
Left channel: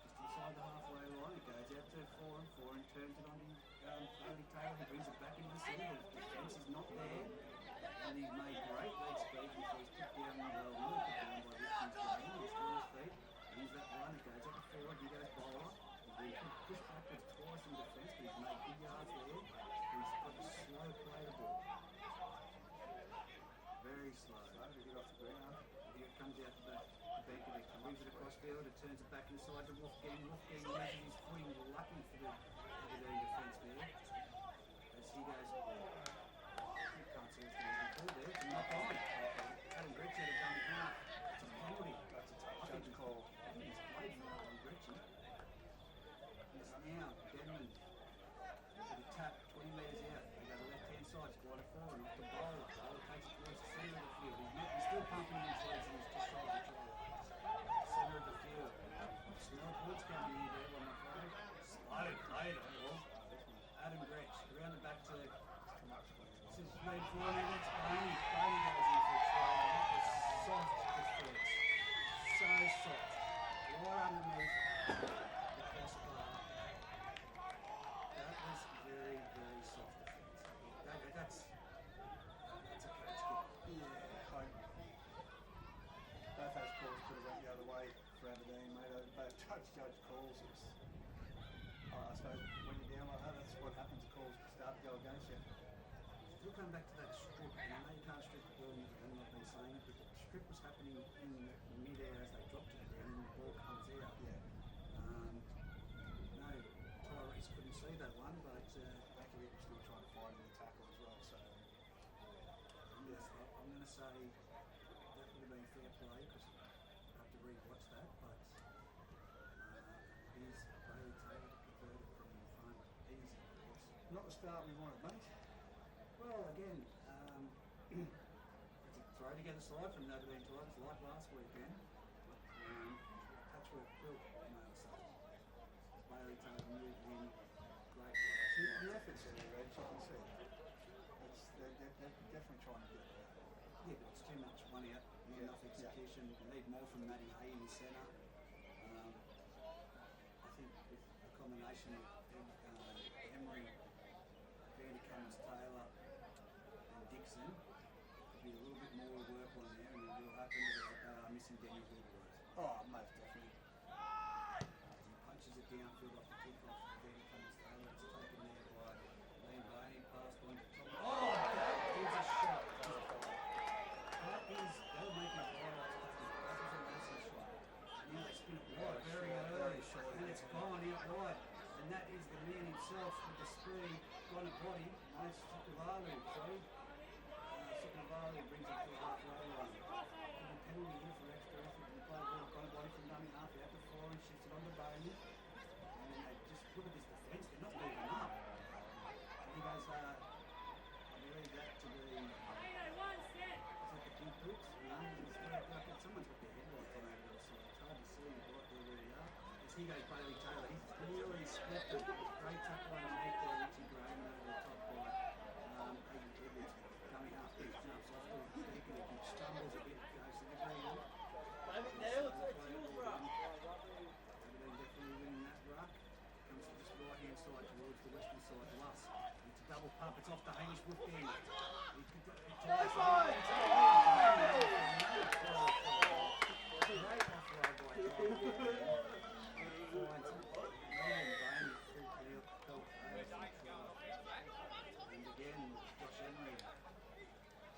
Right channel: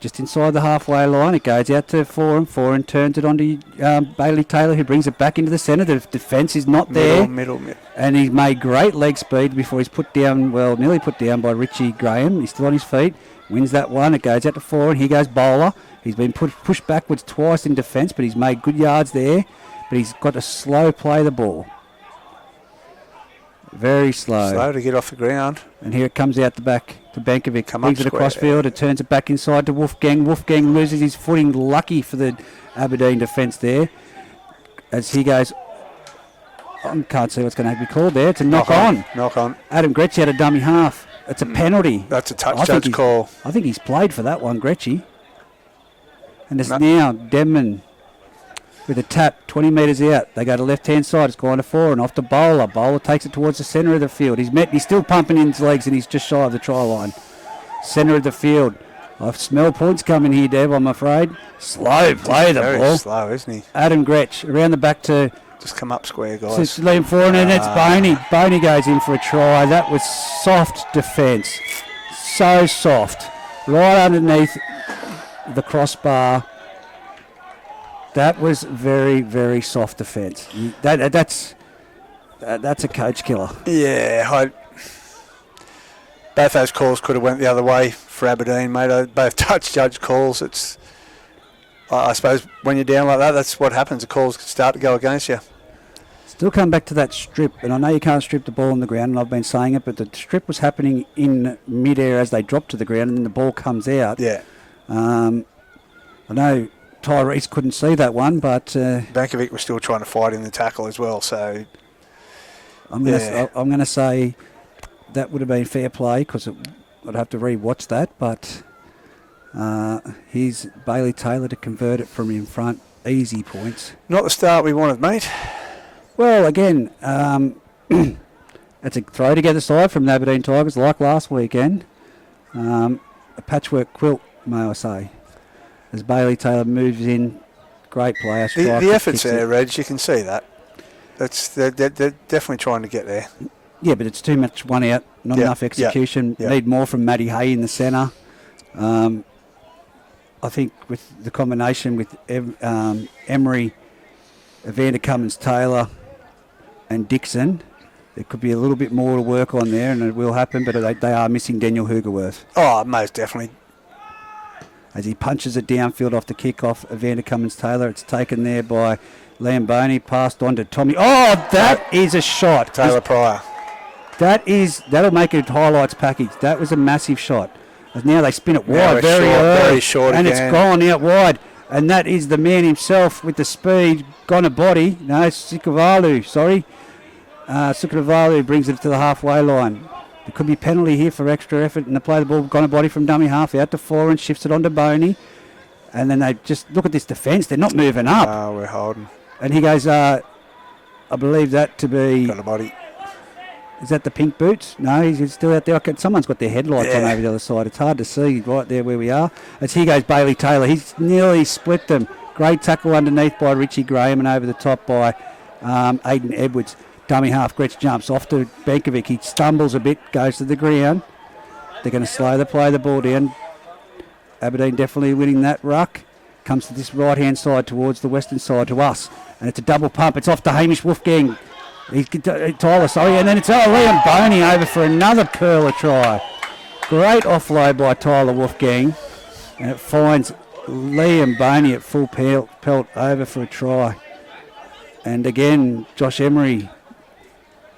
just inside the halfway line. It goes out to Foran turns it onto Bailey Taylor, who brings it back into the centre. The defence is not there. Middle. And he's made great leg speed before he's put down, nearly put down by Richie Graham. He's still on his feet. Wins that one. It goes out to Foran. Here goes Bowler. He's been pushed backwards twice in defence, but he's made good yards there. But he's got to slow play the ball. Very slow. Slow to get off the ground. And here it comes out the back to Bankovic. Moves it across square, field. It turns it back inside to Wolfgang. Wolfgang loses his footing. Lucky for the Aberdeen defence there. As he goes, I can't see what's going to be called there. It's a knock on. Knock on. Adam Gretsch had a dummy half. It's a penalty. That's a touch judge call. I think he's played for that one, Gretschy. And it's now Denman with a tap, 20 metres out. They go to left-hand side. It's gone to Foran, off to Bowler. Bowler takes it towards the centre of the field. He's still pumping in his legs, and he's just shy of the try line. Centre of the field. I smell points coming here, Deb, I'm afraid. Slow play the ball. Very slow, isn't he? Adam Gretsch around the back to... Just come up square, guys. Just lean forward, and it's Boney. Boney goes in for a try. That was soft defence. So soft. Right underneath the crossbar. That was very, very soft defence. That's a coach killer. Yeah, both those calls could have went the other way for Aberdeen, mate. Both touch judge calls. I suppose when you're down like that, that's what happens. The calls start to go against you. Still come back to that strip, and I know you can't strip the ball on the ground, and I've been saying it, but the strip was happening in mid-air as they drop to the ground, and then the ball comes out. Yeah. I know Tyrese couldn't see that one, but... Bankovic was still trying to fight in the tackle as well, so... I'm going to say that would have been fair play, because I'd have to re-watch that, but here's Bailey Taylor to convert it from in front. Easy points. Not the start we wanted, mate. Well, again, it's a throw together side from the Aberdeen Tigers, like last weekend. A patchwork quilt, may I say. As Bailey Taylor moves in, great player. The effort's there, Reg. You can see that. They're definitely trying to get there. Yeah, but it's too much one out, not enough execution. Need more from Matty Hay in the centre. I think with the combination with Emery, Evander Cummins-Taylor and Dixon, there could be a little bit more to work on there, and it will happen, but they are missing Daniel Hugerworth. Oh, most definitely. As he punches it downfield off the kickoff, Evander Cummins-Taylor, it's taken there by Liam Boney, passed on to Tommy. Oh, that is a shot. Taylor Pryor. That'll make a highlights package. That was a massive shot. As now they spin it wide, very short and again. It's gone out wide. And that is the man himself with the speed, gone a body. No, Sukavalu, sorry. Sukavalu brings it to the halfway line. There could be penalty here for extra effort, and they play the ball, gone a body from dummy half out to Foran, shifts it onto Boney. And then they just look at this defence, they're not moving up. Oh, we're holding. And he goes, I believe that to be... Got a body. Is that the pink boots? No, he's still out there. Someone's got their headlights on over the other side. It's hard to see right there where we are. As here goes Bailey Taylor. He's nearly split them. Great tackle underneath by Richie Graham and over the top by Aidan Edwards. Dummy half, Gretsch jumps off to Bankovic. He stumbles a bit, goes to the ground. They're going to slow the play the ball down. Aberdeen definitely winning that ruck. Comes to this right-hand side towards the western side to us. And it's a double pump. It's off to Hamish Wolfgang. Tyler, sorry, and then it's Liam Boney over for another curler try. Great offload by Tyler Wolfgang, and it finds Liam Boney at full pelt over for a try. And again, Josh Emery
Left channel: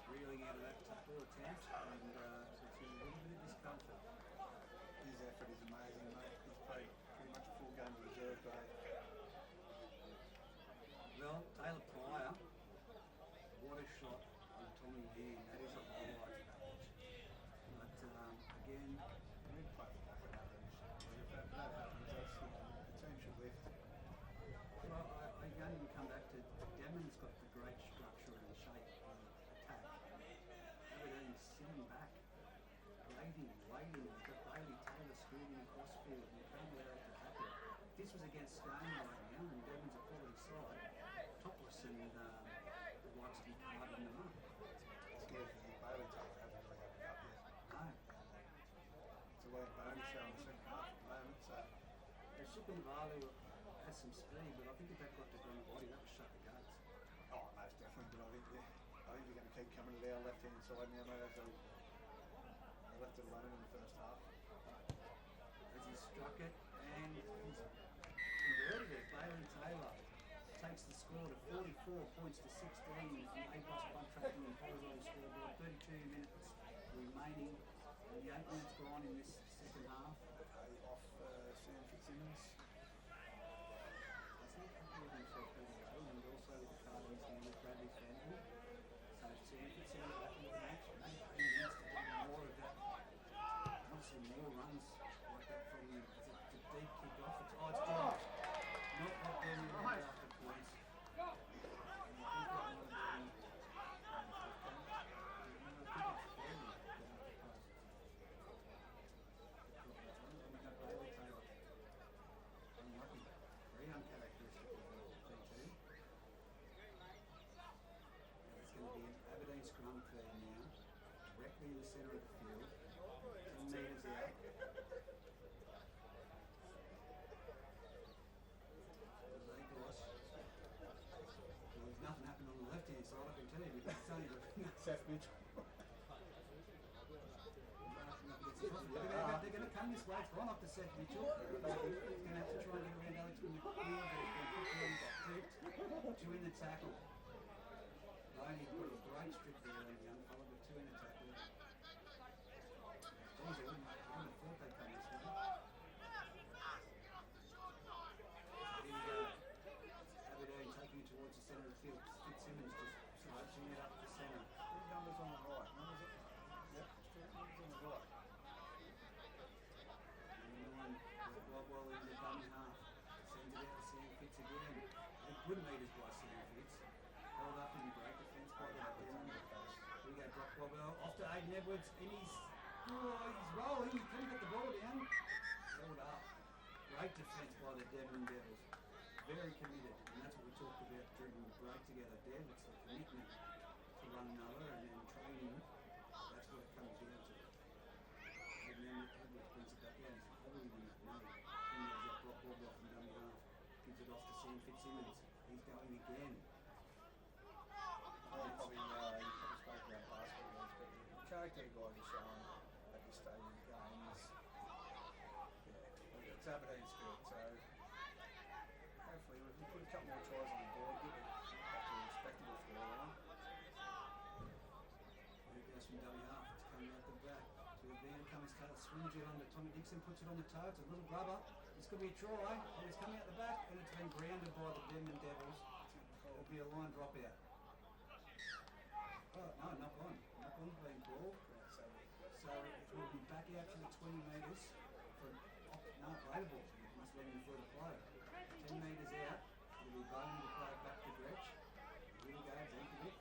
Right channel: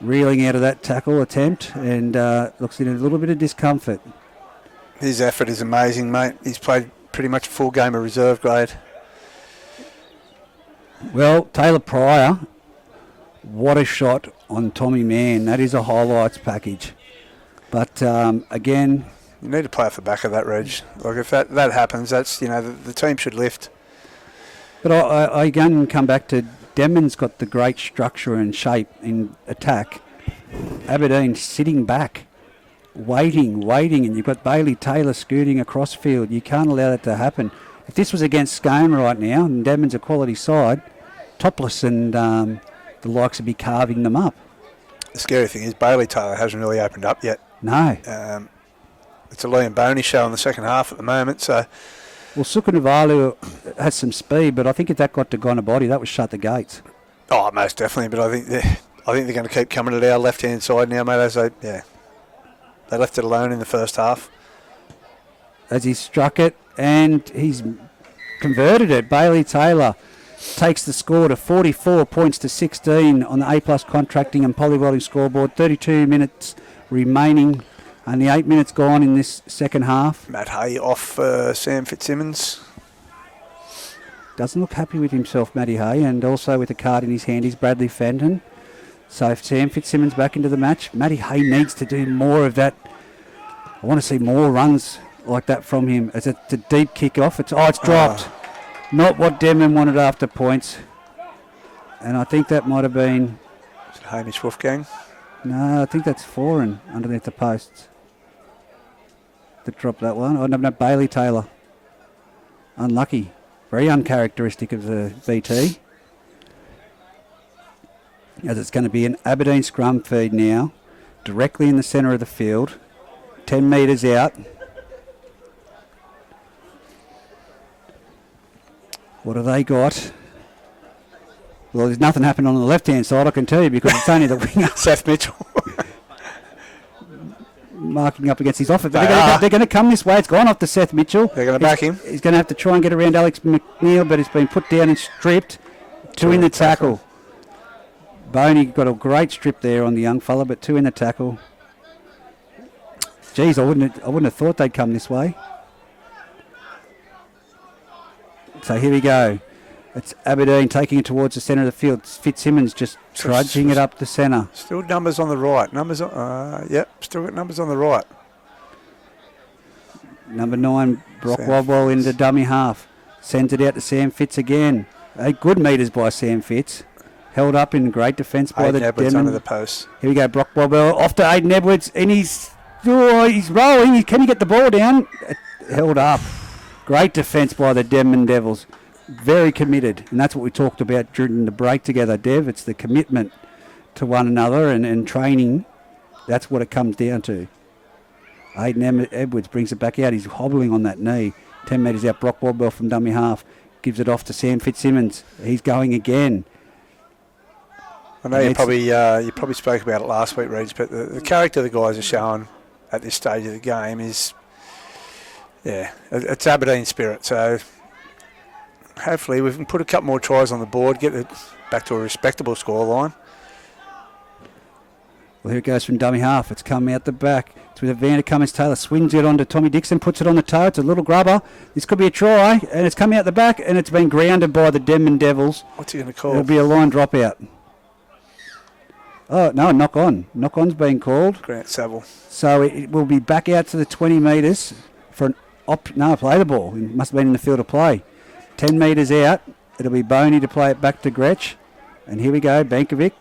reeling out of that tackle attempt and looks in a little bit of discomfort. His effort is amazing, mate. He's played pretty much a full game of reserve grade. Well, Taylor Pryor... What a shot on Tommy Mann. That is a highlights package. But again... You need to play off the back of that, Reg. Like if that happens, that's, the team should lift. But I again come back to Denman's got the great structure and shape in attack. Aberdeen sitting back, waiting, and you've got Bailey Taylor scooting across field. You can't allow that to happen. If this was against Scone right now, and Denman's a quality side, Topless and... the likes would be carving them up. The scary thing is Bailey Taylor hasn't really opened up yet. No. It's a Liam Boney show in the second half at the moment, so Well, Sukunavalu has some speed, but I think if that got to Gonabody, that would shut the gates. Oh, most definitely. But I think they're going to keep coming to our left-hand side now, mate. As they left it alone in the first half. As he struck it, and he's converted it. Bailey Taylor takes the score to 44 points to 16 on the A+ contracting and polywelding scoreboard. 32 minutes remaining. Only 8 minutes gone in this second half. Matt Hay off Sam Fitzsimmons. Doesn't look happy with himself, Matty Hay, and also with a card in his hand is Bradley Fenton. So if Sam Fitzsimmons back into the match, Matty Hay needs to do more of that. I want to see more runs like that from him. It's a deep kick-off. It's dropped. Not what Denman wanted after points. And I think that might have been... Is it Hamish Wolfgang? No, I think that's Foreign underneath the posts. That dropped that one. Oh, no, Bailey Taylor. Unlucky. Very uncharacteristic of the BT. As it's going to be an Aberdeen scrum feed now. Directly in the centre of the field. 10 metres out. What have they got? Well, there's nothing happening on the left-hand side, I can tell you, because it's only the winger. Seth Mitchell. Marking up against his offer. They're going to come this way. It's gone off to Seth Mitchell. They're going to back him. He's going to have to try and get around Alex McNeil, but it's been put down and stripped. Two in the tackle. Boney got a great strip there on the young fella, but two in the tackle. Geez, I wouldn't have thought they'd come this way. So here we go. It's Aberdeen taking it towards the centre of the field. Fitzsimmons just trudging it up the centre. Still numbers on the right. Still got numbers on the right. Number 9, Brock Wobwell into dummy half. Sends it out to Sam Fitz again. 8 good metres by Sam Fitz. Held up in great defence by the Edwards Denman. under the post. Here we go, Brock Wobwell off to Aiden Edwards, and he's rolling. Can he get the ball down? Held up. Great defence by the Denman Devils. Very committed, and that's what we talked about during the break together, Dev. It's the commitment to one another and training. That's what it comes down to. Aiden Edwards brings it back out. He's hobbling on that knee. 10 metres out, Brock Wobwell from dummy half. Gives it off to Sam Fitzsimmons. He's going again. I know you probably spoke about it last week, Reg, but the character the guys are showing at this stage of the game is, it's Aberdeen spirit. So hopefully we can put a couple more tries on the board, get it back to a respectable scoreline. Well, here it goes from dummy half. It's come out the back. It's with Evander Cummins-Taylor. Swings it onto Tommy Dixon, puts it on the toe. It's a little grubber. This could be a try, and it's come out the back, and it's been grounded by the Denman Devils. What's he going to call? It'll be a line dropout. Oh, no, knock on. Knock on's been called. Grant Saville. So it will be back out to the 20 metres for play the ball. It must have been in the field of play. 10 metres out. It'll be Boney to play it back to Gretsch. And here we go, Bankovic.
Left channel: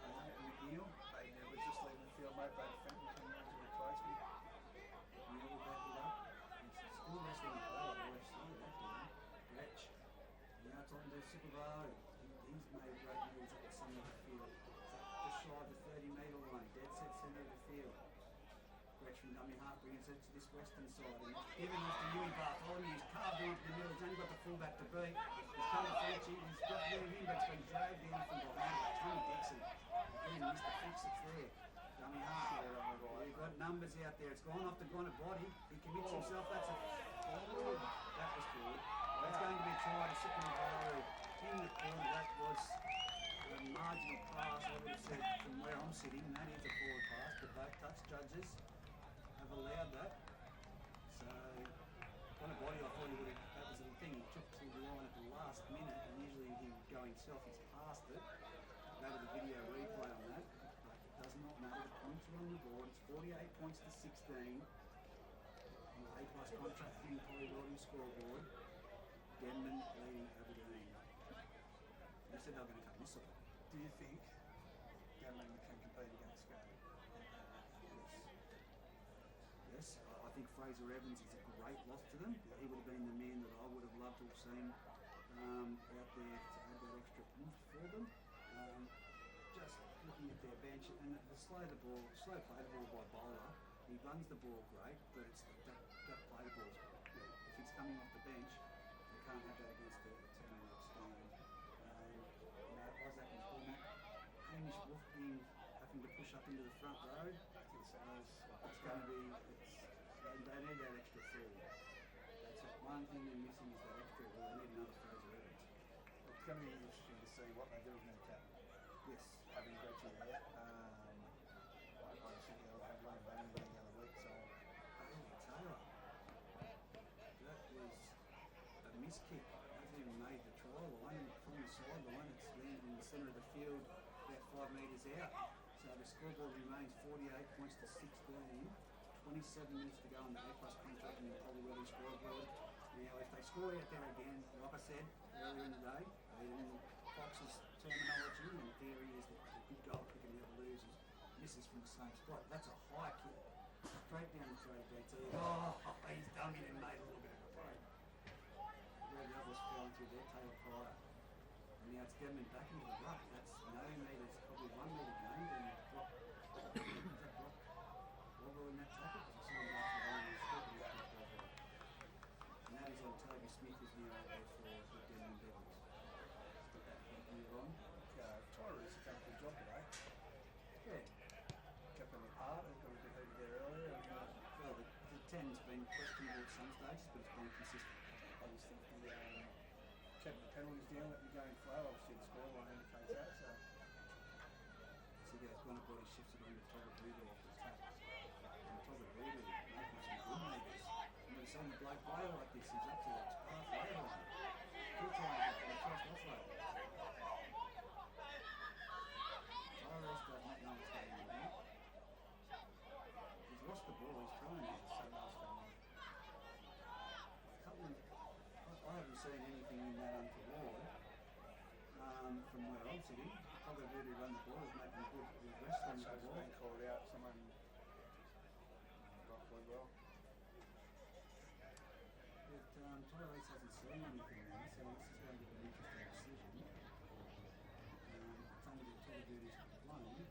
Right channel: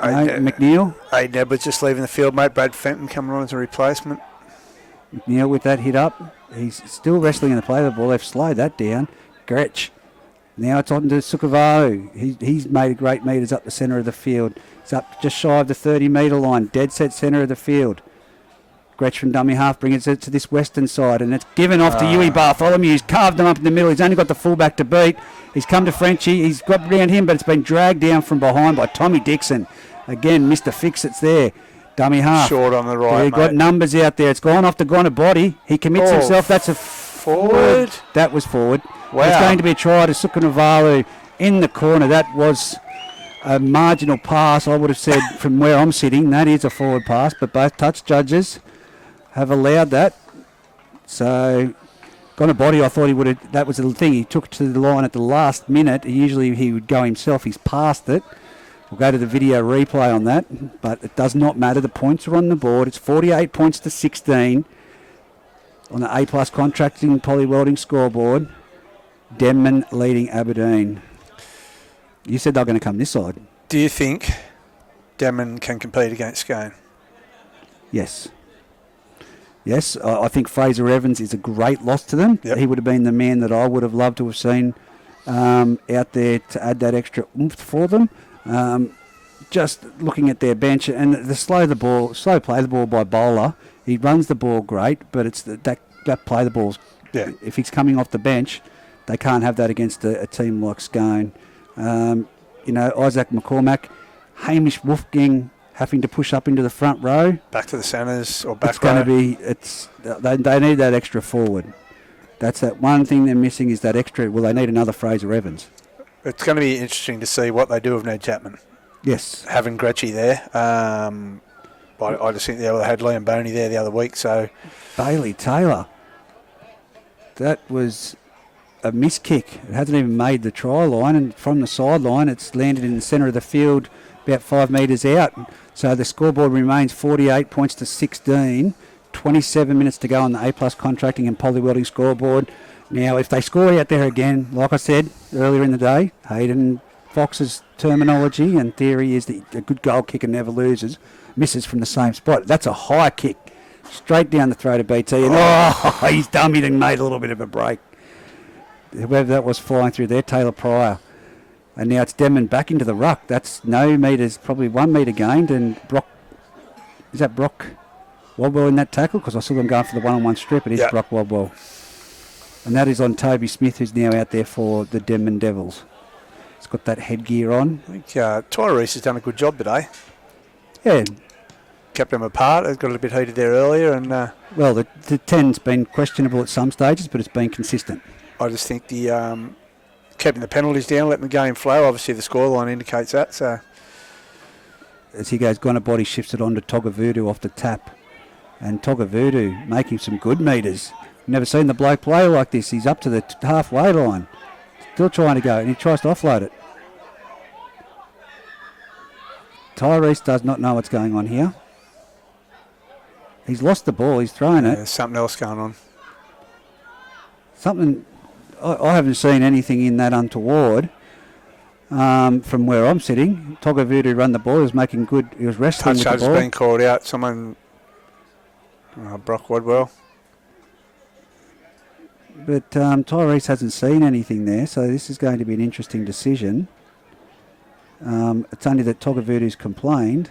McNeil. Aiden Edwards just leaving the field, mate. Brad Fenton coming on as a replacement. McNeil with that hit up. He's still wrestling in the play of the ball. They've slowed that down. Gretsch. Now it's on to Sukavalu. He's made great metres up the centre of the field. It's up just shy of the 30-metre line. Dead set centre of the field. Gretsch from dummy half brings it to this western side, and it's given off to Huey Bartholomew. He's carved him up in the middle. He's only got the fullback to beat. He's come to Frenchie. He's got around him, but it's been dragged down from behind by Tommy Dixon. Again, Mr. Fix-It's there. Dummy half. Short on the right, He's got numbers out there. It's gone off to Gonabody. He commits himself. That's a forward. That was forward. Wow. It's going to be a try to Sukunavalu in the corner. That was a marginal pass, I would have said, from where I'm sitting. That is a forward pass, but both touch judges have allowed that. So, Gonabody, I thought he would have, that was the thing. He took to the line at the last minute. Usually he would go himself. He's passed it. We'll go to the video replay on that, but it does not matter. The points are on the board. It's 48 points to 16 on the A+ contracting polywelding scoreboard. Denman leading Aberdeen. You said they're going to come this side. Do you think Denman can compete against Scone? Yes. Yes, I think Fraser Evans is a great loss to them. Yep. He would have been the man that I would have loved to have seen out there to add that extra oomph for them. Just looking at their bench and the slow play the ball by Bowler. He runs the ball great, but it's that play the ball's Yeah. If he's coming off the bench, they can't have that against a team like Scone. Isaac McCormack, Hamish Wolfgang having to push up into the front row. Back to the centres or back It's going to be. They need that extra forward. That's that one thing they're missing is that extra. Well, they need another Fraser Evans. It's going to be interesting to see what they do with Ned Chapman. Yes. Having Gretchy there. I just think they had Liam Boney there the other week. So Bailey Taylor. That was a miss kick. It hasn't even made the try line, and from the sideline, it's landed in the centre of the field, about 5 metres out. So the scoreboard remains 48 points to 16. 27 minutes to go on the A+ contracting and poly welding scoreboard. Now, if they score out there again, like I said earlier in the day, Hayden Fox's terminology and theory is that a good goal kicker never loses, misses from the same spot. That's a high kick, straight down the throat of BT, and he's dummied and made a little bit of a break. Whoever that was flying through there, Taylor Pryor. And now it's Denman back into the ruck. That's no metres, probably 1 metre gained, and Brock, is that Brock Wadwell in that tackle? Because I saw them going for the one-on-one strip. It is Brock Wadwell. And that is on Toby Smith, who's now out there for the Denman Devils. He's got that headgear on. I think Tyrese has done a good job today. Yeah. Kept them apart. It got a little bit heated there earlier. And well, the 10's been questionable at some stages, but it's been consistent. I just think the keeping the penalties down, letting the game flow. Obviously, the scoreline indicates that. So as he goes, Gonna Body shifts it on to Togavudu off the tap. And Togavudu making some good metres. Never seen the bloke play like this. He's up to the halfway line. Still trying to go, and he tries to offload it. Tyrese does not know what's going on here. He's lost the ball. He's thrown it. There's something else going on. Something... I haven't seen anything in that untoward from where I'm sitting. Togavudu run the ball. He was making good... He was wrestling with the ball. Touch has been called out. Someone... Brock Wadwell. But Tyrese hasn't seen anything there, so this is going to be an interesting decision. It's only that Togavudu's complained.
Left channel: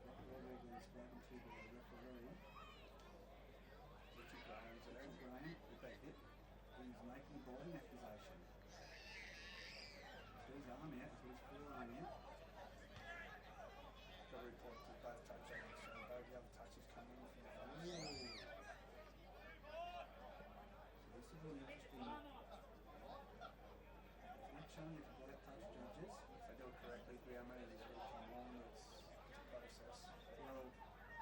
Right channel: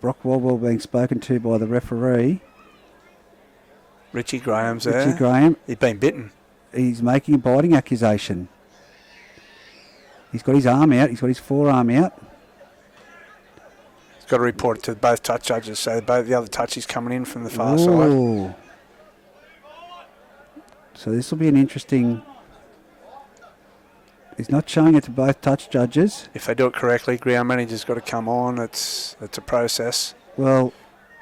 Brock Wadwell being spoken to by the referee. Richie Graham's there. Richie Graham. He's been bitten. He's making a biting accusation. He's got his arm out. He's got his forearm out. He's got to report it to both touch judges, so both the other touch is coming in from the far side. So this will be an interesting... He's not showing it to both touch judges. If they do it correctly, ground manager's got to come on. It's a process. Well,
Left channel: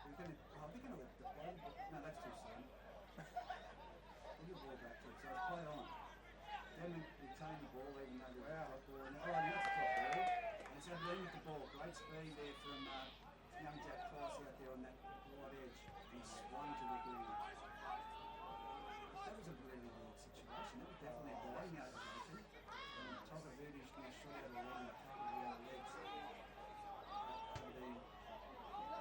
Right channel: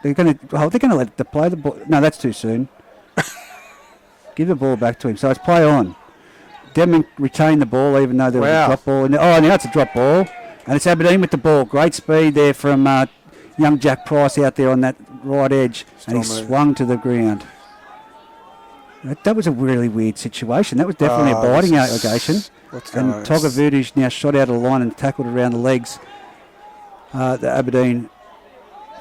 they're going to let the play the ball. No, that's too soon. Give the ball back to him. So it's play on. Denman retained the ball even though there was a drop ball. Now it's a drop ball. And it's Aberdeen with the ball. Great speed there from young Jack Price out there on that right edge. And he swung to the ground. That was a really weird situation. That was definitely a biting allegation. And Togavudu's now shot out of the line and tackled around the legs. The Aberdeen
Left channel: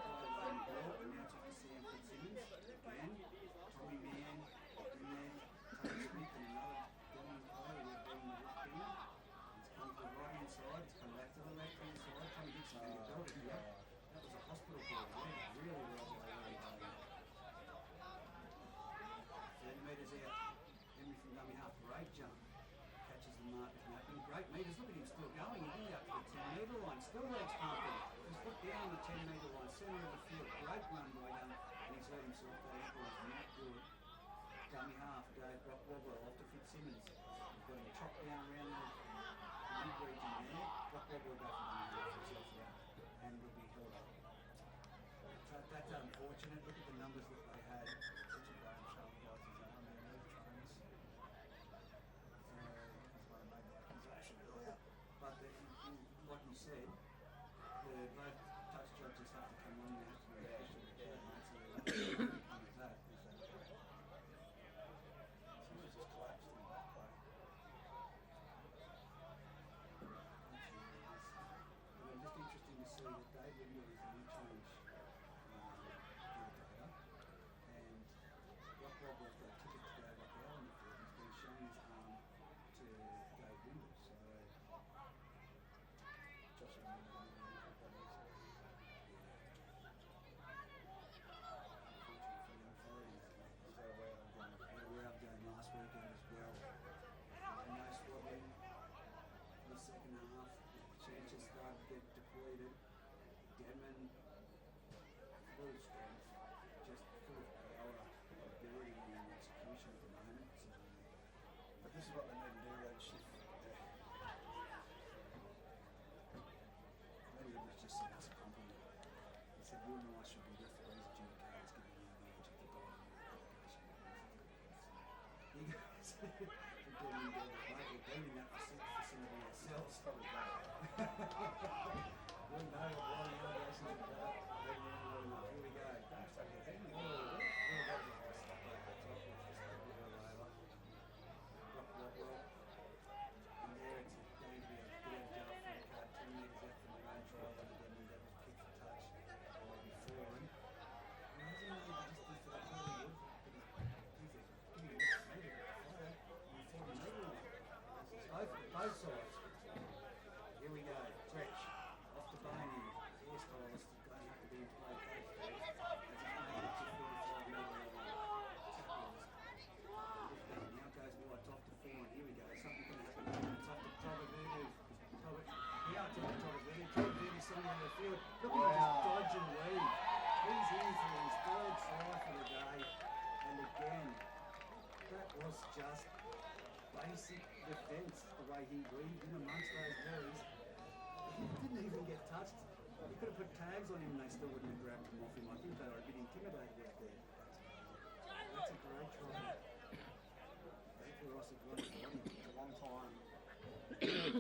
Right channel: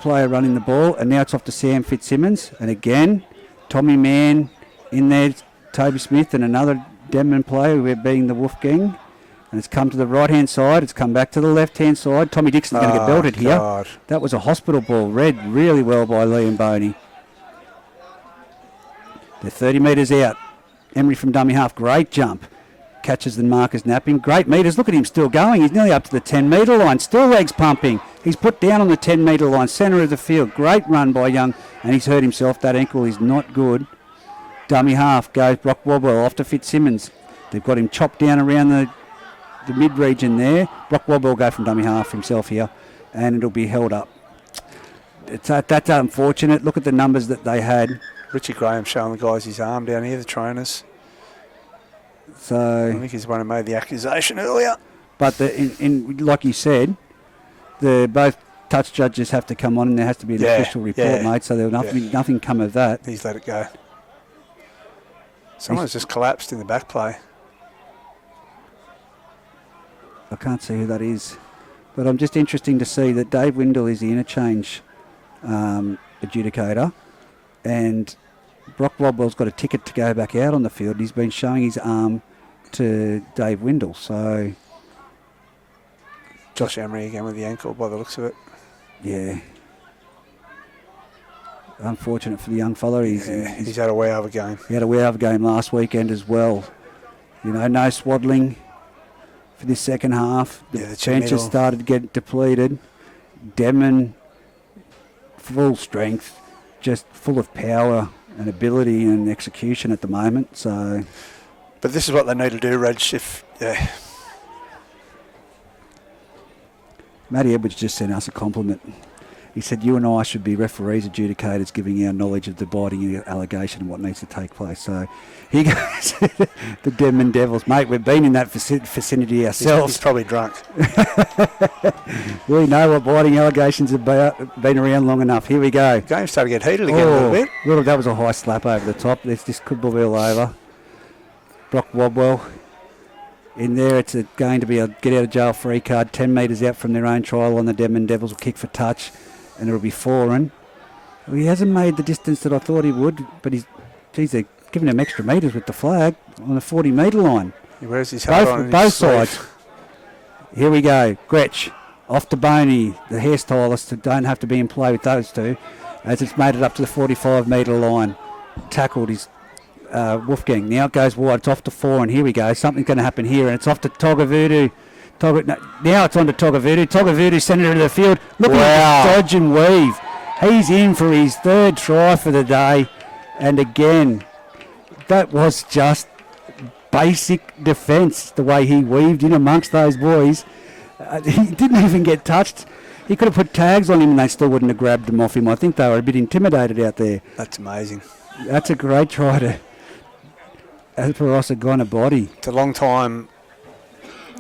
player running the ball. And now it's off to Sam Fitzsimmons. And again, Tommy Mann in there, Toby Smith and another Denman player, we're being the Wolfgang. And it's come to the right-hand side. It's come back to the left-hand side. Tommy Dixon's going to get belted here. That was a hospital ball. Read really well by Liam Boney. They're 30 metres out. Emery from dummy half. Great jump. Catches the markers napping. Great metres. Look at him still going. He's nearly up to the 10-metre line. Still legs pumping. He's put down on the 10-metre line. Centre of the field. Great run by Young. And he's hurt himself. That ankle is not good. Dummy half goes Brock Wadwell off to Fitzsimmons. They've got him chopped down around the mid-region there. Brock Wadwell will go from dummy half himself here. And it'll be held up. That's unfortunate. Look at the numbers that they had. Richie Graham showing the guys his arm down here, the trainers. So I think he's the one who made the accusation earlier. But like you said, both touch judges have to come on and there has to be an official report made, so there will nothing come of that. He's let it go. Someone's just collapsed in the back play. I can't see who that is. But I'm just interesting to see that Dave Windle is the interchange adjudicator, and Brock Wadwell's got a ticket to go back out on the field. He's been showing his arm to Dave Windle. So Josh Emery again with the ankle by the looks of it. Yeah. Unfortunate for the young fella. He's had a way over game. He had a way over game last weekend as well. You know, no swaddling for this second half. The bench has started to get depleted. Denman, full strength, just full of power and ability and execution at the moment. So, but this is what they need to do, Reg. Matty Edwards just sent us a compliment. He said, you and I should be referees, adjudicators, giving our knowledge of the biting allegation and what needs to take place. So here goes the Denman Devils. Mate, we've been in that vicinity ourselves. He's probably drunk. We know what biting allegations have been around long enough. Here we go. Game started to get heated again a little bit. That was a high slap over the top. This could be all over. Brock Wobwell in there. It's going to be a get-out-of-jail-free card. 10 metres out from their own try line. The Denman Devils will kick for touch. And it'll be foreign. Well, he hasn't made the distance that I thought he would, but they're giving him extra metres with the flag on the 40-metre line. Where's his hat on both sides. Here we go. Gretsch off to Boney, the hairstylist, who don't have to be in play with those two, as it's made it up to the 45-metre line. Tackled his Wolfgang. Now it goes wide. It's off to foreign. Here we go. Something's going to happen here, and it's off to Togavudu. Now it's on to Togavudu. Togavudu sent it into the field. Look at the dodge and weave. He's in for his third try for the day. And again, that was just basic defence, the way he weaved in amongst those boys. He didn't even get touched. He could have put tags on him and they still wouldn't have grabbed him off him. I think they were a bit intimidated out there. That's amazing. That's a great try to Alperosa body. It's a long time.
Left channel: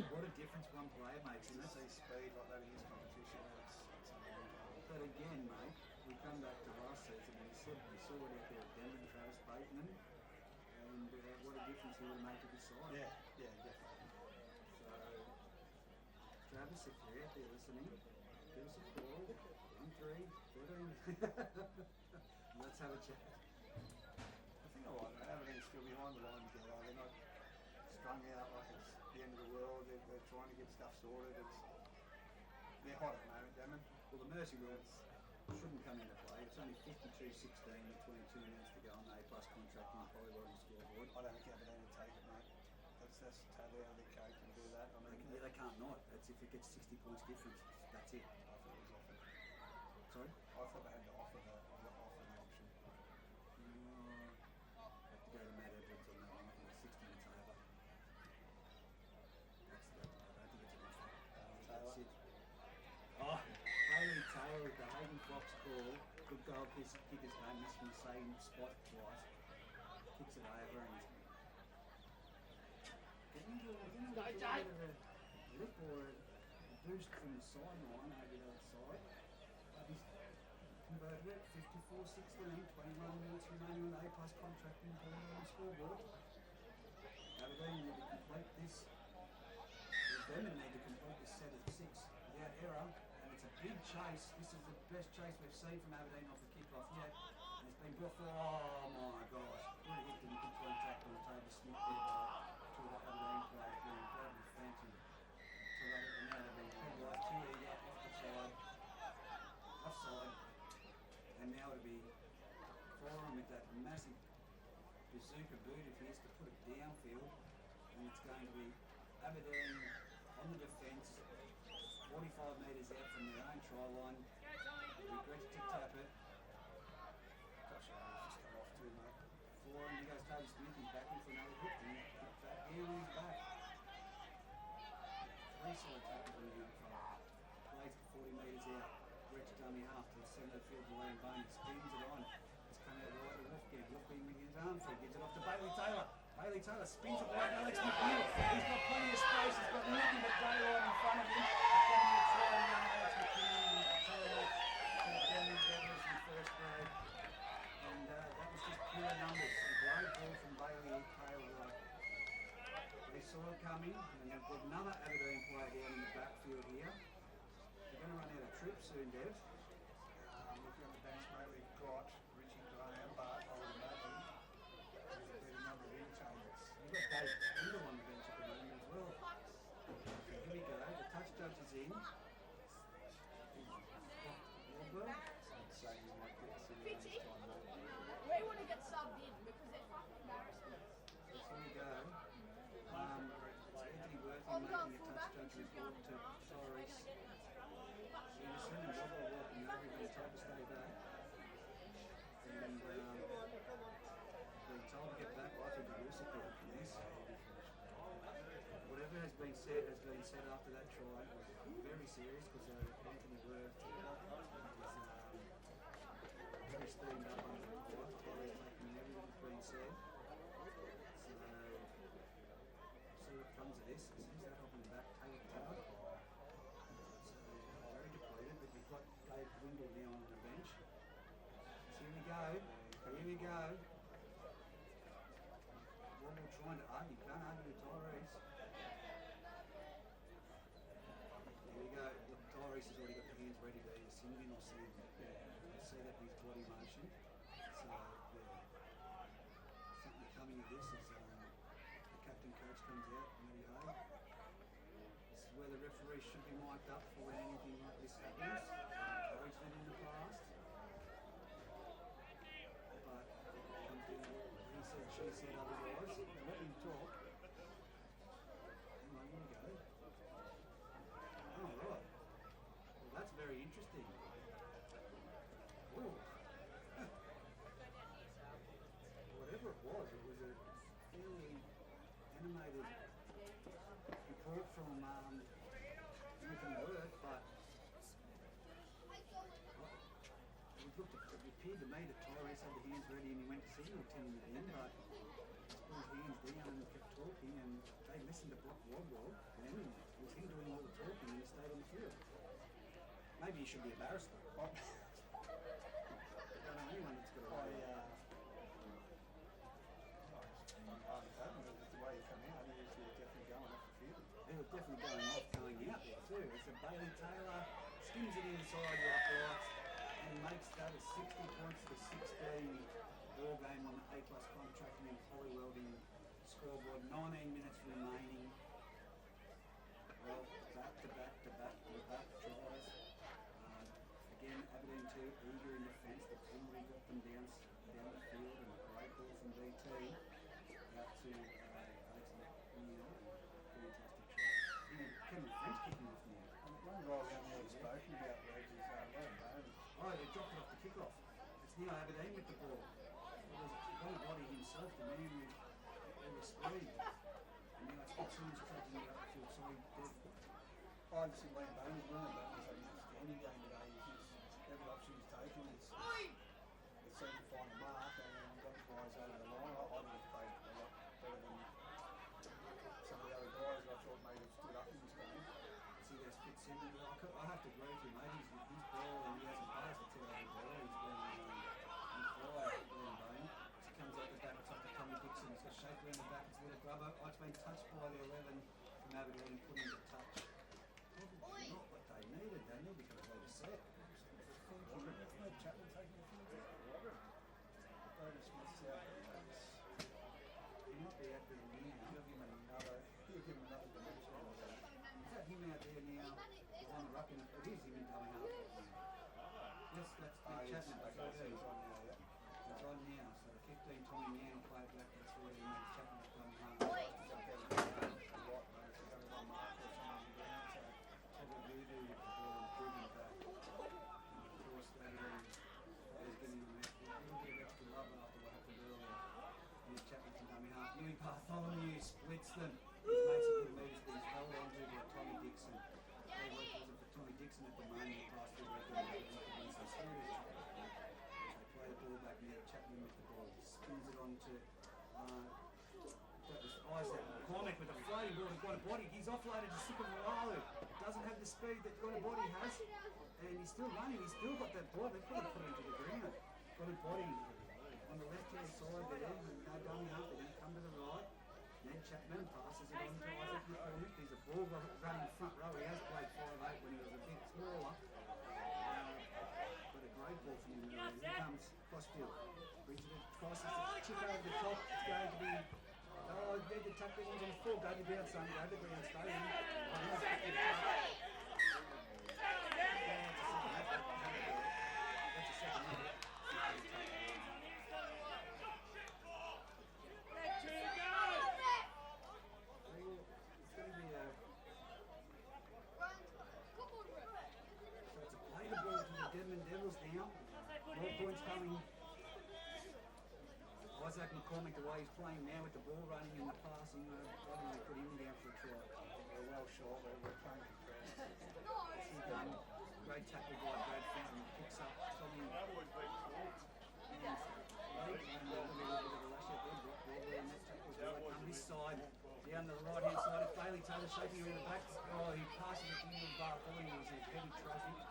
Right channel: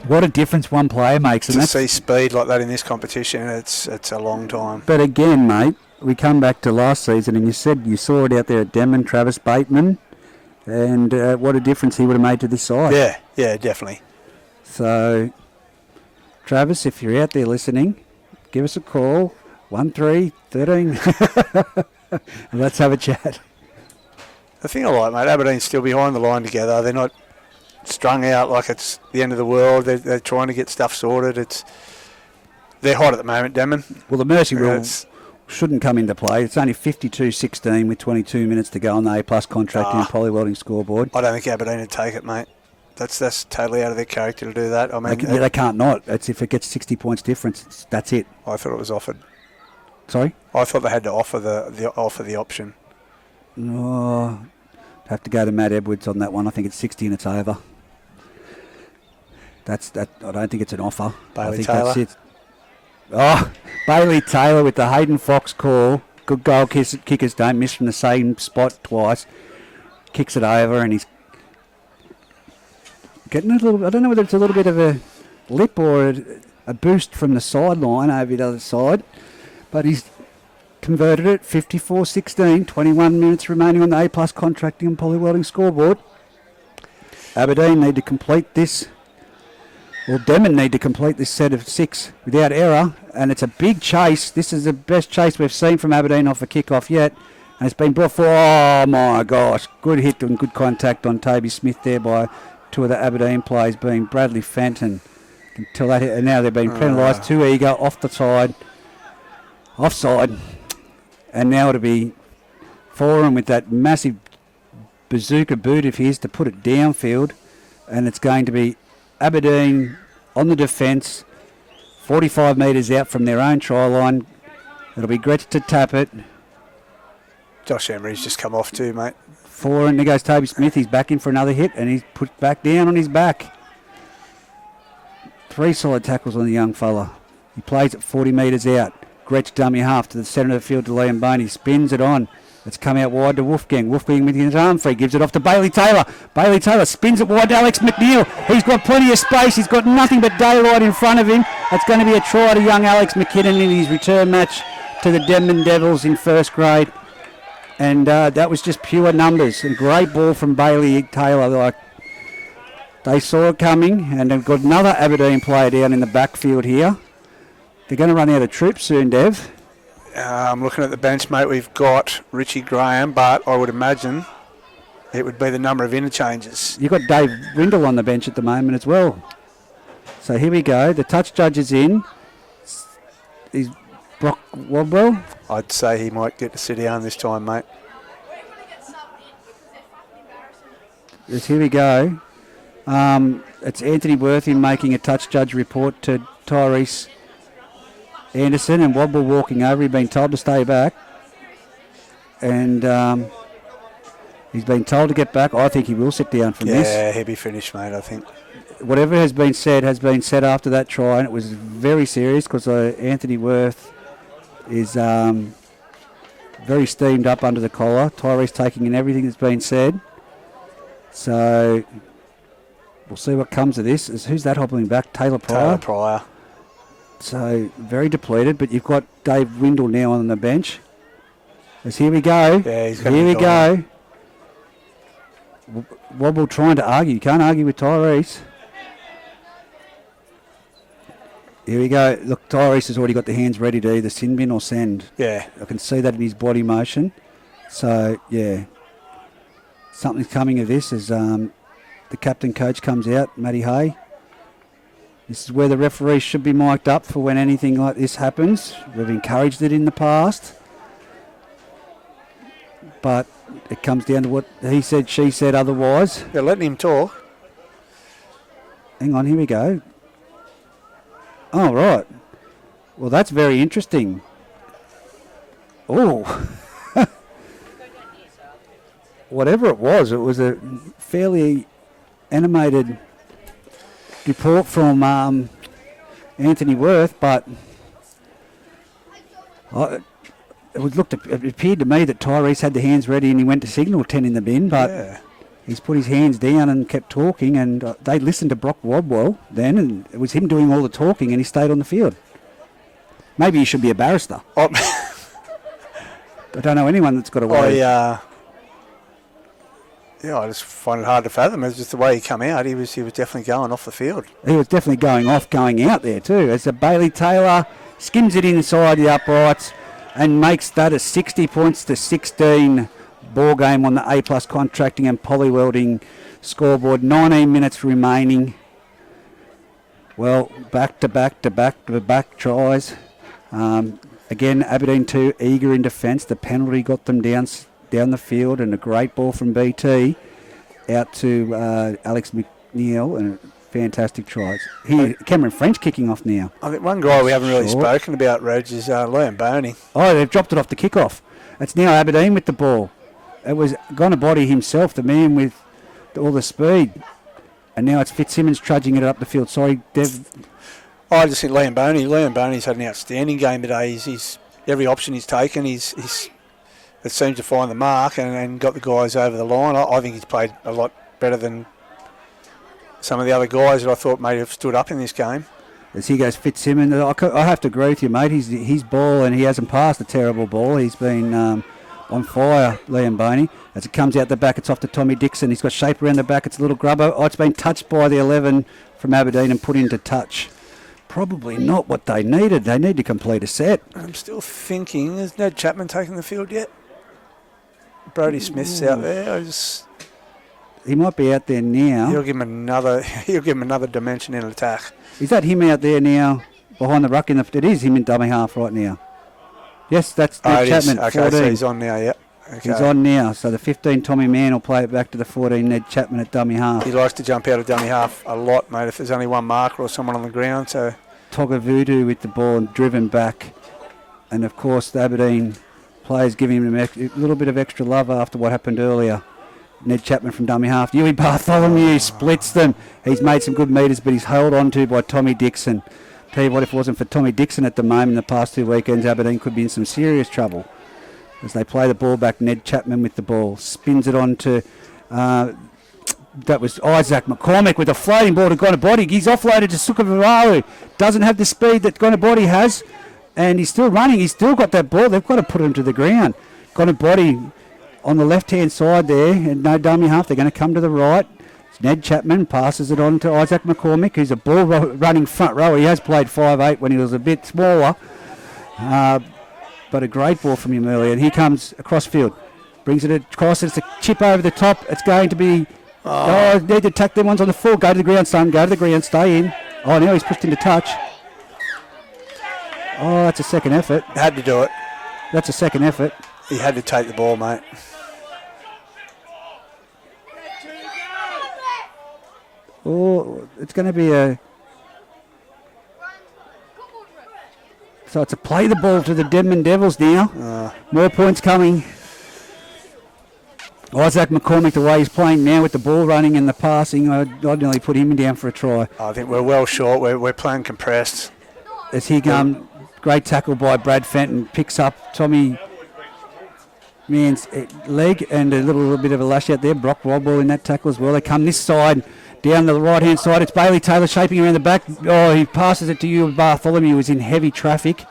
What a difference one player makes. To see speed like that in this competition, it's a long time. But again, mate, we come back to last season and you said you saw it out there at Denman, Travis Bateman, and what a difference he would have made to this side. Yeah, definitely. So, Travis, if you're out there listening, give us a call, 1313. Let's have a chat. The thing I like, mate, Aberdeen's still behind the line together. They're not strung out like it's the end of the world. They're trying to get stuff sorted. They're hot at the moment, Denman. Well, the mercy rule shouldn't come into play. It's only 52-16 with 22 minutes to go on the A+ contracting and polywelding scoreboard. I don't think Aberdeen would take it, mate. That's totally out of their character to do that. I mean, they can't not. It's if it gets 60 points difference, that's it. I thought it was offered. Sorry? I thought they had to offer the option. No, have to go to Matt Edwards on that one. I think it's 60 and it's over. I don't think it's an offer. Bailey I think Taylor. That's it. Oh, Bailey Taylor with the Hayden Fox call. Good goal kickers don't miss from the same spot twice. Kicks it over and he's getting a little. I don't know whether it's a little bit of a lip or a boost from the sideline over the other side, but he's converted it. 54-16. 21 minutes remaining on the A+ contracting and polywelding scoreboard. Aberdeen need to complete this. Well, Denman need to complete this set of 6 without error, and it's a big chase. This is the best chase we've seen from Aberdeen off a kickoff yet, and it's been brought forward. Oh my gosh, good hit and good contact on Toby Smith there by two of the Aberdeen players, being Bradley Fenton. Until that hit, and now they've been penalised. Too eager, off the side, offside, and now it'll be Foran with that massive bazooka boot of his to put it downfield, and it's going to be Aberdeen on the defence, 45 metres out from their own try line. It'll be Gretsch to tap it. Josh Emery's just come off too, mate. And there goes Toby Smith. He's back in for another hit, and he's put back down on his back. 3 solid tackles on the young fella. He plays it 40 metres out. Gretsch dummy half to the centre of the field to Liam Boney. Spins it on. It's come out wide to Wolfgang. Wolfgang with his arm free. Gives it off to Bailey Taylor. Bailey Taylor spins it wide to Alex McNeil. He's got plenty of space. He's got nothing but daylight in front of him. It's going to be a try to young Alex McKinnon in his return match to the Denman Devils in first grade. And that was just pure numbers. A great ball from Bailey Taylor. They saw it coming, and they've got another Aberdeen player down in the backfield here. They're going to run out of troops soon, Dev. I'm looking at the bench, mate. We've got Richie Graham, but I would imagine it would be the number of interchanges. You've got Dave Rindle on the bench at the moment as well. So here we go. The touch judge is in. He's Brock Wadwell? I'd say he might get to sit down this time, mate. Yes, here we go. It's Anthony Worthy making a touch judge report to Tyrese Anderson, and Wadwell walking over. He's been told to stay back. And he's been told to get back. I think he will sit down from this. Yeah, he'll be finished, mate, I think. Whatever has been said after that try, and it was very serious because Anthony Worth is very steamed up under the collar. Tyrese taking in everything that's been said. So we'll see what comes of this. Who's that hobbling back? Taylor Pryor. So very depleted, but you've got Dave Windle now on the bench. Here we go. Yeah, he's here we go. Wobble trying to argue. You can't argue with Tyrese. Here we go. Look, Tyrese has already got the hands ready to either sin bin or send. Yeah. I can see that in his body motion. So, yeah. Something's coming of this as the captain coach comes out, Matty Hay. This is where the referees should be mic'd up for when anything like this happens. We've encouraged it in the past. But it comes down to what he said, she said otherwise. They're letting him talk. Hang on, here we go. Oh, right. Well, that's very interesting. Oh. Whatever it was a fairly animated report from Anthony Worth, but it appeared to me that Tyrese had the hands ready and he went to signal 10 in the bin, but he's put his hands down and kept talking, and they listened to Brock Wadwell then, and it was him doing all the talking, and he stayed on the field. Maybe he should be a barrister. I don't know anyone that's got a way. I just find it hard to fathom. It's just the way he come out. He was definitely going off the field. He was definitely going out there too. As a Bailey Taylor skims it inside the uprights and makes that a 60 points to 16 ball game on the A+ contracting and polywelding scoreboard. 19 minutes remaining. Well, back to back tries. Again, Aberdeen 2 eager in defence. The penalty got them down the field, and a great ball from BT out to Alex McNeil, and fantastic tries. Here, Cameron French kicking off now. I think one guy we haven't really spoken about, Reg, is Liam Boney. Oh, they've dropped it off the kickoff. It's now Aberdeen with the ball. It was Gonabody himself, the man with all the speed. And now it's Fitzsimmons trudging it up the field. Sorry, Dev. I just think Liam Boney's had an outstanding game today. He's every option he's taken, it seems to find the mark and got the guys over the line. I think he's played a lot better than some of the other guys that I thought may have stood up in this game. As he goes, Fitzsimmons, I have to agree with you, mate. His ball, and he hasn't passed a terrible ball. He's been on fire, Liam Boney. As it comes out the back, it's off to Tommy Dixon. He's got shape around the back. It's a little grubber. Oh, it's been touched by the 11 from Aberdeen and put into touch. Probably not what they needed. They need to complete a set. I'm still thinking, is Ned Chapman taking the field yet? Brody Smith's out there. He might be out there now. He'll give him another dimension in attack. Is that him out there now behind the ruck? It is him in dummy half right now. Yes, that's Ned Chapman. Okay, 14. so he's on now, yeah. Okay. He's on now. So the 15 Tommy Mann will play it back to the 14 Ned Chapman at dummy half. He likes to jump out of dummy half a lot, mate, if there's only one marker or someone on the ground. So Togga Voodoo with the ball and driven back. And of course the Aberdeen players giving him a little bit of extra love after what happened earlier. Ned Chapman from dummy half. Yui Bartholomew splits them. He's made some good metres, but he's held on to by Tommy Dixon. Tell you what, if it wasn't for Tommy Dixon at the moment, the past 2 weekends, Aberdeen could be in some serious trouble. As they play the ball back, Ned Chapman with the ball. Spins it on to, that was Isaac McCormick with a floating ball to Gonabody. He's offloaded to Sukavararu. Doesn't have the speed that Gonabody has. And he's still running. He's still got that ball. They've got to put him to the ground. Gonabody on the left-hand side there. And no dummy half. They're going to come to the right. Ned Chapman passes it on to Isaac McCormick, who's a ball-running front rower. He has played 5'8" when he was a bit smaller. But a great ball from him earlier. And here comes across field. Brings it across. It's a chip over the top. It's going to be... need to attack them ones on the full. Go to the ground, son. Go to the ground. Stay in. Oh, now he's pushed into touch. Oh, that's a second effort. Had to do it. That's a second effort. He had to take the ball, mate. Oh, it's going to be a... So it's a play the ball to the Denman Devils now. More points coming. Isaac McCormick, the way he's playing now with the ball running and the passing, I'd nearly put him down for a try. I think we're well short. We're playing compressed. As he great tackle by Brad Fenton, picks up Tommy Mann's leg and a little bit of a lash out there. Brock Rodball in that tackle as well. They come this side, down the right-hand side. It's Bailey Taylor shaping around the back. Oh, he passes it to you. Bartholomew was in heavy traffic.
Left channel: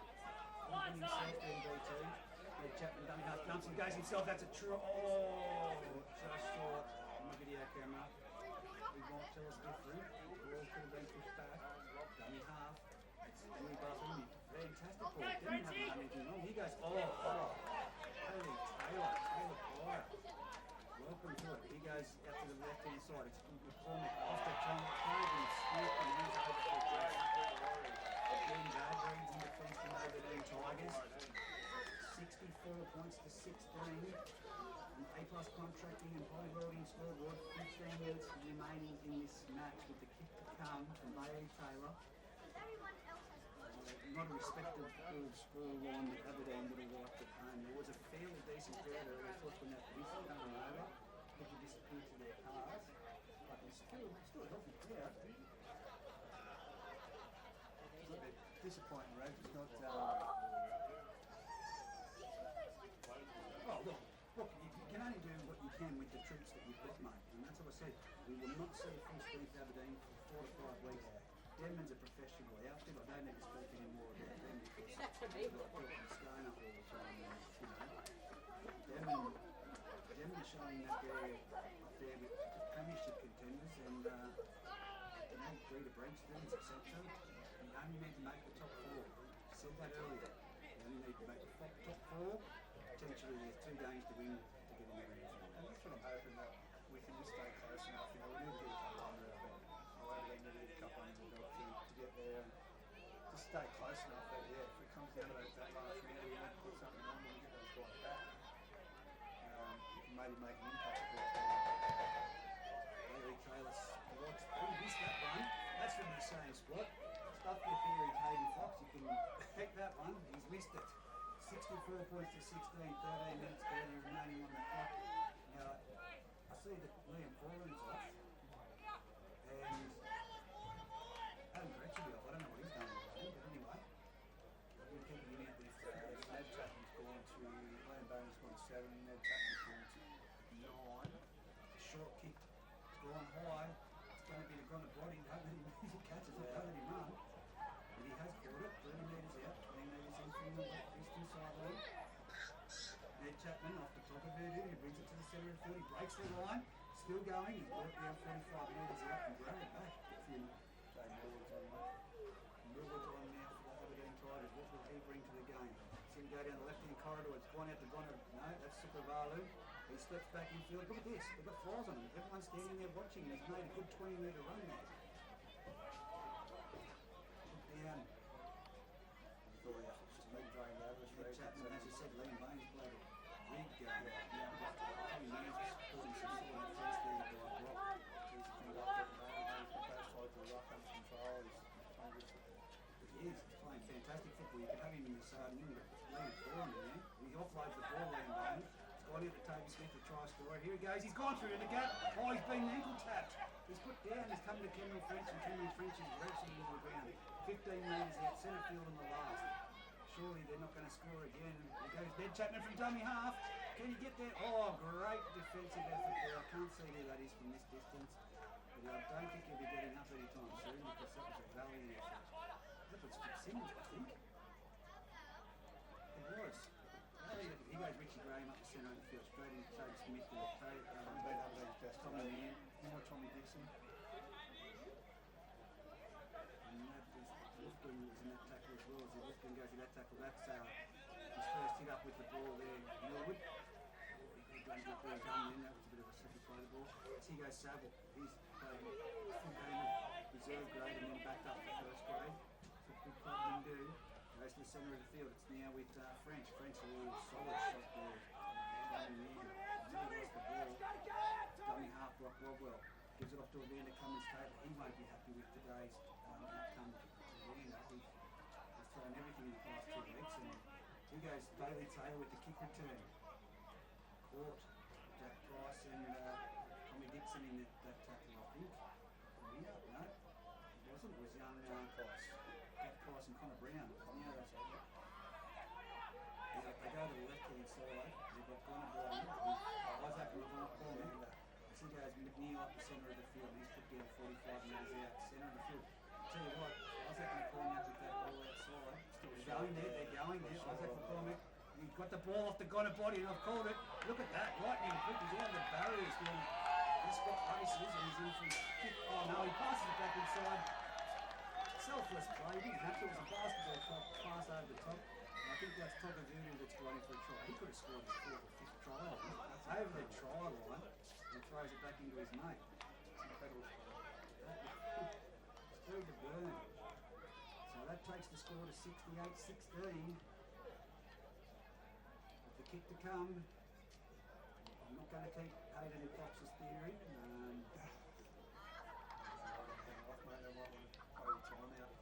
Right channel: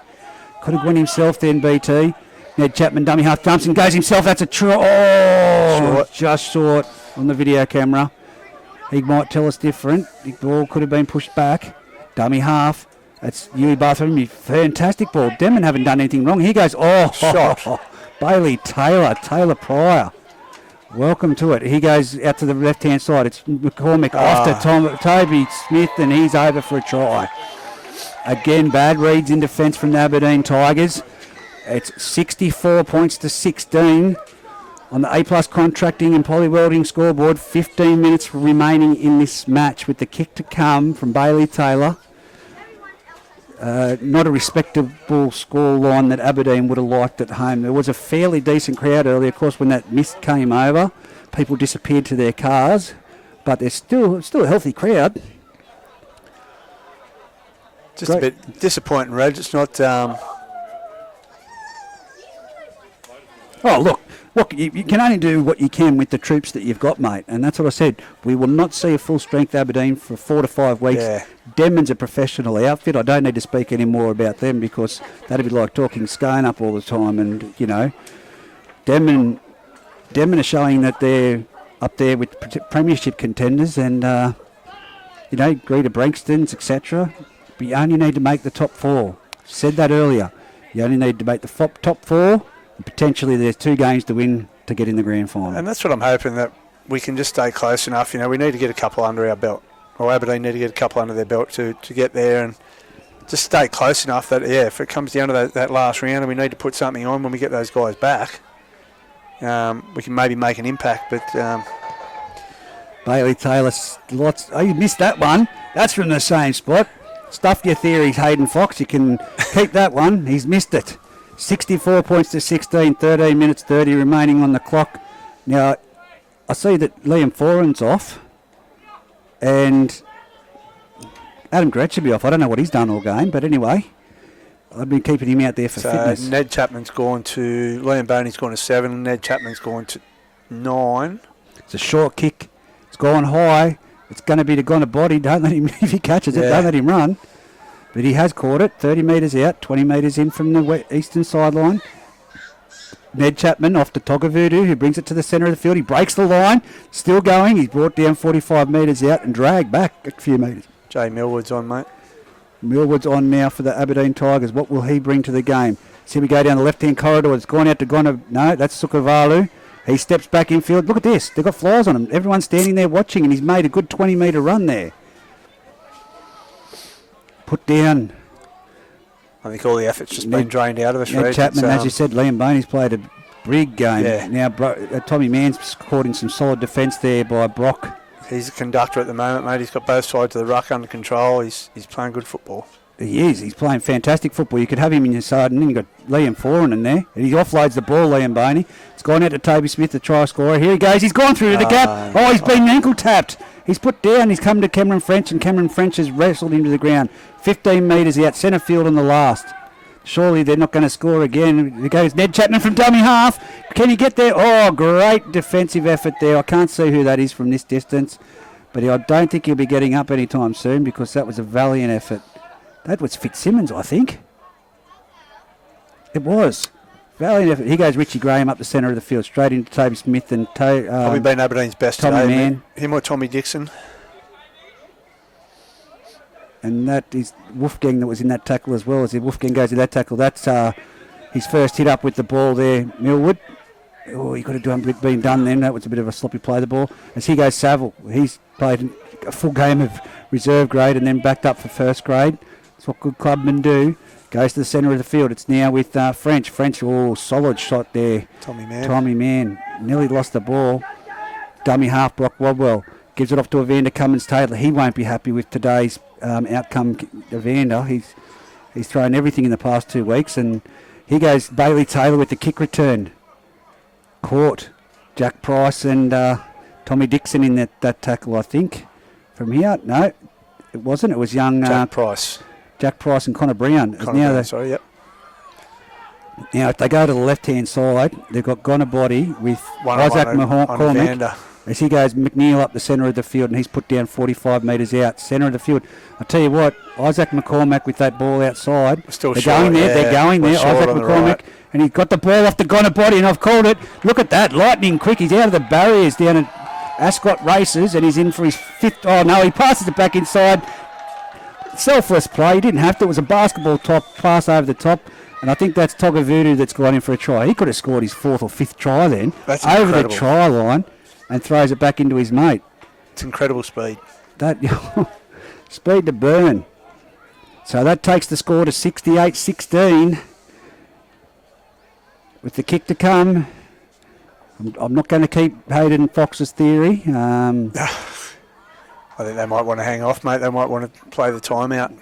Could have won himself then, BT. Ned Chapman, dummy half, jumps and goes himself. That's a try. Oh, short. Just short on the video camera. He might tell us different. The ball could have been pushed back. Dummy half. That's Huey Bartholomew. Fantastic ball. Denman haven't done anything wrong. He goes, shot. Bailey Taylor Pryor. Welcome to it. He goes out to the left-hand side. It's McCormick off to Toby Smith, and he's over for a try. Again, bad reads in defence from the Aberdeen Tigers. It's 64 points to 16 on the A-plus contracting and poly-welding scoreboard. 15 minutes remaining in this match with the kick to come from Bailey Taylor. Not a respectable score line that Aberdeen would have liked at home. There was a fairly decent crowd earlier. Of course, when that mist came over, people disappeared to their cars, but there's still a healthy crowd. Just a bit disappointing, Reg. It's not... Oh, look, you can only do what you can with the troops that you've got, mate. And that's what I said. We will not see a full-strength Aberdeen for 4 to 5 weeks. Yeah. Denman's a professional outfit. I don't need to speak any more about them because that'd be like talking Scone up all the time. And, you know, Denman are showing that they're up there with premiership contenders and, you know, Greta Brankstons, etc. But you only need to make the top 4. Said that earlier. You only need to make the top 4. Potentially there's 2 games to win to get in the grand final. And that's what I'm hoping, that we can just stay close enough. You know, we need to get a couple under our belt. Or Aberdeen need to get a couple under their belt to get there and just stay close enough that, yeah, if it comes down to that last round and we need to put something on when we get those guys back, we can maybe make an impact. But Bailey Taylor, you missed that one. That's from the same spot. Stuff your theories, Hayden Fox. You can keep that one. He's missed it. 64 points to 16, 13 minutes 30 remaining on the clock. Now, I see that Liam Foran's off and Adam Gretsch should be off. I don't know what he's done all game, but anyway, I've been keeping him out there for fitness. Ned Chapman's gone to, Liam Boney's gone to 7, Ned Chapman's gone to 9. It's a short kick. It's gone high. It's going to be the gone to body. Don't let him, if he catches it, don't let him run. But he has caught it, 30 metres out, 20 metres in from the eastern sideline. Ned Chapman off to Togavudu, who brings it to the centre of the field. He breaks the line, still going. He's brought down 45 metres out and dragged back a few metres. Jay Millwood's on, mate. Millwood's on now for the Aberdeen Tigers. What will he bring to the game? See, we go down the left-hand corridor. It's gone out to Gona. No, that's Sukavalu. He steps back infield. Look at this. They've got flies on him. Everyone's standing there watching, and he's made a good 20-metre run there. Put down. I think all the effort's just been drained out of us. Ned Chapman, as you said, Liam Boney's played a big game. Yeah. Now, Tommy Mann's caught in some solid defence there by Brock. He's a conductor at the moment, mate. He's got both sides of the ruck under control. He's playing good football. He is. He's playing fantastic football. You could have him in your side, and then you've got Liam Foran in there. And he offloads the ball, Liam Boney. It's gone out to Toby Smith, the try scorer. Here he goes. He's gone through to the gap. Oh, he's been ankle tapped. He's put down. He's come to Cameron French, and Cameron French has wrestled him to the ground. 15 metres out, centre field on the last. Surely they're not going to score again. There goes Ned Chapman from dummy half. Can he get there? Oh, great defensive effort there. I can't see who that is from this distance, but I don't think he'll be getting up anytime soon because that was a valiant effort. That was Fitzsimmons, I think. It was. Valiant effort. Here goes Richie Graham up the centre of the field, straight into Toby Smith and probably been Aberdeen's best Tommy today. Mann. Him or Tommy Dixon. And that is Wolfgang that was in that tackle as well. As Wolfgang goes to that tackle, that's his first hit up with the ball there, Millwood. Oh, he could have been done then. That was a bit of a sloppy play, the ball. As he goes Saville, he's played a full game of reserve grade and then backed up for first grade. That's what good clubmen do. Goes to the centre of the field. It's now with French. French, solid shot there. Tommy Mann. Nearly lost the ball. Dummy half, Brock Wadwell. Gives it off to Evander Cummins-Taylor. He won't be happy with today's outcome, Evander. He's thrown everything in the past 2 weeks. And here goes Bailey Taylor with the kick return. Caught. Jack Price and Tommy Dixon in that tackle, I think. From here, no, it wasn't. It was young Jack Price. Jack Price and Connor Brown. Yep. Now, if they go to the left-hand side, they've got Gonabody with Isaac McCormick. As he goes McNeil up the centre of the field, and he's put down 45 metres out, centre of the field. I'll tell you what, Isaac McCormick with that ball outside. Still they're going there, Isaac McCormick. Right. And he's got the ball off the Gonabody, and I've called it. Look at that, lightning quick. He's out of the barriers down at Ascot Races, and he's in for his 5th. Oh, no, he passes it back inside. Selfless play. He didn't have to. It was a basketball top pass over the top. And I think that's Togavudu that's gone in for a try. He could have scored his 4th or 5th try then. That's over incredible. The try line and throws it back into his mate. It's incredible speed. That speed to burn. So that takes the score to 68-16. With the kick to come. I'm not going to keep Hayden Fox's theory. I think they might want to hang off, mate. They might want to play the timeout.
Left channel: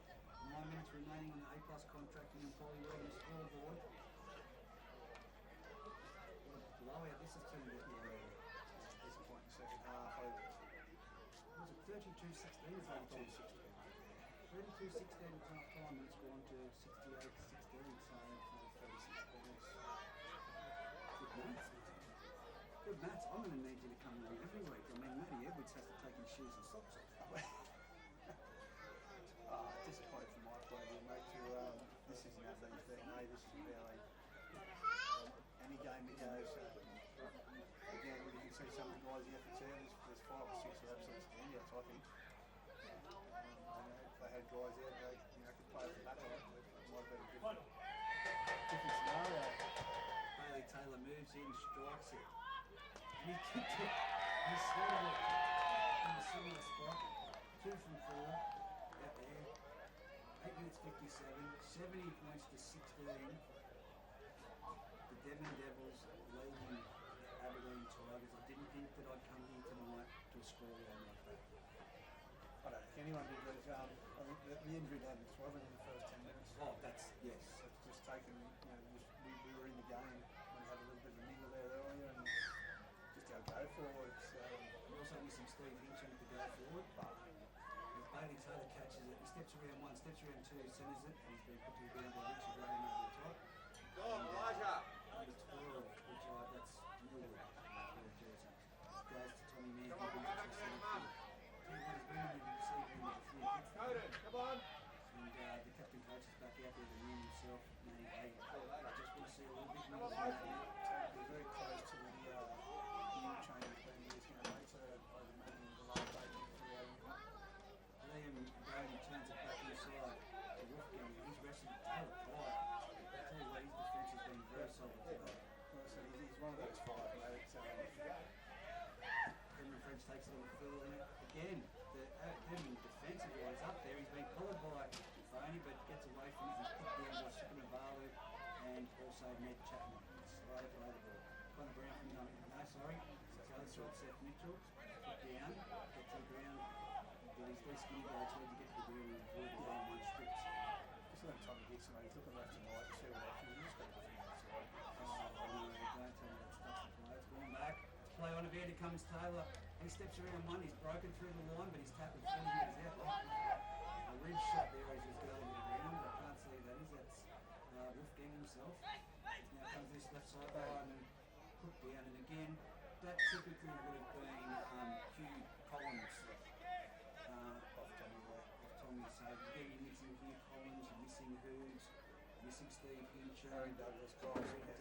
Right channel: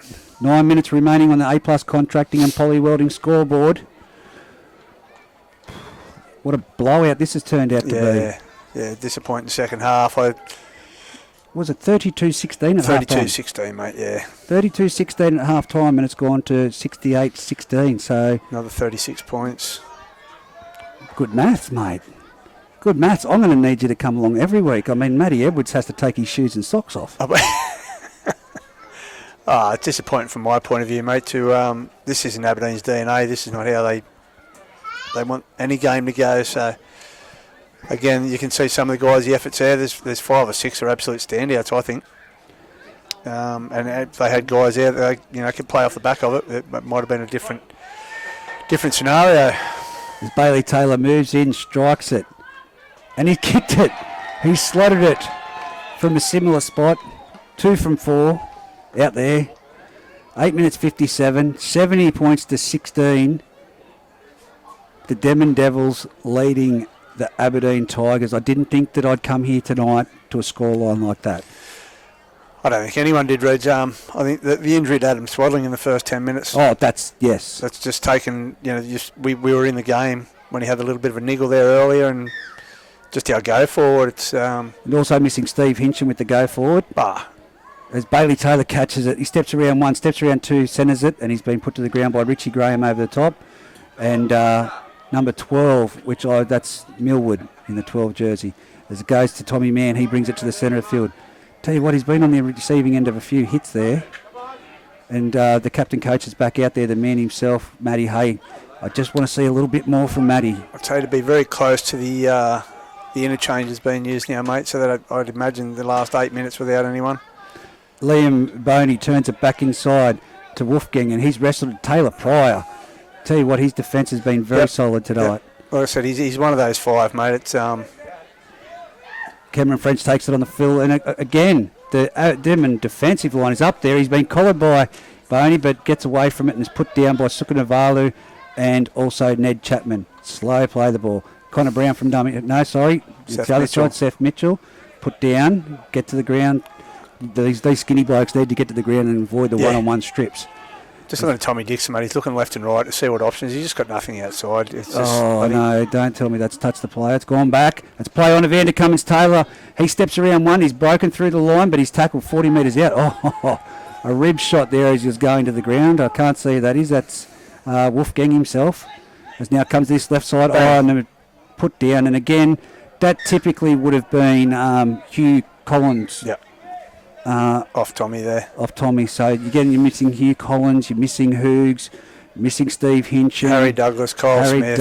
9 minutes remaining on the A+ contracting and poly welding scoreboard. What a blowout this has turned out to be. Yeah, disappointing second half. Was it 32-16 at half time? 32-16, mate, yeah. 32-16 at half time, and it's gone to 68-16. So another 36 points. Good maths, mate. Good maths. I'm going to need you to come along every week. I mean, Matty Edwards has to take his shoes and socks off. It's disappointing from my point of view, mate. This isn't Aberdeen's DNA. This is not how they want any game to go. So, again, you can see some of the guys, the efforts there. There's 5 or 6 are absolute standouts, I think. And if they had guys there that could play off the back of it, it might have been a different scenario. As Bailey Taylor moves in, strikes it. And he kicked it. He slotted it from a similar spot. 2 from 4 out there. 8 minutes 57. 70 points to 16. The Denman Devils leading the Aberdeen Tigers. I didn't think that I'd come here tonight to a scoreline like that. I don't think anyone did, Reg. I think the injury to Adam Swaddling in the first 10 minutes. Oh, that's just taken, we were in the game when he had a little bit of a niggle there earlier, and just our go forward. It's and also missing Steve Hinchin with the go forward. As Bailey Taylor catches it, he steps around 1, steps around 2, centres it, and he's been put to the ground by Richie Graham over the top. And number 12, that's Millwood in the 12 jersey. As it goes to Tommy Mann, he brings it to the centre of the field. Tell you what, he's been on the receiving end of a few hits there. And the captain coach is back out there, the man himself, Matty Hay. I just want to see a little bit more from Matty. I'd say to be very close to the interchanges being used now, mate, so that I'd imagine the last 8 minutes without anyone. Liam Boney turns it back inside to Wolfgang, and he's wrestled Taylor Pryor. Tell you what, his defence has been very solid tonight. Yep. Like I said, he's one of those 5, mate. It's Cameron French takes it on the fill, and again, the Denman defensive line is up there. He's been collared by Boney, but gets away from it and is put down by Sukanavalu and also Ned Chapman. Slow play the ball. Connor Brown from dummy. No, sorry. It's the other side, Seth Mitchell. Put down, get to the ground. These skinny blokes need to get to the ground and avoid the one-on-one strips. Just looking at Tommy Dixon, mate. He's looking left and right to see what options. He's just got nothing outside. It's just no, don't tell me that's touched the play. It's gone back. It's play on Evander Cummins-Taylor. He steps around 1. He's broken through the line, but he's tackled 40 metres out. A rib shot there as he was going to the ground. I can't see who that is. That's Wolfgang himself. As now comes this left side. And put down. And again, that typically would have been Hugh Collins. Yep. Off Tommy there. Off Tommy. So again, you're missing Hugh Collins, you're missing Hoogs, you're missing Steve Hinchin. Harry Douglas, Kyle Smith.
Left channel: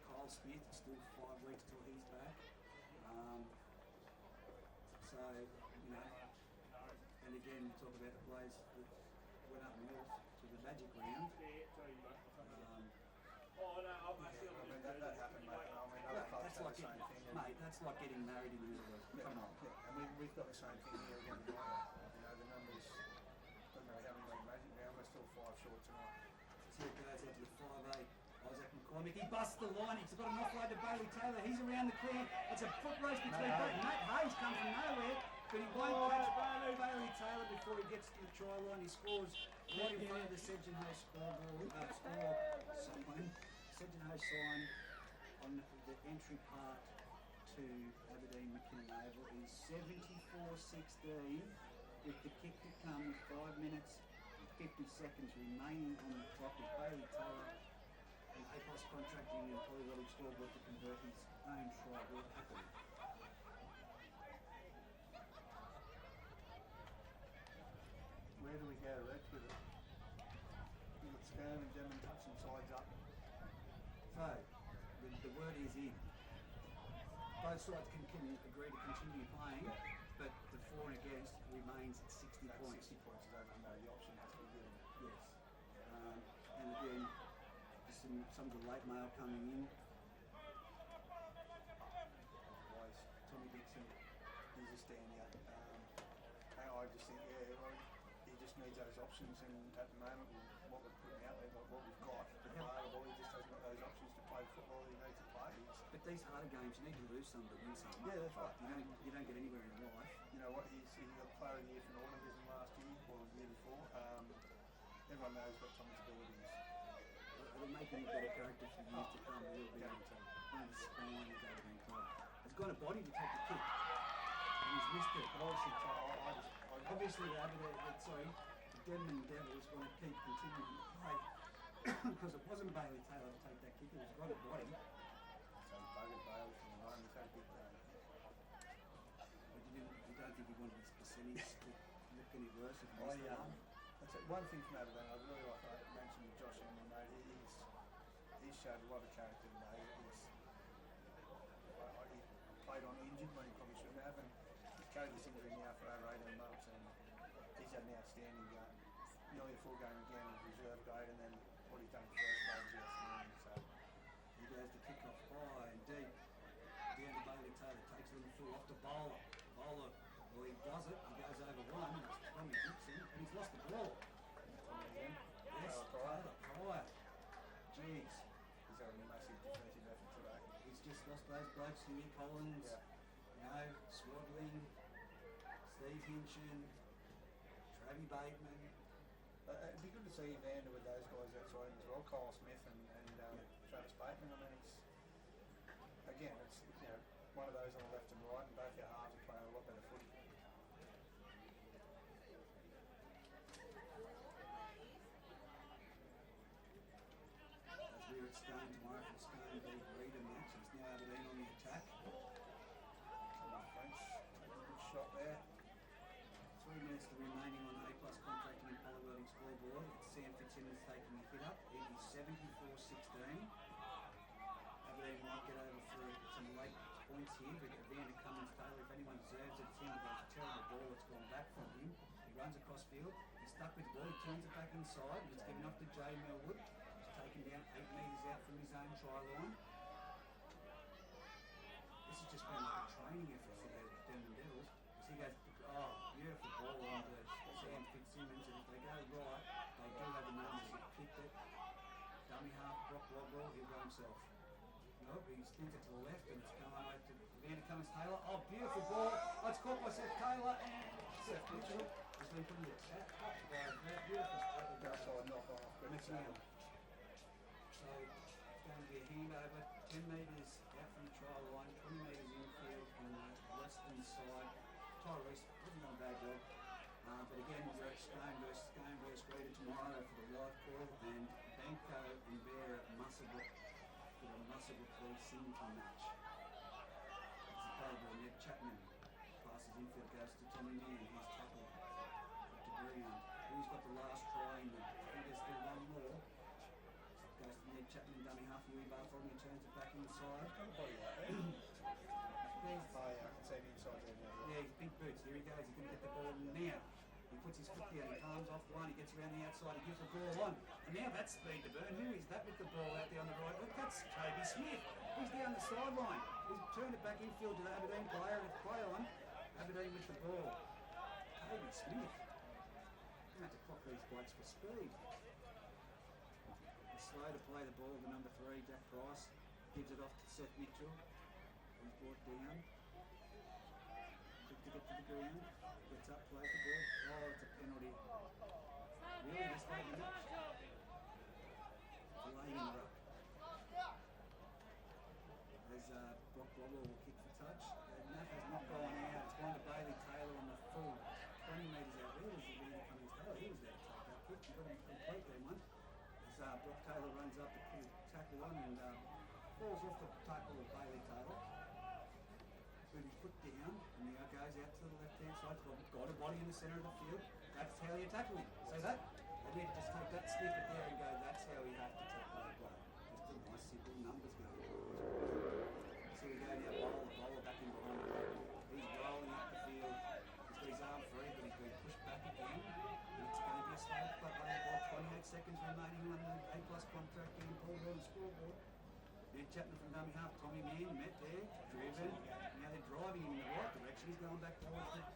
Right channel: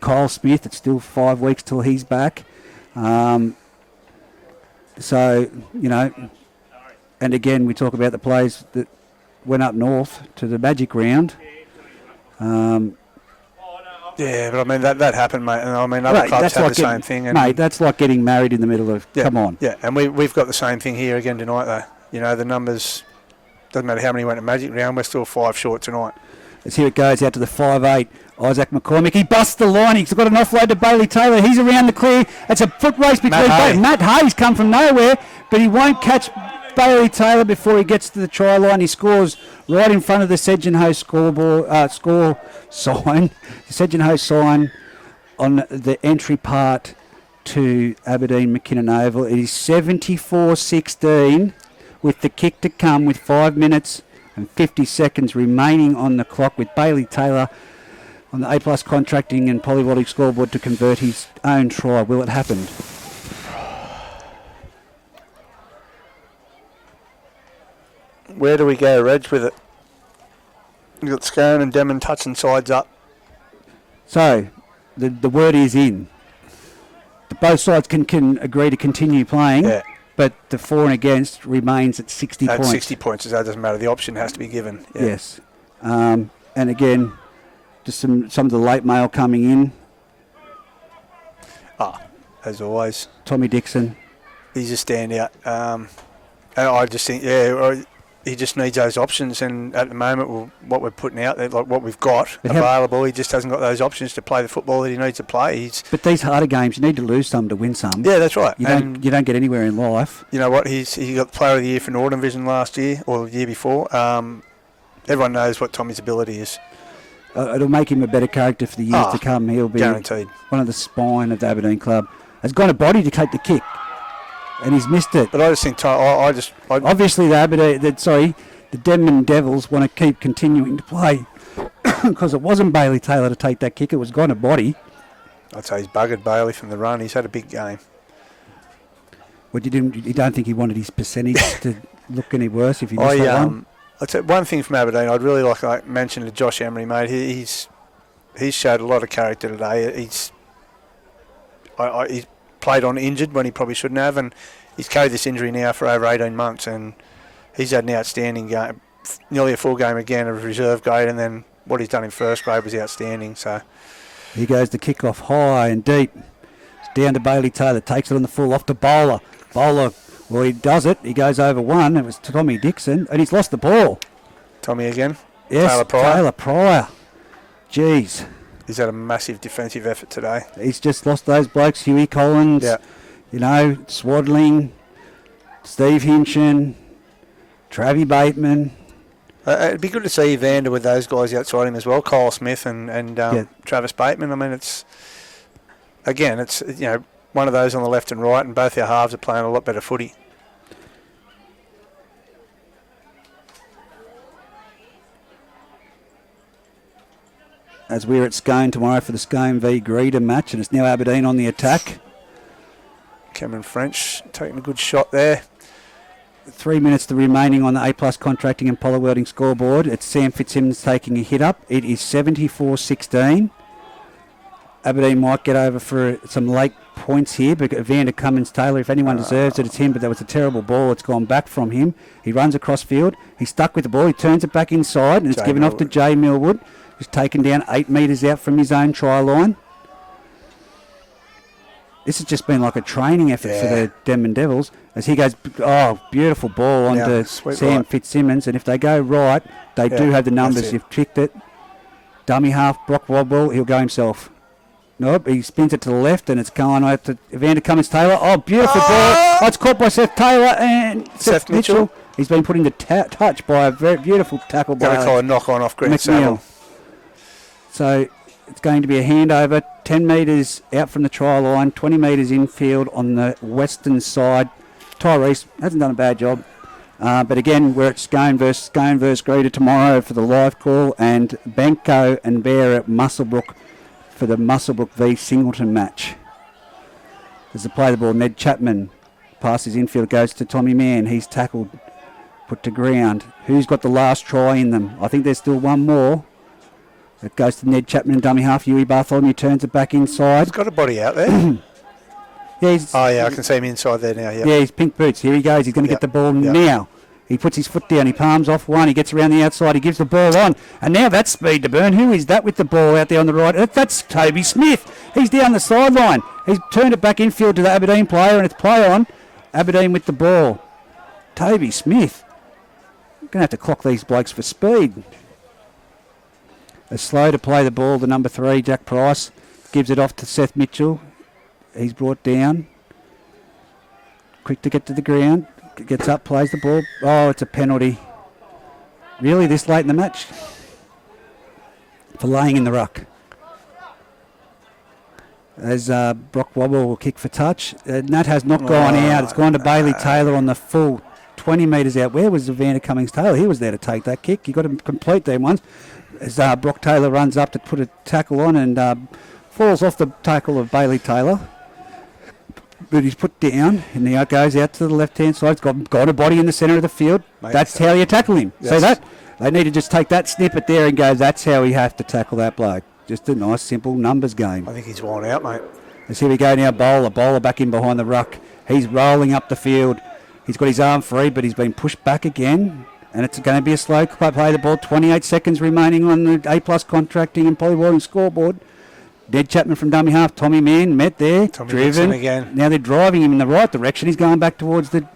Kyle Smith. It's still 5 weeks till he's back. So, and again, we talk about the players that went up north to the Magic round. Yeah, but I mean, that happened, mate. And I mean, other clubs have the same thing. And mate, that's like getting married in the middle of, come on. Yeah, and we've got the same thing here again tonight, though. The numbers, doesn't matter how many went to Magic round, we're still 5 short tonight. As here it goes out to the 5'8". Isaac McCormick. He busts the line. He's got an offload to Bailey Taylor. He's around the clear. It's a foot race between Matt Hayes come from nowhere, but he won't catch Bailey Taylor before he gets to the try line. He scores right in front of the Sedgenhoe score sign. The Sedgenhoe sign on the entry part to Aberdeen McKinnon Oval. It is 74-16 with the kick to come with 5 minutes and 50 seconds remaining on the clock, with Bailey Taylor on the A+ contracting and polyvoltic scoreboard to convert his own try. Will it happen? Where do we go, Reg, with it? You've got Scone and Denman touching sides up. So, the word is in. Both sides can agree to continue playing, but the for and against remains at 60 points. At 60 points, so that doesn't matter. The option has to be given. Yeah. Yes. And again, just some of the late mail coming in. As always. Tommy Dixon. He's a standout. And I just think, he just needs those options, and at the moment, what we're putting out there, like what we've got available, he just hasn't got those options to play the football that he needs to play. But these harder games, you need to lose some to win some. Yeah, that's right. You don't get anywhere in life. You know what? He got Player of the Year for Northern Vision last year, or the year before. Everyone knows what Tommy's ability is. It'll make him a better character for the years to come. He'll be guaranteed one of the spine of the Aberdeen club. Has got a body to take the kick, and he's missed it. But I just think obviously the Denman Devils want to keep continuing to play because it wasn't Bailey Taylor to take that kick. It was gone a body. I'd say he's buggered Bailey from the run. He's had a big game. Well, you don't think he wanted his percentage to look any worse if he missed that one? I'd say one thing from Aberdeen, I'd really like to mention to Josh Emery, mate. He's showed a lot of character today. He's played on injured when he probably shouldn't have, and he's carried this injury now for over 18 months, and he's had an outstanding game, nearly a full game again of reserve grade, and then what he's done in first grade was outstanding. So here goes the kick-off high and deep. It's down to Bailey Taylor, takes it on the full, off to Bowler. Well, he does it. He goes over one. It was Tommy Dixon, and he's lost the ball. Tommy again? Yes, Taylor Pryor. Jeez. He's had a massive defensive effort today. He's just lost those blokes. Huey Collins, Swaddling, Steve Hinchin, Travie Bateman. It'd be good to see Evander with those guys outside him as well, Kyle Smith and Travis Bateman. I mean, it's one of those on the left and right, and both our halves are playing a lot better footy. As we're at Scone tomorrow for the Scone v Greeder match, and it's now Aberdeen on the attack. Cameron French taking a good shot there. 3 minutes remaining on the A+ contracting and polar welding scoreboard. It's Sam Fitzsimmons taking a hit up. It is 74-16. Aberdeen might get over for some late points here, but Evander Cummins-Taylor, if anyone deserves it, it's him, but that was a terrible ball. It's gone back from him. He runs across field. He's stuck with the ball. He turns it back inside, and it's given off to Jay Millwood, who's taken down 8 metres out from his own try line. This has just been like a training effort for the Denman Devils. As he goes, beautiful ball onto Sam Fitzsimmons. And if they go right, they do have the numbers. You've tricked it. Dummy half, Brock Wobble, he'll go himself. Nope, he spins it to the left, and it's going out to Evander Cummins-Taylor. Oh, beautiful ball. Oh, it's caught by Seth Taylor and Seth Mitchell. He's been put into touch by a very beautiful tackle by a knock-on off Grant Saville. So it's going to be a handover, 10 metres out from the try line, 20 metres infield on the western side. Tyrese hasn't done a bad job. But again, we're at Scone versus Greeder tomorrow for the live call, and Banco and Bear at Muswellbrook for the Muswellbrook v Singleton match. As they play the ball, Ned Chapman passes infield, goes to Tommy Mann. He's tackled, put to ground. Who's got the last try in them? I think there's still one more. It goes to Ned Chapman and dummy half. Huey Bartholomew turns it back inside. He's got a body out there. I can see him inside there now. Yeah, he's pink boots. Here he goes. He's going to get the ball now. He puts his foot down. He palms off one. He gets around the outside. He gives the ball on. And now that's speed to burn. Who is that with the ball out there on the right? That's Toby Smith. He's down the sideline. He's turned it back infield to the Aberdeen player, and it's play on. Aberdeen with the ball. Toby Smith. Going to have to clock these blokes for speed. Slow to play the ball, the number 3, Jack Price. Gives it off to Seth Mitchell. He's brought down. Quick to get to the ground. Gets up, plays the ball. Oh, it's a penalty. Really, this late in the match? For laying in the ruck. As Brock Wobble will kick for touch. That has not gone out. It's gone to Bailey Taylor on the full 20 metres out. Where was Evander Cummings-Taylor? He was there to take that kick. He got to complete them ones. As Brock Taylor runs up to put a tackle on and falls off the tackle of Bailey Taylor. But he's put down and now goes out to the left-hand side. He's got a body in the centre of the field. Mate, that's how you tackle him. Yes. See that? They need to just take that snippet there and go, that's how we have to tackle that bloke. Just a nice, simple numbers game. I think he's worn out, mate. Let's here we go now, Bowler back in behind the ruck. He's rolling up the field. He's got his arm free, but he's been pushed back again. And it's going to be a slow play the ball. 28 seconds remaining on the A+ contracting and polywalling scoreboard. Ned Chapman from dummy half. Tommy Mann met there. Driven. Again. Now they're driving him in the right direction. He's going back towards the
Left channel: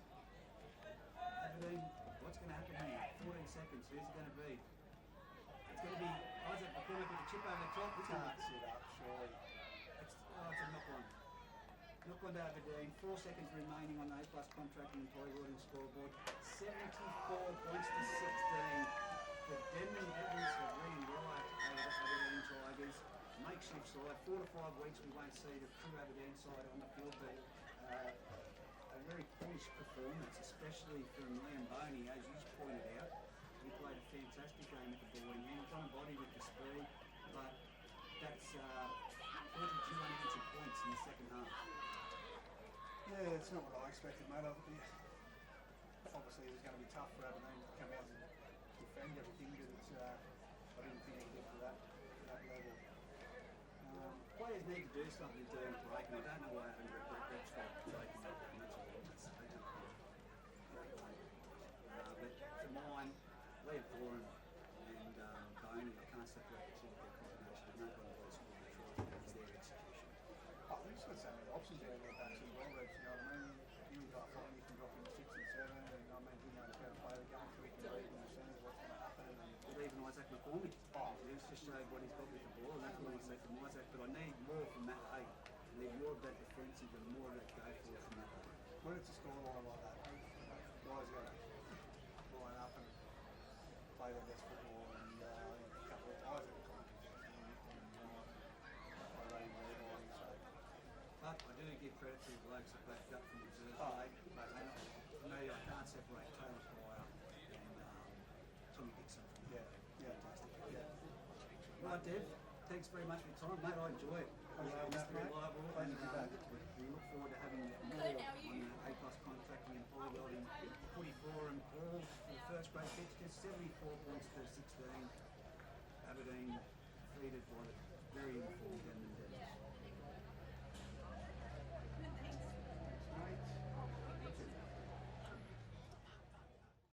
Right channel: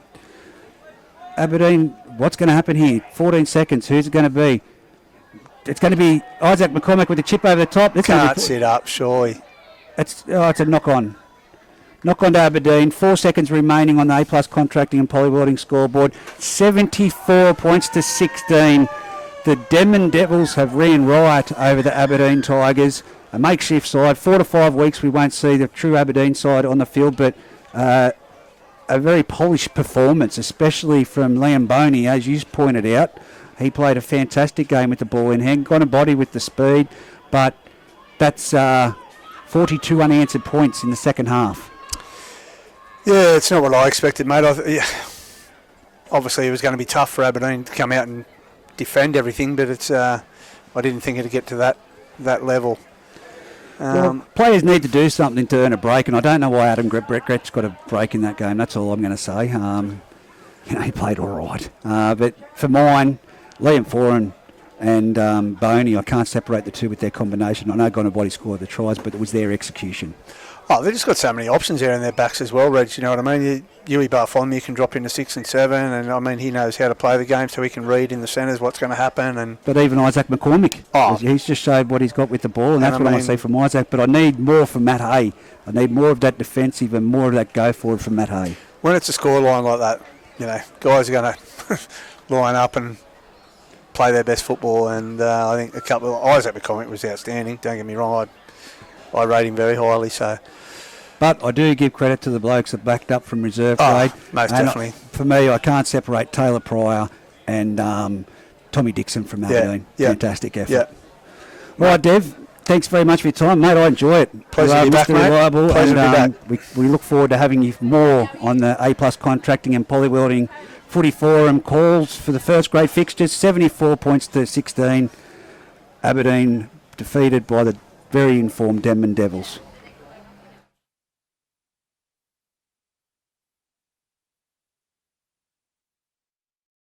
Aberdeen. What's going to happen here? 14 seconds. Who's it going to be? It's going to be Isaac McCormick with the chip over the top. Can't sit up, surely. It's a knock-on. Knock-on to Aberdeen. 4 seconds remaining on the A+ contracting and polywalling scoreboard. 74 points to 16. The Denman Devils have ran riot over the Aberdeen Tigers. A makeshift side. 4 to 5 weeks we won't see the true Aberdeen side on the field, but a very polished performance, especially from Liam Boney, as you pointed out. He played a fantastic game with the ball in hand, got a body with the speed, but that's 42 unanswered points in the second half. Yeah, it's not what I expected, mate. Obviously, it was going to be tough for Aberdeen to come out and defend everything, but it's I didn't think it'd get to that level. Well, players need to do something to earn a break, and I don't know why Adam Gretsch got a break in that game. That's all I'm going to say. He played all right. But for mine, Liam Foran and Boney, I can't separate the two with their combination. I know Gonabody scored the tries, but it was their execution. Oh, they've just got so many options there in their backs as well, Reg. You know what I mean? Yui Bartholomew can drop into 6 and 7, and I mean, he knows how to play the game, so he can read in the centres what's going to happen. But even Isaac McCormick, he's just showed what he's got with the ball, and that's what I want to see from Isaac. But I need more from Matt Hay. I need more of that defensive and more of that go forward from Matt Hay. When it's a scoreline like that, you know, guys are going to line up and play their best football, and I think Isaac McCormick was outstanding. Don't get me wrong, I rate him very highly. So. But I do give credit to the blokes that backed up from reserve grade. Most definitely. For me, I can't separate Taylor Pryor and Tommy Dixon from Aberdeen. Yeah. Fantastic effort. Yeah. All right, Dev, thanks very much for your time, mate. I enjoy it. Pleasure to be back, mate. Reliable, Pleasure to be back. We look forward to having you more on the A+ contracting and polywelding footy forum calls for the first grade fixtures. 74 points to 16. Aberdeen defeated by the very informed Denman Devils.